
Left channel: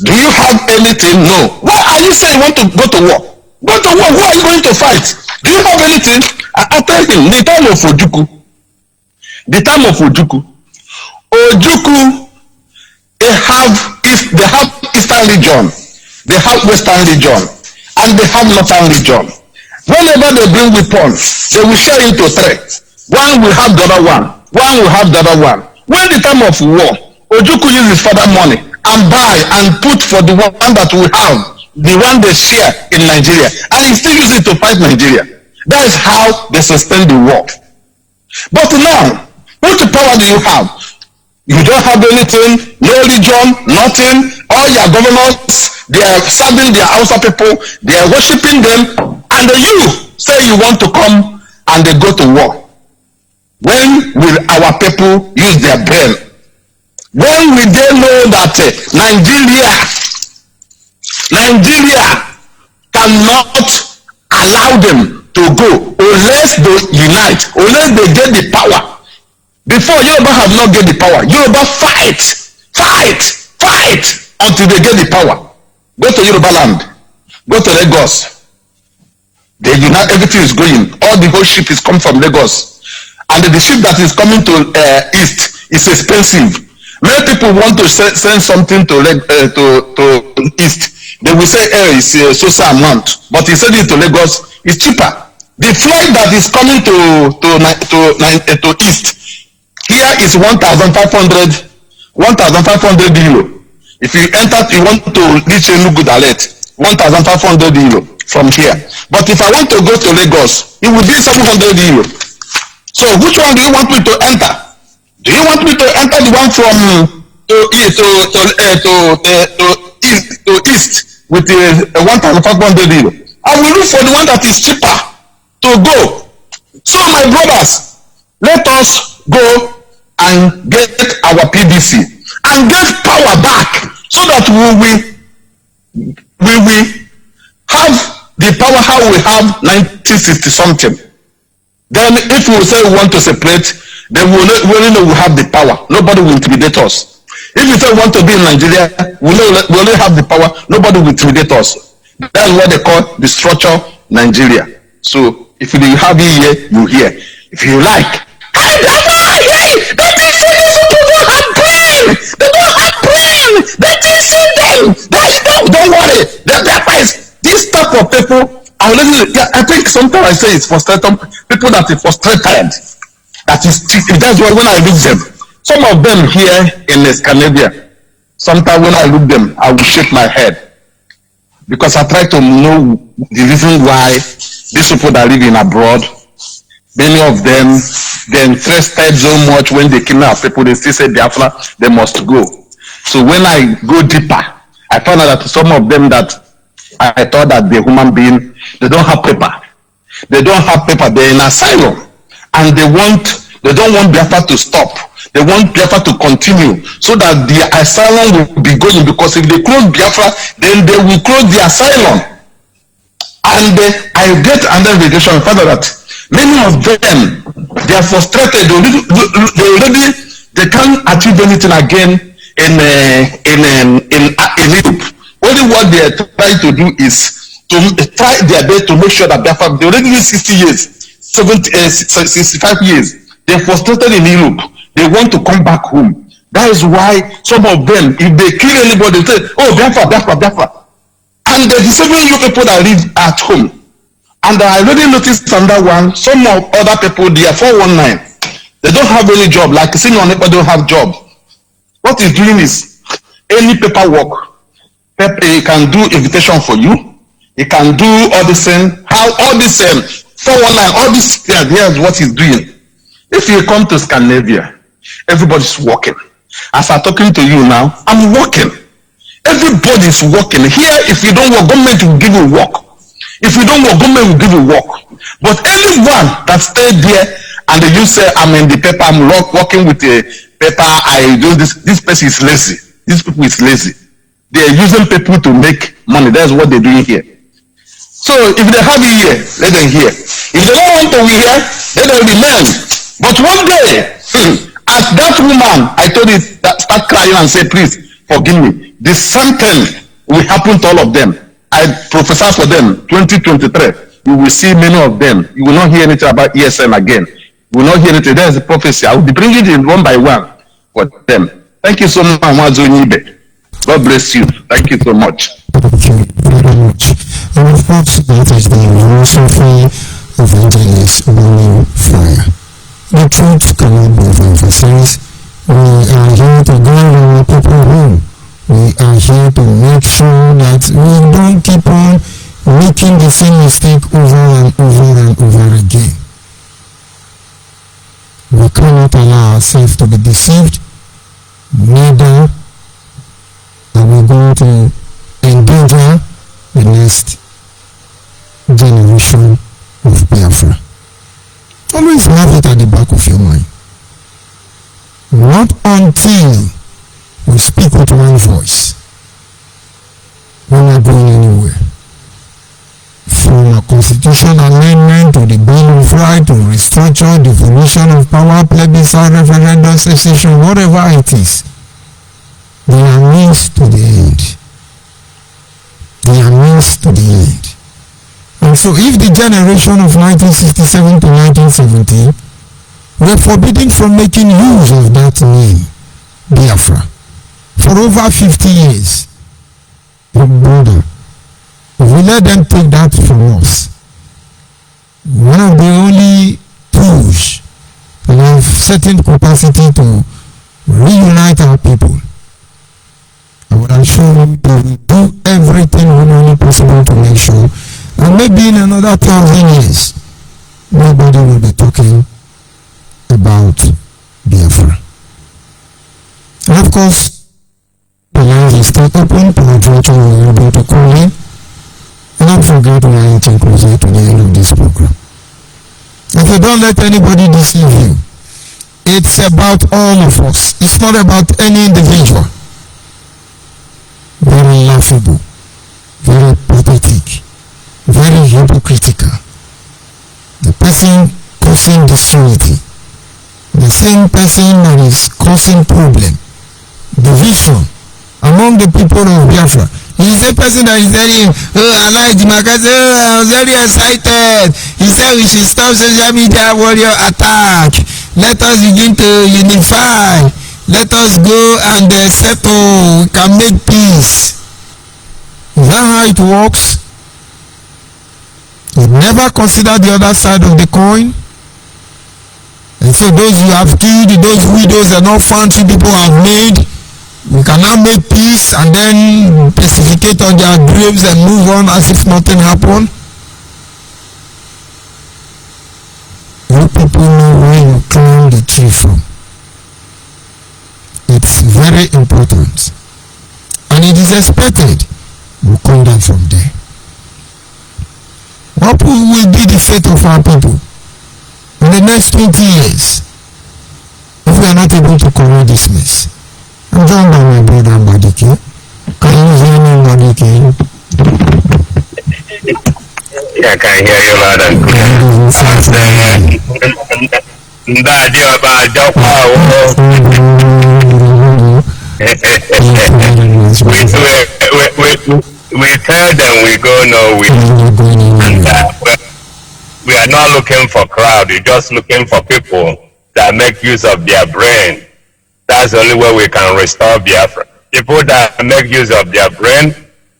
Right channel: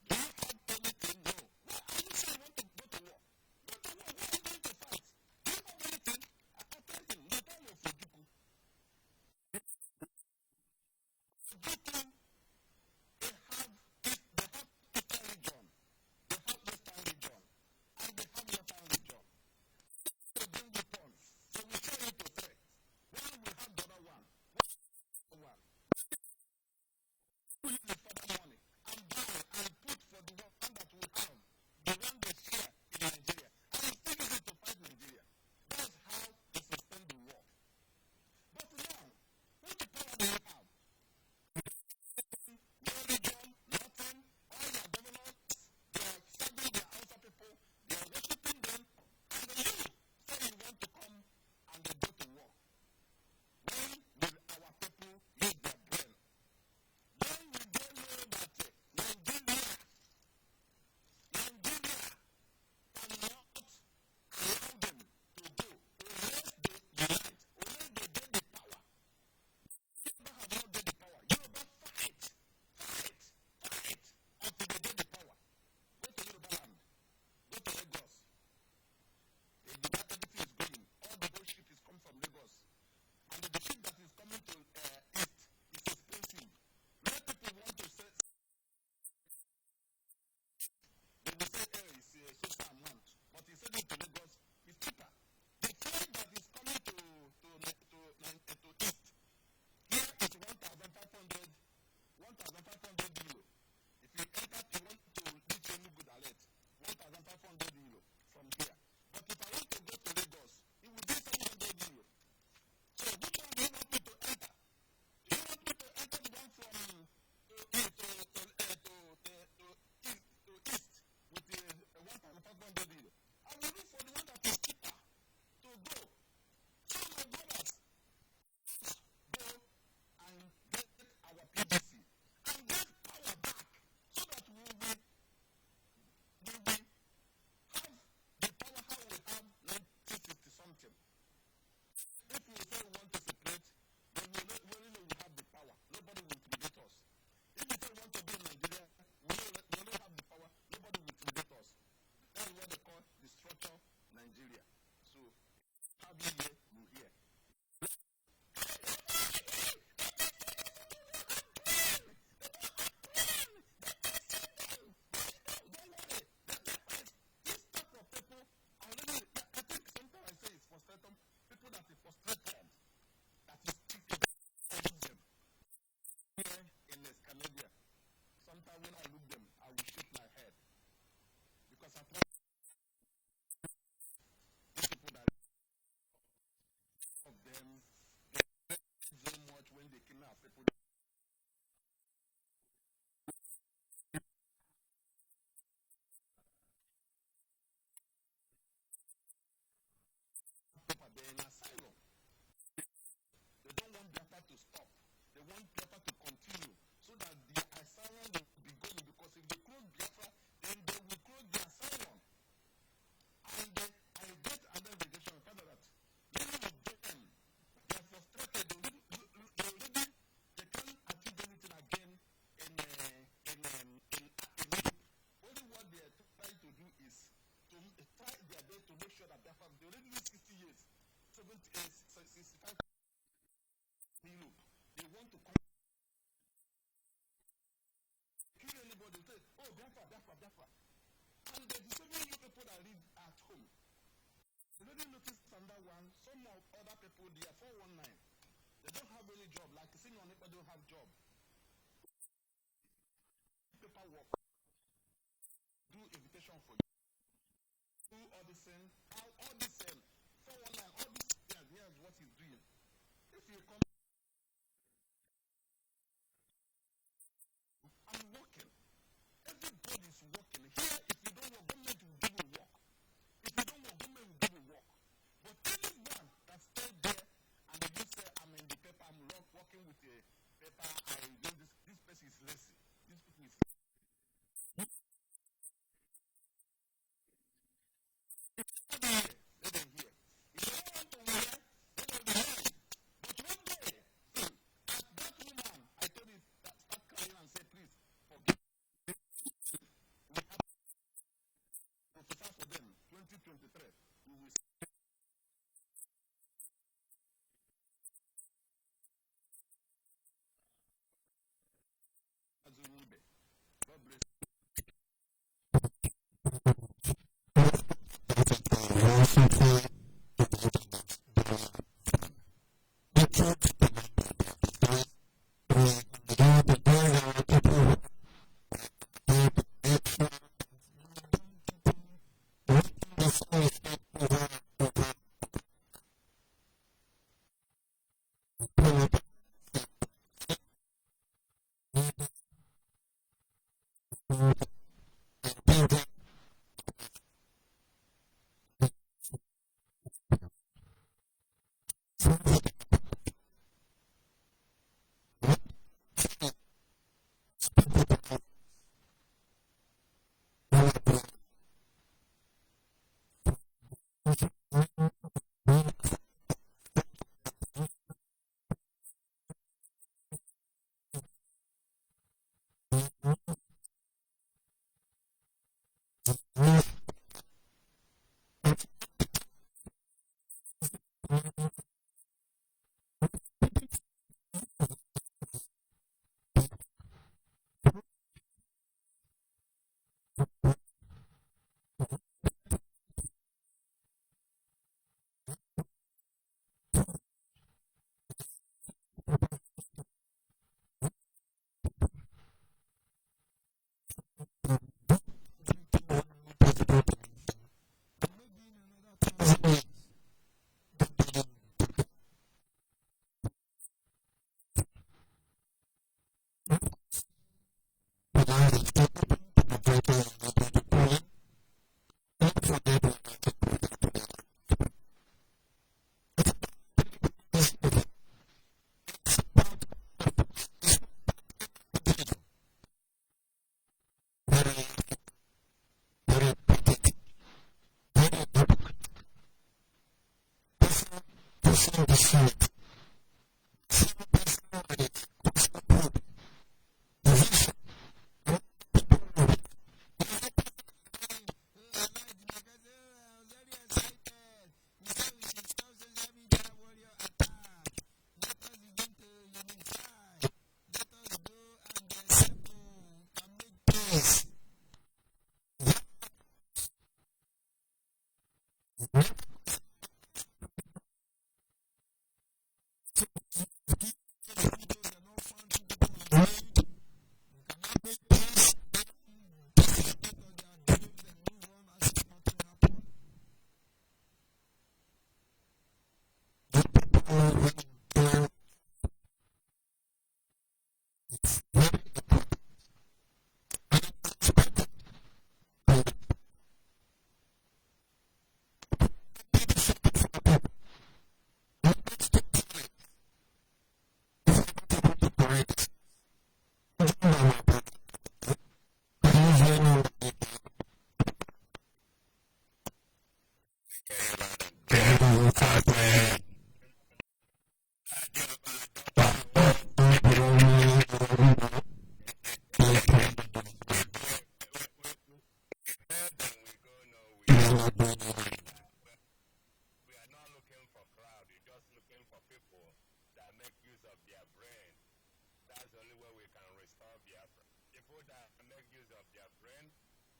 Do you have anything? No. Why are you saying you want to go to war? Go to war. Who are you going to fight? Do you have anything? I tell him, the time of Ojukwu. Ojukwu, they have Eastern region, they have Western region, and they have Northern region. Whenever they bring weapons, they will share into three. One will have the other one. One will have the other one. When the time of war, Ojukwu uses his father money and buy and put for the one that we have, the one they share in Nigeria, and he still use it to fight Nigeria. That is how they sustain the war. But now, what power do you have? You don't have anything, no religion, nothing. All your governors, they are serving their Hausa people, they are worshiping them, and you say you want to come and they go to war. When will our people use their brain? When will they know that Nigeria cannot allow them to go unless they unite, unless they get the power? Before, Yoruba have not get the power. Yoruba fight until they get the power. Go to Yoruba land, go to Lagos. They unite, everything is going. All the whole ship is coming from Lagos. And the ship that is coming to east is expensive. Many people want to send something to east. They will say, it's so amount. But he said it to Lagos, it's cheaper. The flight that is coming to east, here is 1,500 euro. If you enter, you want to reach Enugu direct, 1,500 euro from here. But if I want to go to Lagos, it will be 700 euro. So which one do you want me to enter? Do you want me to enter the one from to east with 1,500 euro? I will look for the one that is cheaper to go. So my brothers, let us go and get our PDC and get power back, so that we will have the power how we have 1960 something. Then if we say we want to separate, then we only know we have the power. Nobody will intimidate us. If we say we want to be in Nigeria, we only have the power. Nobody will intimidate us. That's what they call the structure Nigeria. So if you have it here, you hear. If you like, don't worry. This type of people, I think sometimes I say it's frustrated people that are frustrated. That's why when I look them, some of them here in Scandinavia, sometimes when I look them, I will shake my head, because I try to know the reason why these people that live in abroad, many of them, they're interested so much when they kidnap people, they still say Biafra, they must go. So when I go deeper, I found out that some of them that I thought that they're human being, they don't have paper. They don't have paper, they're in asylum. And they don't want Biafra to stop. They want Biafra to continue, so that the asylum will be going, because if they close Biafra, then they will close the asylum. And I get under investigation and found out that many of them, they are frustrated. They can't achieve anything again in Europe. Only what they are trying to do is to try their best to make sure that Biafra, they already live 60 years, 65 years. They're frustrated in Europe. They want to come back home. That is why some of them, if they kill anybody, they say, oh, Biafra. And the 7 you people that live at home. And I already noticed on that one, some of other people, they are 419. They don't have any job, like senior neighbor don't have job. What he's doing is, any paperwork, he can do invitation for you. He can do all this thing. How all this 419, all this, here's what he's doing. If you come to Scandinavia, everybody's working. As I'm talking to you now, I'm working. Everybody's working. Here, if you don't work, government will give you work. If you don't work, government will give you work. But anyone that stayed there and you say, I'm in the paper, I'm working with the paper, I do this, this person is lazy. These people is lazy. They are using people to make money. That's what they're doing here. So if they have it here, let them hear. If they don't want to be here, let them remain. But one day, as that woman, I told you, that start crying and say, please forgive me. The same thing will happen to all of them. I prophesy for them, 2023. You will see many of them. You will not hear anything about ESN again. You will not hear anything. There is a prophecy. I will be bringing it one by one for them. Thank you so much, Amazonibe. God bless you. Thank you so much. Thank you very much. And of course, that is the philosophy of evangelist William Fire. The truth cannot be overemphasized. We are here to guide our people home. We here to make sure that we don't keep on making the same mistake over and over and over again. We cannot allow ourselves to be deceived, neither are we going to endanger the next generation of Biafra. Always have it at the back of your mind. Not until we speak with one voice, we're not going anywhere. From a constitution amendment to the Bill of Rights to restructure, devolution of power, plebiscite, referendum, secession, whatever it is, they are means to the end. They are means to the end. And so if the generation of 1967 to 1970 were forbidden from making use of that name, Biafra, for over 50 years, your brother, if we let them take that from us, one of the only tools that have certain capacity to reunite our people, I would assure you they will do everything humanly possible to make sure that maybe in another 1,000 years, nobody will be talking about Biafra. And of course, the lines are still open to adventure we will be able to call in. And don't forget we are inching closer to the end of this program. If you don't let anybody deceive you, it's about all of us. It's not about any individual. Very laughable, very pathetic, very hypocritical. The person causing disunity, the same person that is causing problem, division among the people of Biafra. He's a person that is telling, I like the magazine, I was very excited. He said we should stop social media warrior attack. Let us begin to unify. Let us go and settle. We can make peace. Is that how it works? You never consider the other side of the coin. And so those you have killed, those widows and orphans people have made, we can now make peace and then pacificate on their graves and move on as if nothing happened. You people know where you climb the tree from. It's very important. And it is expected we'll come down from there. What will be the fate of our people in the next 20 years if we are not able to correct this mess? I'm joined by my brother Mbadike. Can you hear me, Mbadike? Yeah, I can hear you loud and clear. We tell them we go nowhere. And we are not looking for crowd. We're just looking for people that make use of their brain. That's the only way we can restore Biafra. People that make use of their brain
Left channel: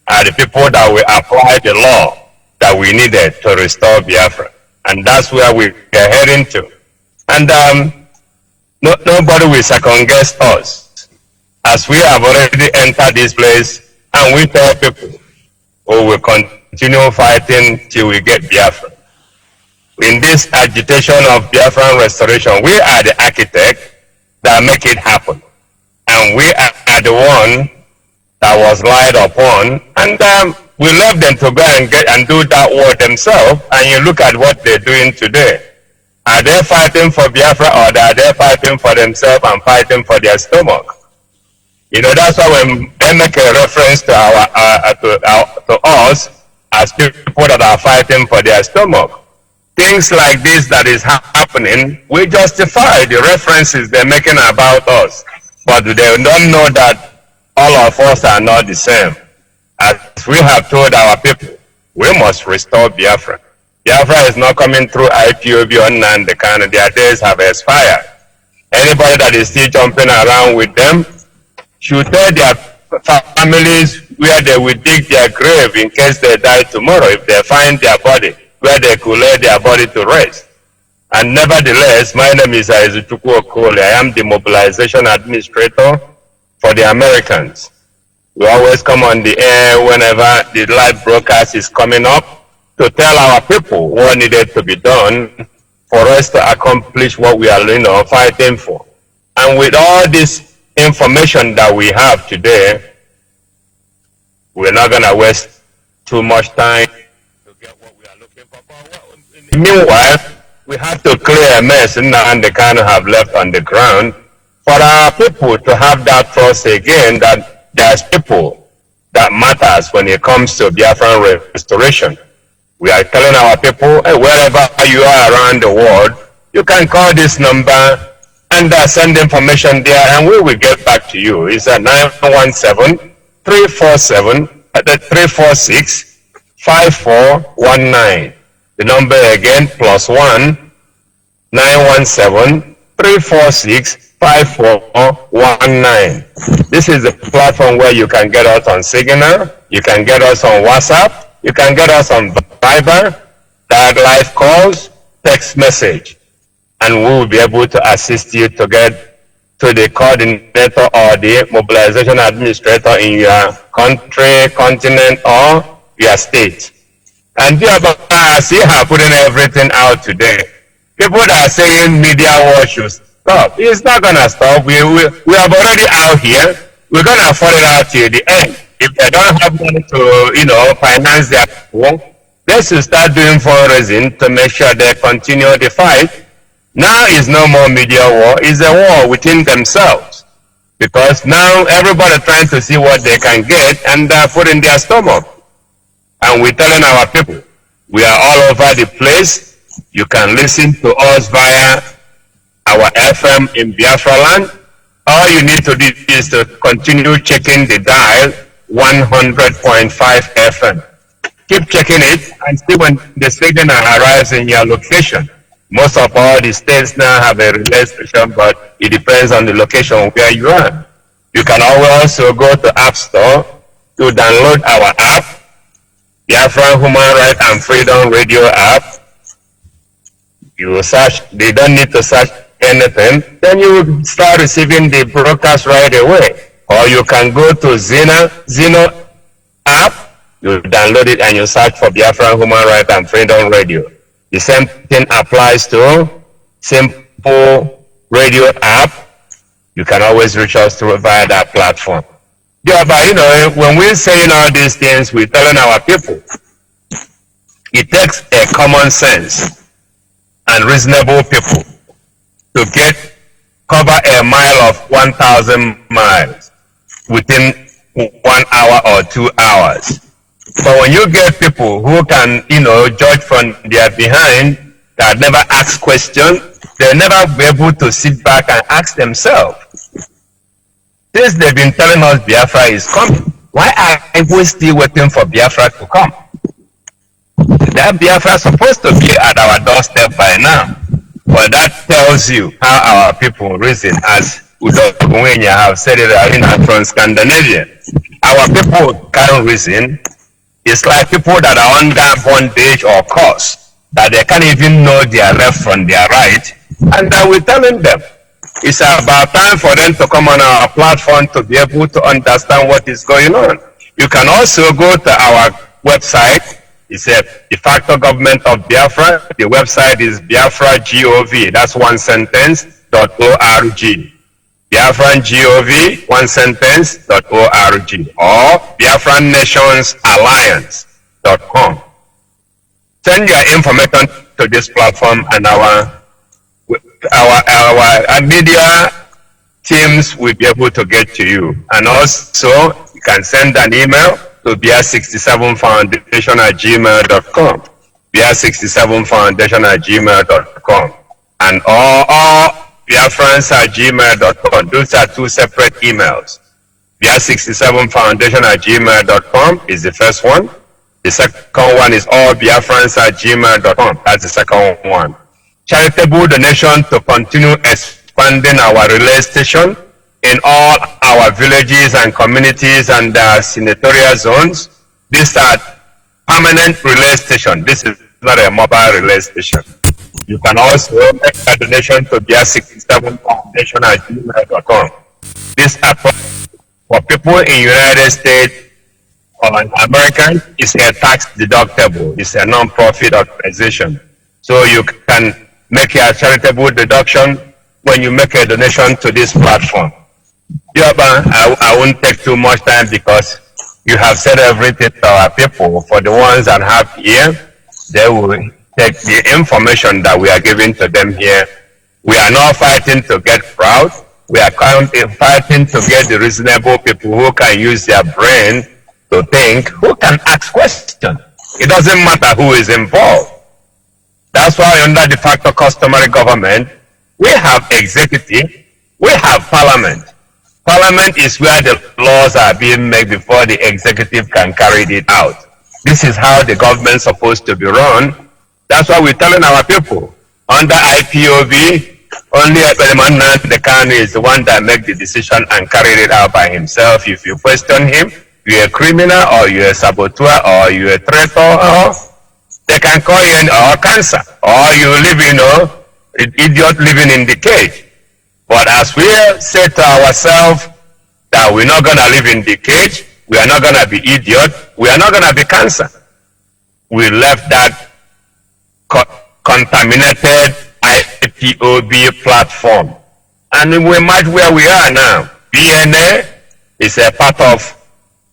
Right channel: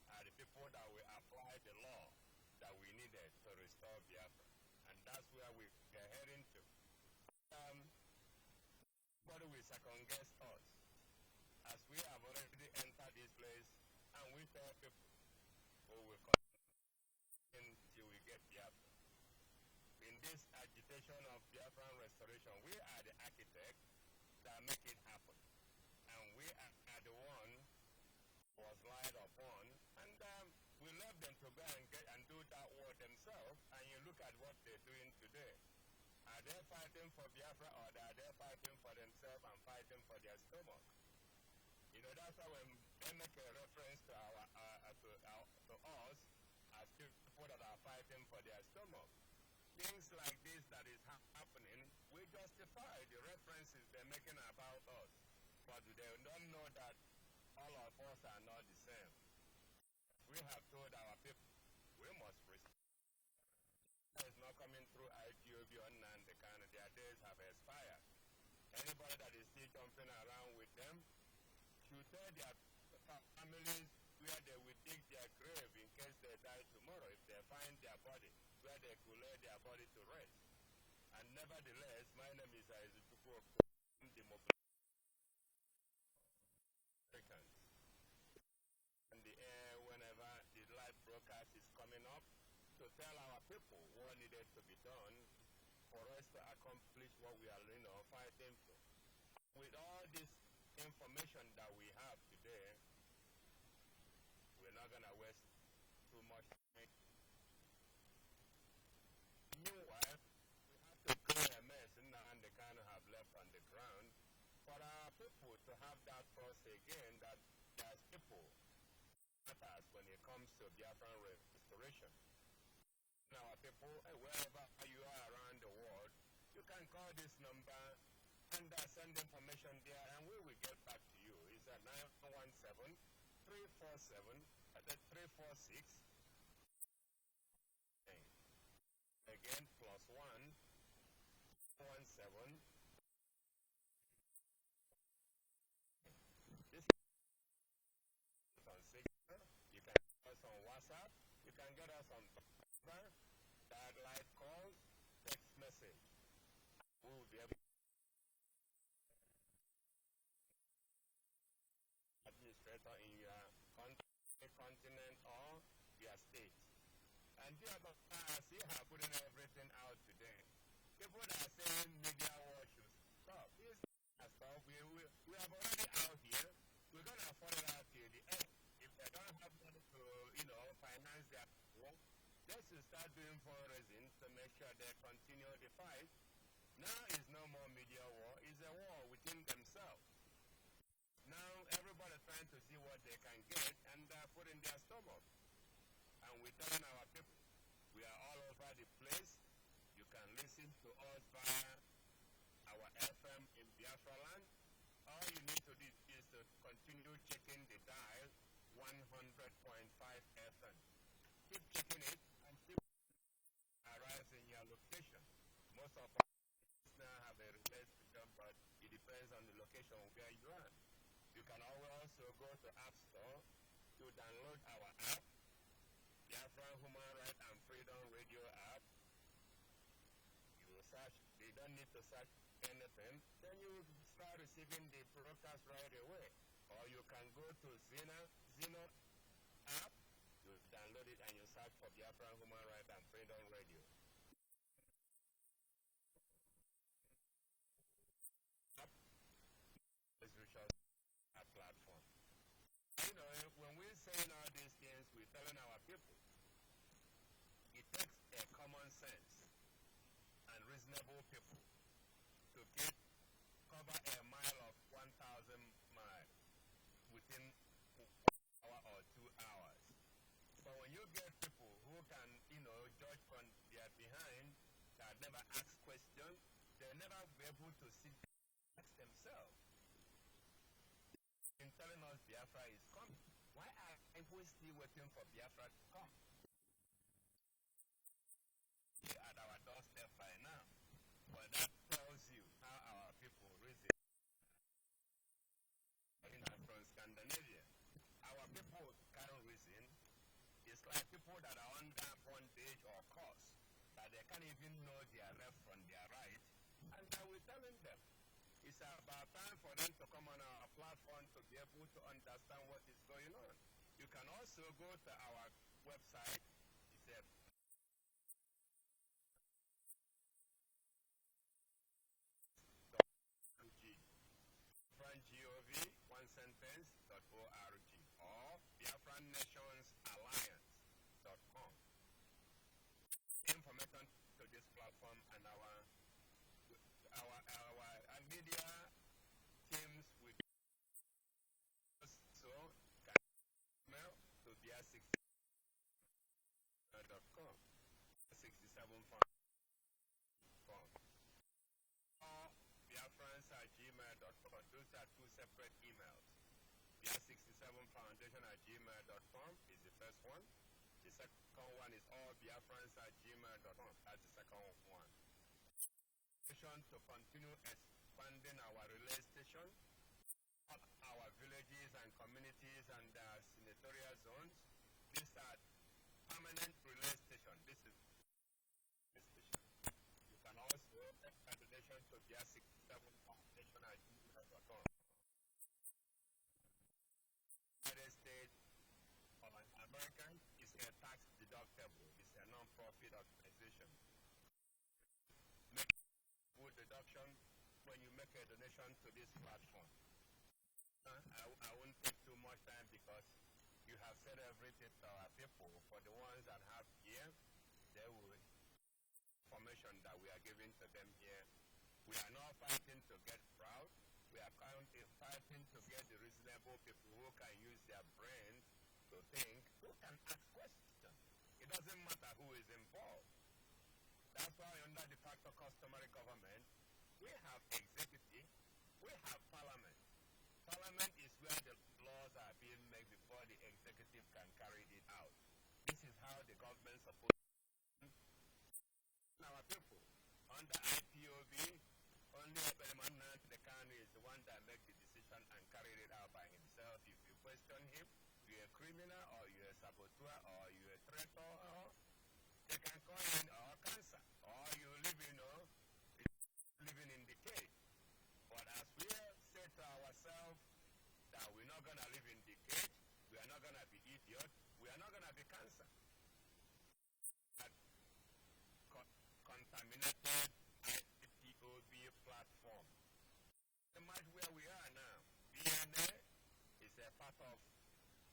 are the people that will apply the law that we needed to restore Biafra. And that's where we are heading to. And nobody will second guess us. As we have already entered this place, and we tell people, we will continue fighting till we get Biafra. In this agitation of Biafran restoration, we are the architect that make it happen. And we are the one that was lied upon. And we left them to go and do that work themselves. And you look at what they're doing today. Are they fighting for Biafra, or are they fighting for themselves and fighting for their stomach? You know, that's why when they make a reference to to us as people that are fighting for their stomach. Things like this that is happening, we justify the references they're making about us. But they don't know that all of us are not the same. As we have told our people, we must restore Biafra. Biafra is not coming through IPOB or Nandekano. Their days have expired. Anybody that is still jumping around with them should tell their families where they will dig their grave in case they die tomorrow, if they find their body, where they could lay their body to rest. And nevertheless, my name is Aizuchukwu Okoli. I am the mobilization administrator for the Americans. We always come on the air whenever the live broadcast is coming up to tell our people what needed to be done for us to accomplish what we are, fighting for. And with all this information that we have today, we're not going to waste too much time to get what we are looking for. Meanwhile, we have to clear a mess and they kind of have left on the ground for our people to have that trust again that there's people that matters when it comes to Biafran restoration. We are telling our people, hey, wherever you are around the world, you can call this number and send information there and we will get back to you. It's at 917-346-5419. The number again, +1 917-346-5419. This is the platform where you can get us on Signal, you can get us on WhatsApp, you can get us on Viber, live calls, text message, and we will be able to assist you to get to the coordinator or the mobilization administrator in your country, continent, or your state. And thereby, I see her putting everything out today. People that are saying media war should stop. It's not going to stop. We have already out here. We're going to follow it out till the end. If they don't have money to, finance their work, they should start doing fundraising to make sure they continue the fight. Now is no more media war. It's a war within themselves. Because now everybody trying to see what they can get and put in their stomach. And we're telling our people, we are all over the place. You can listen to us via our FM in Biafra land. All you need to do is to continue checking the dial 100.5 FM. Keep checking it and see when the signal arrives in your location. Most of all the states now have a relay station, but it depends on the location where you are. You can also go to App Store to download our app, Biafra Human Rights and Freedom Radio app. You search, they don't need to search anything, then you will start receiving the broadcast right away. Or you can go to Zeno app, you download it and you search for Biafra Human Rights and Freedom Radio. The same thing applies to Simple Radio app. You can always reach us through via that platform. Yeah, but when we're saying all these things, we're telling our people, it takes a common sense and reasonable people to cover a mile of 1,000 miles within 1 hour or 2 hours. But when you get people who can, judge from their behind, that never ask questions, they'll never be able to sit back and ask themselves. Since they've been telling us Biafra is coming, why are we still waiting for Biafra to come? That Biafra is supposed to be at our doorstep by now. Well, that tells you how our people reason, as Udo Gwenya have said it from Scandinavia. Our people can't reason. It's like people that are under bondage or curse, that they can't even know their left from their right, and that we're telling them. It's about time for them to come on our platform to be able to understand what is going on. You can also go to our website. It's a de facto government of Biafra. The website is BiafraGov. That's one sentence, .org. BiafranGov, one sentence.org, or BiafranNationsAlliance.com. Send your information to this platform, and our media teams will be able to get to you. And also, you can send an email to BR67foundation@gmail.com. BR67foundation@gmail.com. And all Biafrans@gmail.com. Those are two separate emails. BR67foundation@gmail.com is the first one. The second one is all Biafrans@gmail.com. That's the second one. Charitable donation to continue expanding our relay station in all our villages and communities and senatorial zones. These are permanent relay station. This is not a mobile relay station. You can also make a donation to BR67foundation@gmail.com. This approach For people in United States or American, it's a tax deductible. It's a non-profit organization. So you can make a charitable deduction when you make a donation to this platform. Yeah, but I won't take too much time because you have said everything to our people. For the ones that have here, they will take the information that we are giving to them here. We are not fighting to get proud. We are fighting to get the reasonable people who can use their brain to think, who can ask questions. It doesn't matter who is involved. That's why under de facto customary government, we have executive, we have parliament. Parliament is where the laws are being made before the executive can carry it out. This is how the government's supposed to be run. That's why we're telling our people. Under IPOB, only the Kanu is the one that makes the decision and carry it out by himself. If you question him, you're a criminal or you're a saboteur or you're a traitor, or they can call you or cancer, or you live, an idiot living in the cage. But as we say to ourselves that we're not going to live in the cage, we are not going to be idiot, we are not going to be cancer. We left that contaminated IPOB platform. And we might where we are now. BNA is a part of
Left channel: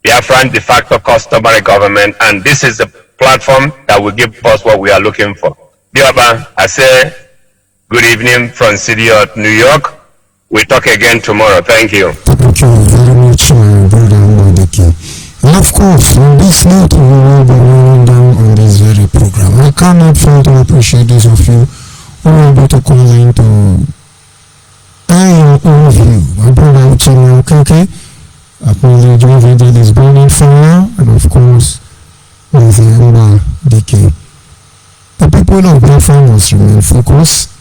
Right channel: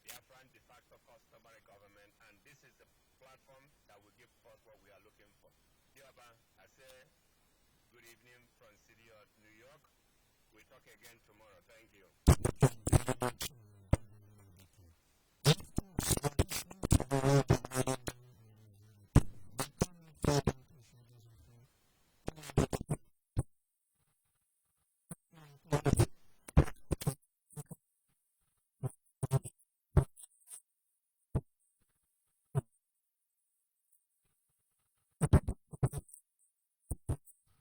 Biafran de facto customary government, and this is the platform that will give us what we are looking for. Biaba, I say good evening from city of New York. We'll talk again tomorrow. Thank you. Thank you very much, my brother Mbadeke. And of course, on this note, we will be running down on this very program. I cannot fail to appreciate those of you who are able to call in to air your own view. My brother Uchenna Okeke, acknowledge every day is burning fire, and of course, with Mbadeke. The people of Biafra must remain focused.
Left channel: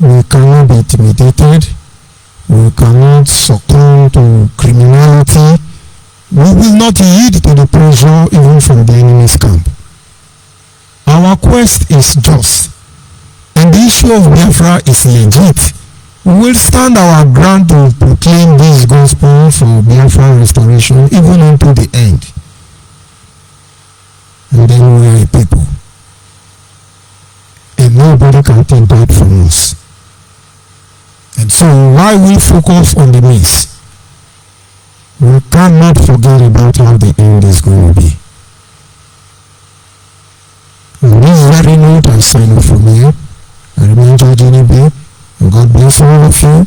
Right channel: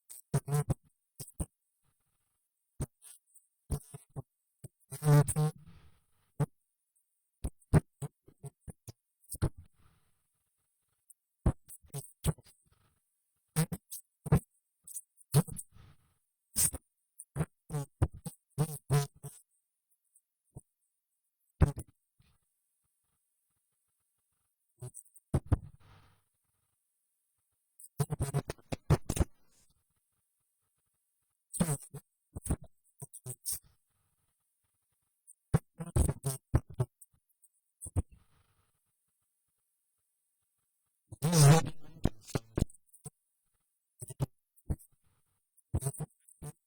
We cannot be intimidated. We cannot succumb to criminality. We will not yield to the pressure even from the enemy's camp. Our quest is just, and the issue of Biafra is legit. We will stand our ground to proclaim this gospel for Biafra restoration even unto the end. And then we are a people. And nobody can take that from us. And so while we focus on the means, we cannot forget about how the end is going to be. On this very note, I sign off from here. I remain George Enibe, and God bless all of you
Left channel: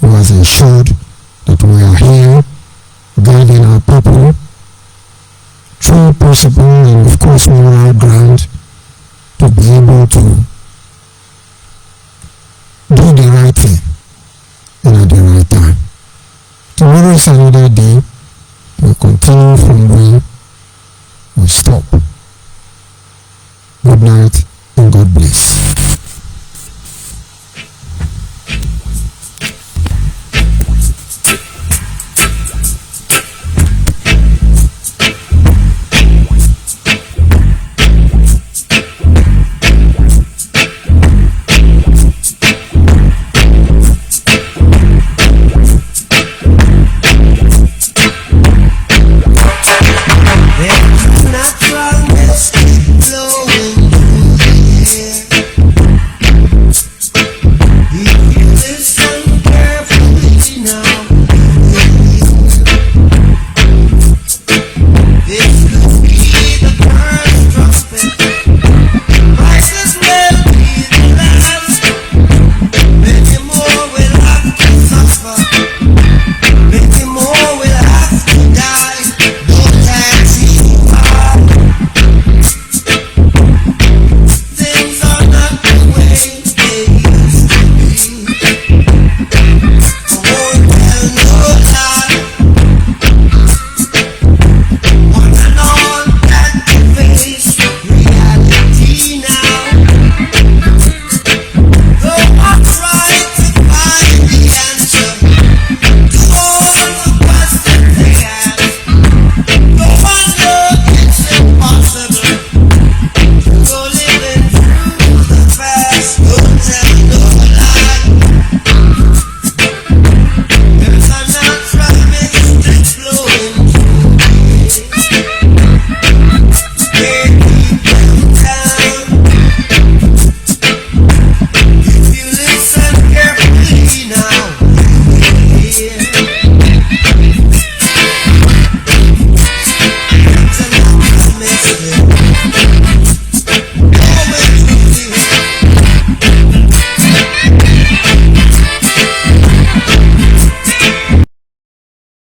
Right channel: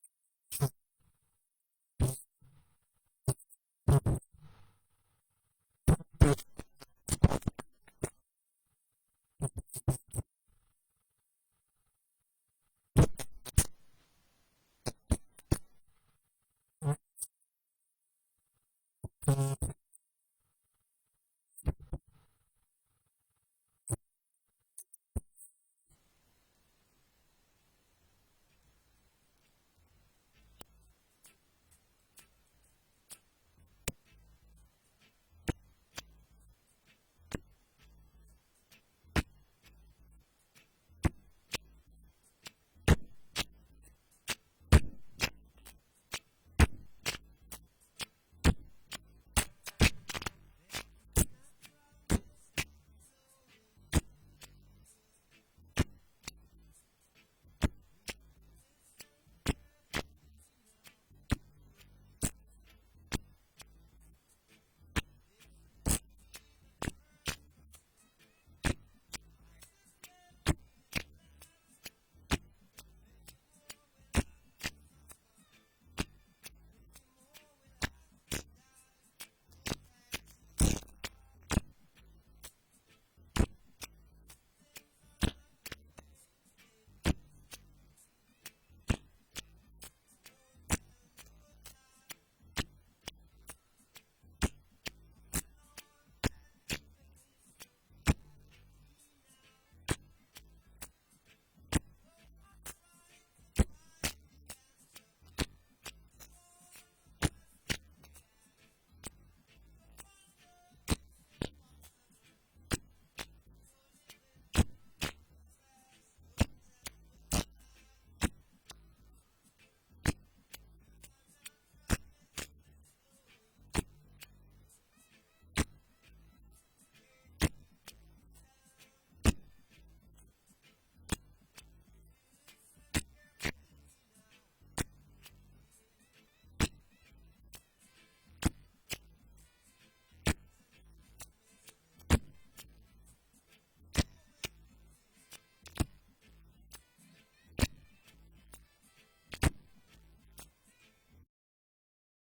who has ensured that we are here guiding our people through principle and of course moral ground to be able to do the right thing and at the right time. Tomorrow is another day. We'll continue from where we stop. Good night and God bless.